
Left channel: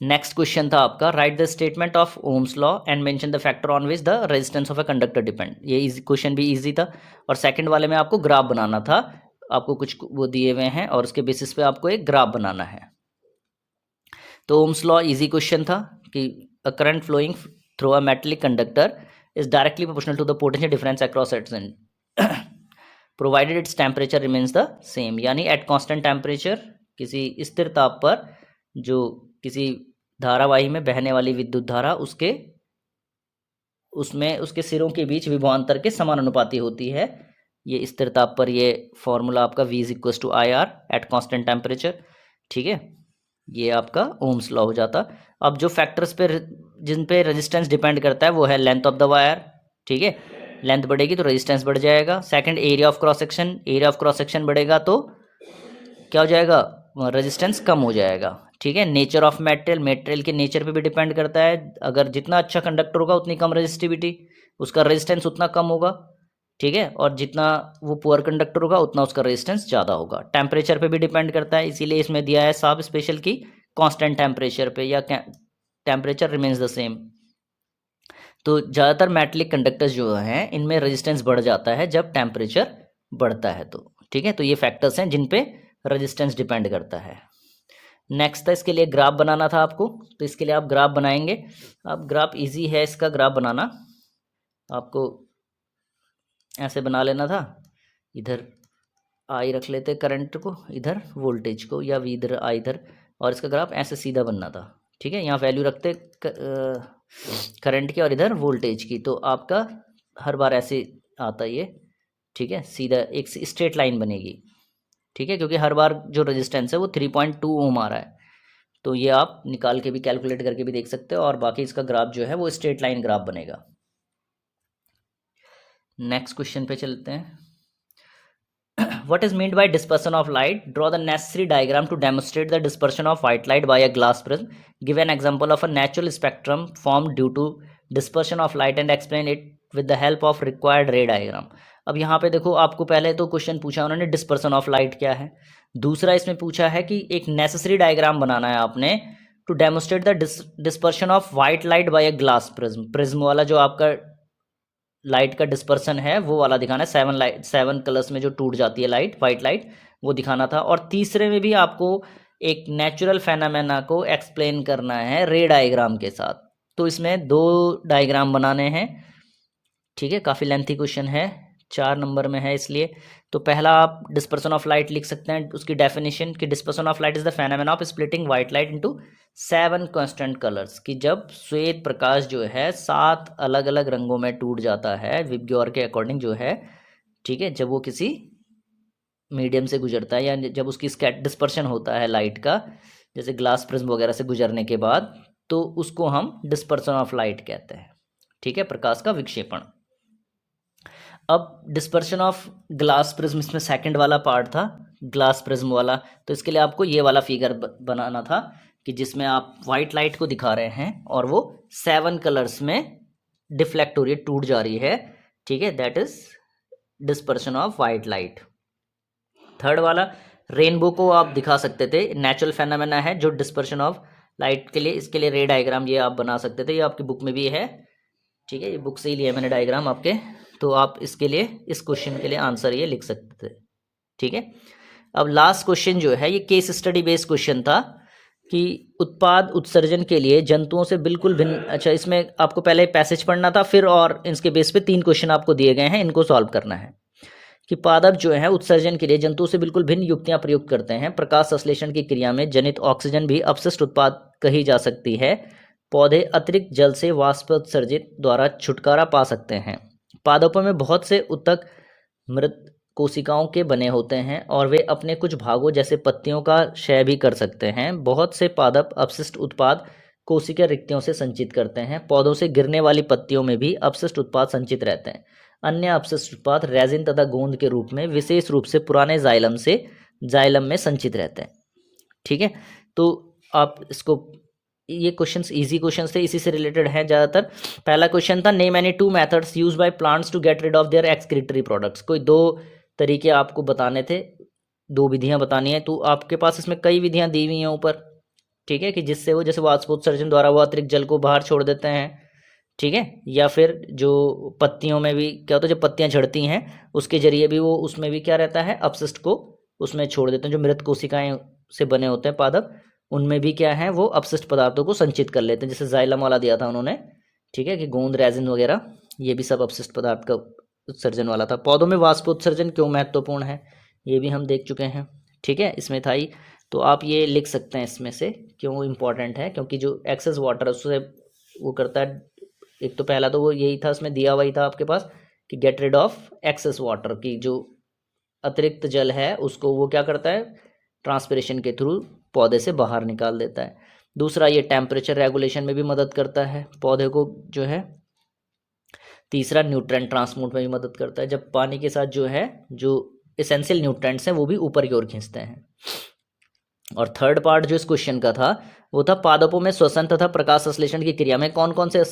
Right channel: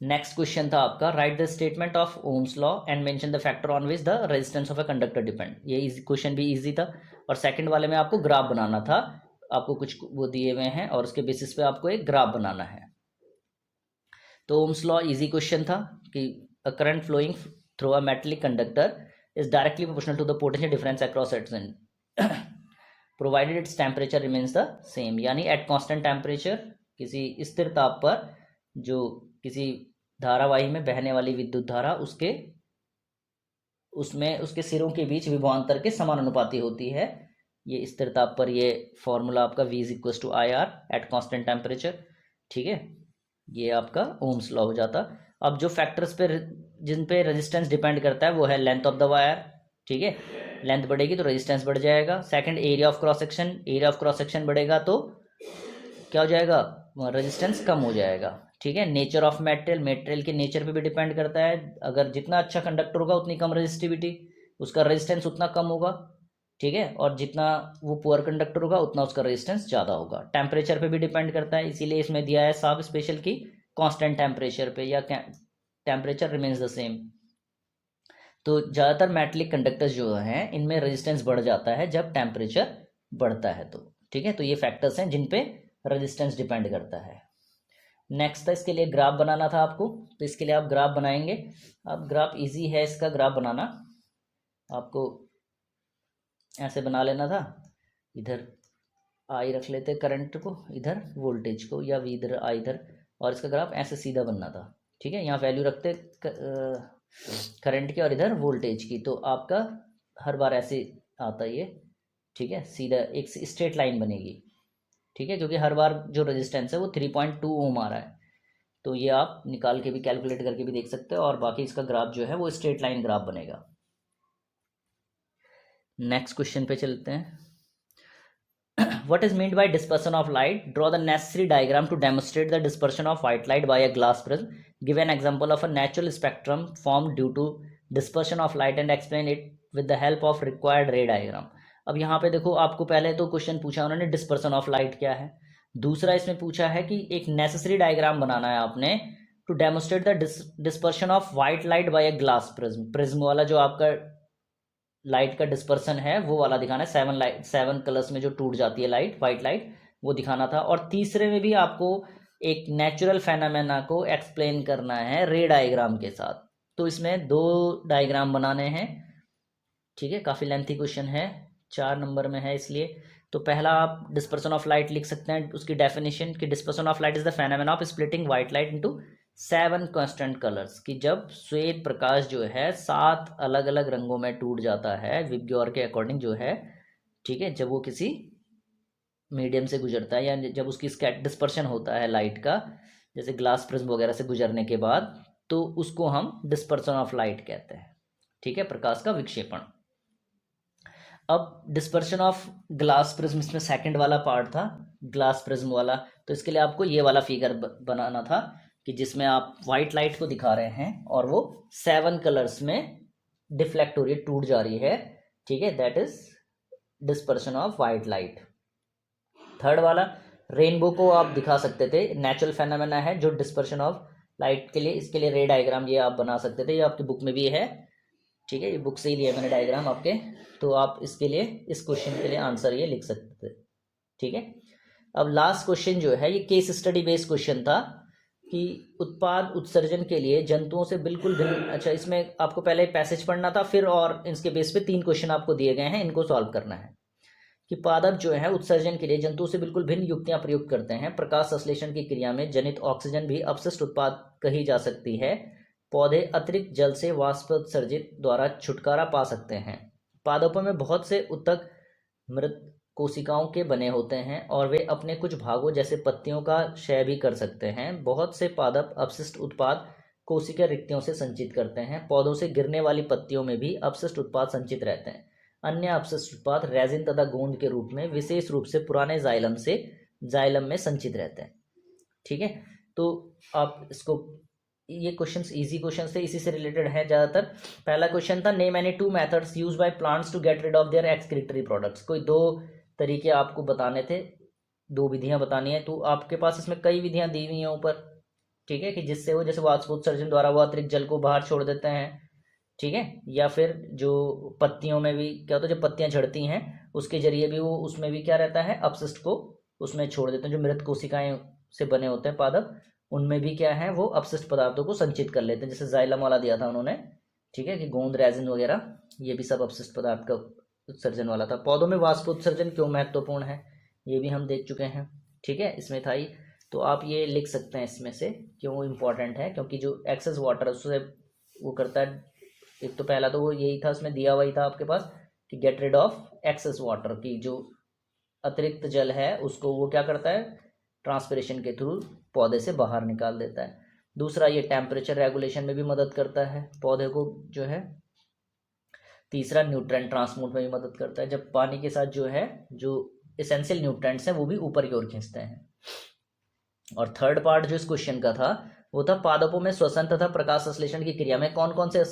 नेक्स्ट क्वेश्चन था आपका right the statement of Ohm's law and mention the factor on which the resistance of a conductor depend. ये क्वेश्चन भी इजी था। और सेकंड वाले में आपको ग्राफ बनाना था, आपको कुछ वो दिए हुए हैं और उसके बेसिस पे आपको एक ग्राफ बनाना है। तो ओम्स लॉ इजी क्वेश्चन था कि a current flowing through a metallic conductor is directly proportional to the potential difference across its end provided its temperature remains the same, यानी एट कांस्टेंट टेम्परेचर किसी स्थिर ताप पर जो किसी धारावाही में बहने वाली विद्युत धारा उसमें उसके सिरों के बीच विभवांतर के समानुपाती होती है। ये स्थिर ताप पर ये फॉर्मूला आपका V is equal to I R at constant temperature. ठीक है, ये आपका ओम्स लॉ हो जाता। अब जो फैक्टर्स पे जिन पे रेजिस्टेंस डिपेंड करता है वो है लेंथ ऑफ द वायर। ठीक है, लेंथ बढ़ेगी तो रेजिस्टेंस बढ़ जाएगा। Second, area of cross section, area of cross section बढ़ेगा तो क्या हो जाएगा, रेजिस्टेंस कम हो जाएगा। ठीक है, नेचर ऑफ मेटेरियल, मेटेरियल के नेचर पे भी डिपेंड करता है। अगर जितना अच्छा कंडक्टर होगा उतनी कम रेजिस्टिविटी, उसका रेजिस्टेंस उतना कम होगा। ठीक है, और जितना वो पुअर कंडक्टर होगा उतना उसका रेजिस्टेंस ज़्यादा होगा। टेम्परेचर पे भी डिपेंड करता है, इसीलिए इसमें दिया है सब स्पेशल की कांस्टेंट टेम्परेचर पे या टेम्परेचर रिमेन्स द सेम। तो ज़्यादातर मेटलिक कंडक्टर्स जो हैं इनमें रेजिस्टेंस बढ़ जाता है जब टेम्परेचर बढ़ता है तो। ठीक है, तो ये फैक्टर्स हैं जिन पे रेजिस्टेंस डिपेंड करता है। नेक्स्ट था, इसके लिए ग्राफ बनाना था आपको, तो इसके लिए आप ग्राफ बनाएंगे। अब ग्राफ इजी है इसका ग्राफ बनाना, आपको ऐसे बना लेना था। इधर आई रख लेते करंट को, इधर वोल्टेज को, या वी इधर आई इधर, और इसका ग्राफ ऐसे सीधा बनना था। ठीक है, यहाँ वैल्यू रखते करंट की और इधर वोल्टेज की, तो आपका हर बार ऐसे आता ये। ठीक है, सीधा एक स्ट्रेट लाइन बनेगी। ठीक है, क्योंकि हर बार जो रेजिस्टेंस है वो 3.2 ओम आ रहा है, तो ये आप निकाल के भी कैलकुलेट करके भी देख सकते हो, और बाकी इसका ग्राफ जो है वो स्ट्रेट लाइन ग्राफ बनेगा। नेक्स्ट क्वेश्चन पे चलते हैं। What is meant by dispersion of light? Draw the necessary diagram to demonstrate the dispersion of white light by a glass prism. Give an example of a natural spectrum formed due to dispersion of light and explain it with the help of required ray diagram. अब यहाँ पे देखो, आपको पहले तो question पूछा उन्होंने dispersion of light क्या है, दूसरा इसमें पूछा है कि एक नेसेसरी डायग्राम बनाना है आपने to demonstrate the dispersion of white light by a glass prism. Prism वाला जो आपका लाइट का डिस्पर्सन है वो वाला दिखाना है, 7 कलर्स में जो टूट जाती है लाइट, वाइट लाइट, वो दिखाना था। और तीसरे में भी आपको एक नेचुरल फेनामेना को एक्सप्लेन करना है रे डायग्राम के साथ। तो इसमें 2 डायग्राम बनाने हैं। ठीक है, काफ़ी लेंथी क्वेश्चन है, 4 नंबर में है इसलिए। तो पहला आप डिस्पर्सन ऑफ लाइट लिख सकते हैं, उसकी डेफिनेशन कि dispersion of light is the phenomena of splitting white light into 7 constant colours, कि जब श्वेत प्रकाश जो है 7 अलग अलग रंगों में टूट जाता है विबग्योर के अकॉर्डिंग जो है। ठीक है, जब वो किसी मीडियम से गुजरता है या जब उसकी डिस्पर्शन होता है लाइट का, जैसे ग्लास प्रिज्म वगैरह से गुजरने के बाद, तो उसको हम डिस्पर्सन ऑफ लाइट कहते हैं। ठीक है, प्रकाश का विक्षेपण। अब डिस्पर्शन ऑफ ग्लास प्रिज्म इसमें सेकंड वाला पार्ट था, ग्लास प्रिज्म वाला। तो इसके लिए आपको ये वाला फिगर बनाना था कि जिसमें आप वाइट लाइट को दिखा रहे हैं और वो 7 कलर्स में डिफ्लेक्ट हो रही है, टूट जा रही है। ठीक है, that is dispersion of white light. Third वाला रेनबो को आप दिखा सकते थे, नेचुरल फेनोमेना है जो डिस्पर्शन ऑफ लाइट के लिए, इसके लिए रे डायग्राम ये आप बना सकते थे, ये आपकी बुक में भी है। ठीक है, ये बुक से ही लिया मैंने डायग्राम आपके, तो आप इसके लिए, इस क्वेश्चन के लिए आंसर ये लिख सकते थे। ठीक है, अब लास्ट क्वेश्चन जो है ये केस स्टडी बेस्ड क्वेश्चन था कि उत्पाद उत्सर्जन के लिए जंतुओं से बिल्कुल भिन्न। अच्छा, इसमें आपको पहले पैसेज पढ़ना था, फिर और इसके बेस पे 3 क्वेश्चन आपको दिए गए हैं, इनको सॉल्व करना है। कि पादप जो है उत्सर्जन के लिए जंतुओं से बिल्कुल भिन्न युक्तियां प्रयुक्त करते हैं। प्रकाश संश्लेषण की क्रिया में जनित ऑक्सीजन भी अपशिष्ट उत्पाद कही जा सकती है। पौधे अतिरिक्त जल से वाष्पोत्सर्जित द्वारा छुटकारा पा सकते हैं। पादपों में बहुत से ऊतक मृत कोशिकाओं के बने होते हैं और वे अपने कुछ भागों जैसे पत्तियों का क्षय भी कर सकते हैं। बहुत से पादप अपशिष्ट उत्पाद कोशिका रिक्तियों से संचित करते हैं। पौधों से गिरने वाली पत्तियों में भी अपशिष्ट उत्पाद संचित रहते हैं। अन्य अपशिष्ट उत्पाद रेजिन तथा गोंद के रूप में विशेष रूप से पुराने जाइलम में संचित रहते हैं। ठीक है, तो आप इसको, ये क्वेश्चंस इजी क्वेश्चंस थे, इसी से रिलेटेड है ज़्यादातर। पहला क्वेश्चन था name any 2 methods used by plants to get rid of their excretory products. कोई 2 तरीके आपको बताने थे, 2 विधियां बतानी है। तो आपके पास इसमें कई विधियां दी हुई हैं ऊपर। ठीक है, कि जिससे वो, जैसे वाष्पोत्सर्जन द्वारा वो अतिरिक्त जल को बाहर छोड़ देते हैं। ठीक है, या फिर जो पत्तियों में भी क्या होता है, जब पत्तियां झड़ती हैं उसके जरिए भी वो, उसमें भी क्या रहता है, अपशिष्ट को उसमें छोड़ देते हैं। जो मृत कोशिकाएं से बने होते हैं पादप, उनमें भी क्या है, वो अपशिष्ट पदार्थों को संचित कर लेते हैं, जैसे जाइलम वाला दिया था उन्होंने, ठीक है, कि गोंद, रेजिन वगैरह, ये भी सब अपशिष्ट पदार्थ का उत्सर्जन वाला था। पौधों में वाष्पोत्सर्जन क्यों महत्वपूर्ण है, ये भी हम देख चुके हैं, ठीक है, इसमें था ही। तो आप ये लिख सकते हैं इसमें से क्यों इम्पोर्टेंट है, क्योंकि जो एक्सेस वाटर उससे वो करता है। एक तो पहला तो वो यही था, उसमें दिया हुआ ही था आपके पास कि get rid of excess water, की जो अतिरिक्त जल है उसको वो क्या करता है, ट्रांसपिरेशन के थ्रू पौधे से बाहर निकाल देता है। दूसरा, ये टेम्परेचर रेगुलेशन में भी मदद करता है पौधे को जो है। तीसरा, न्यूट्रेंट ट्रांसपोर्ट में भी मदद करता है, जब पानी के साथ जो है, जो एसेंशियल न्यूट्रेंट्स हैं वो भी ऊपर की ओर खींचते हैं। और थर्ड पार्ट जो इस क्वेश्चन का था वो था, पादपों में श्वसन तथा प्रकाश संश्लेषण की क्रिया में कौन कौन से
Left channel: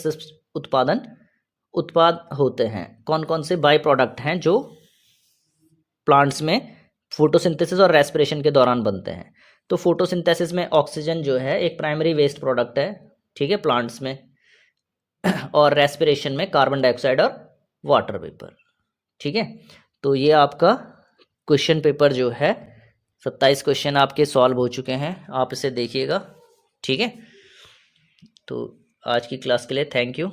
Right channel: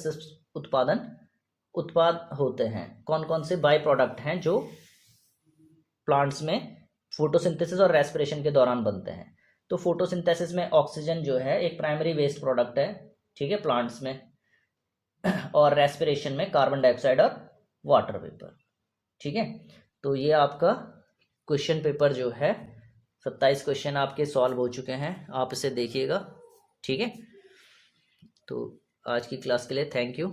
उत्पाद होते हैं, कौन कौन से बाय प्रोडक्ट हैं जो प्लांट्स में फोटोसिंथेसिस और रेस्पिरेशन के दौरान बनते हैं। तो फोटोसिंथेसिस में ऑक्सीजन जो है एक प्राइमरी वेस्ट प्रोडक्ट है, ठीक है, प्लांट्स में, और रेस्पिरेशन में कार्बन डाइऑक्साइड और वाटर वेपर, ठीक है। तो ये आपका क्वेश्चन पेपर जो है 27 क्वेश्चन आपके सॉल्व हो चुके हैं, आप इसे देखिएगा, ठीक है। तो आज की क्लास के लिए थैंक यू।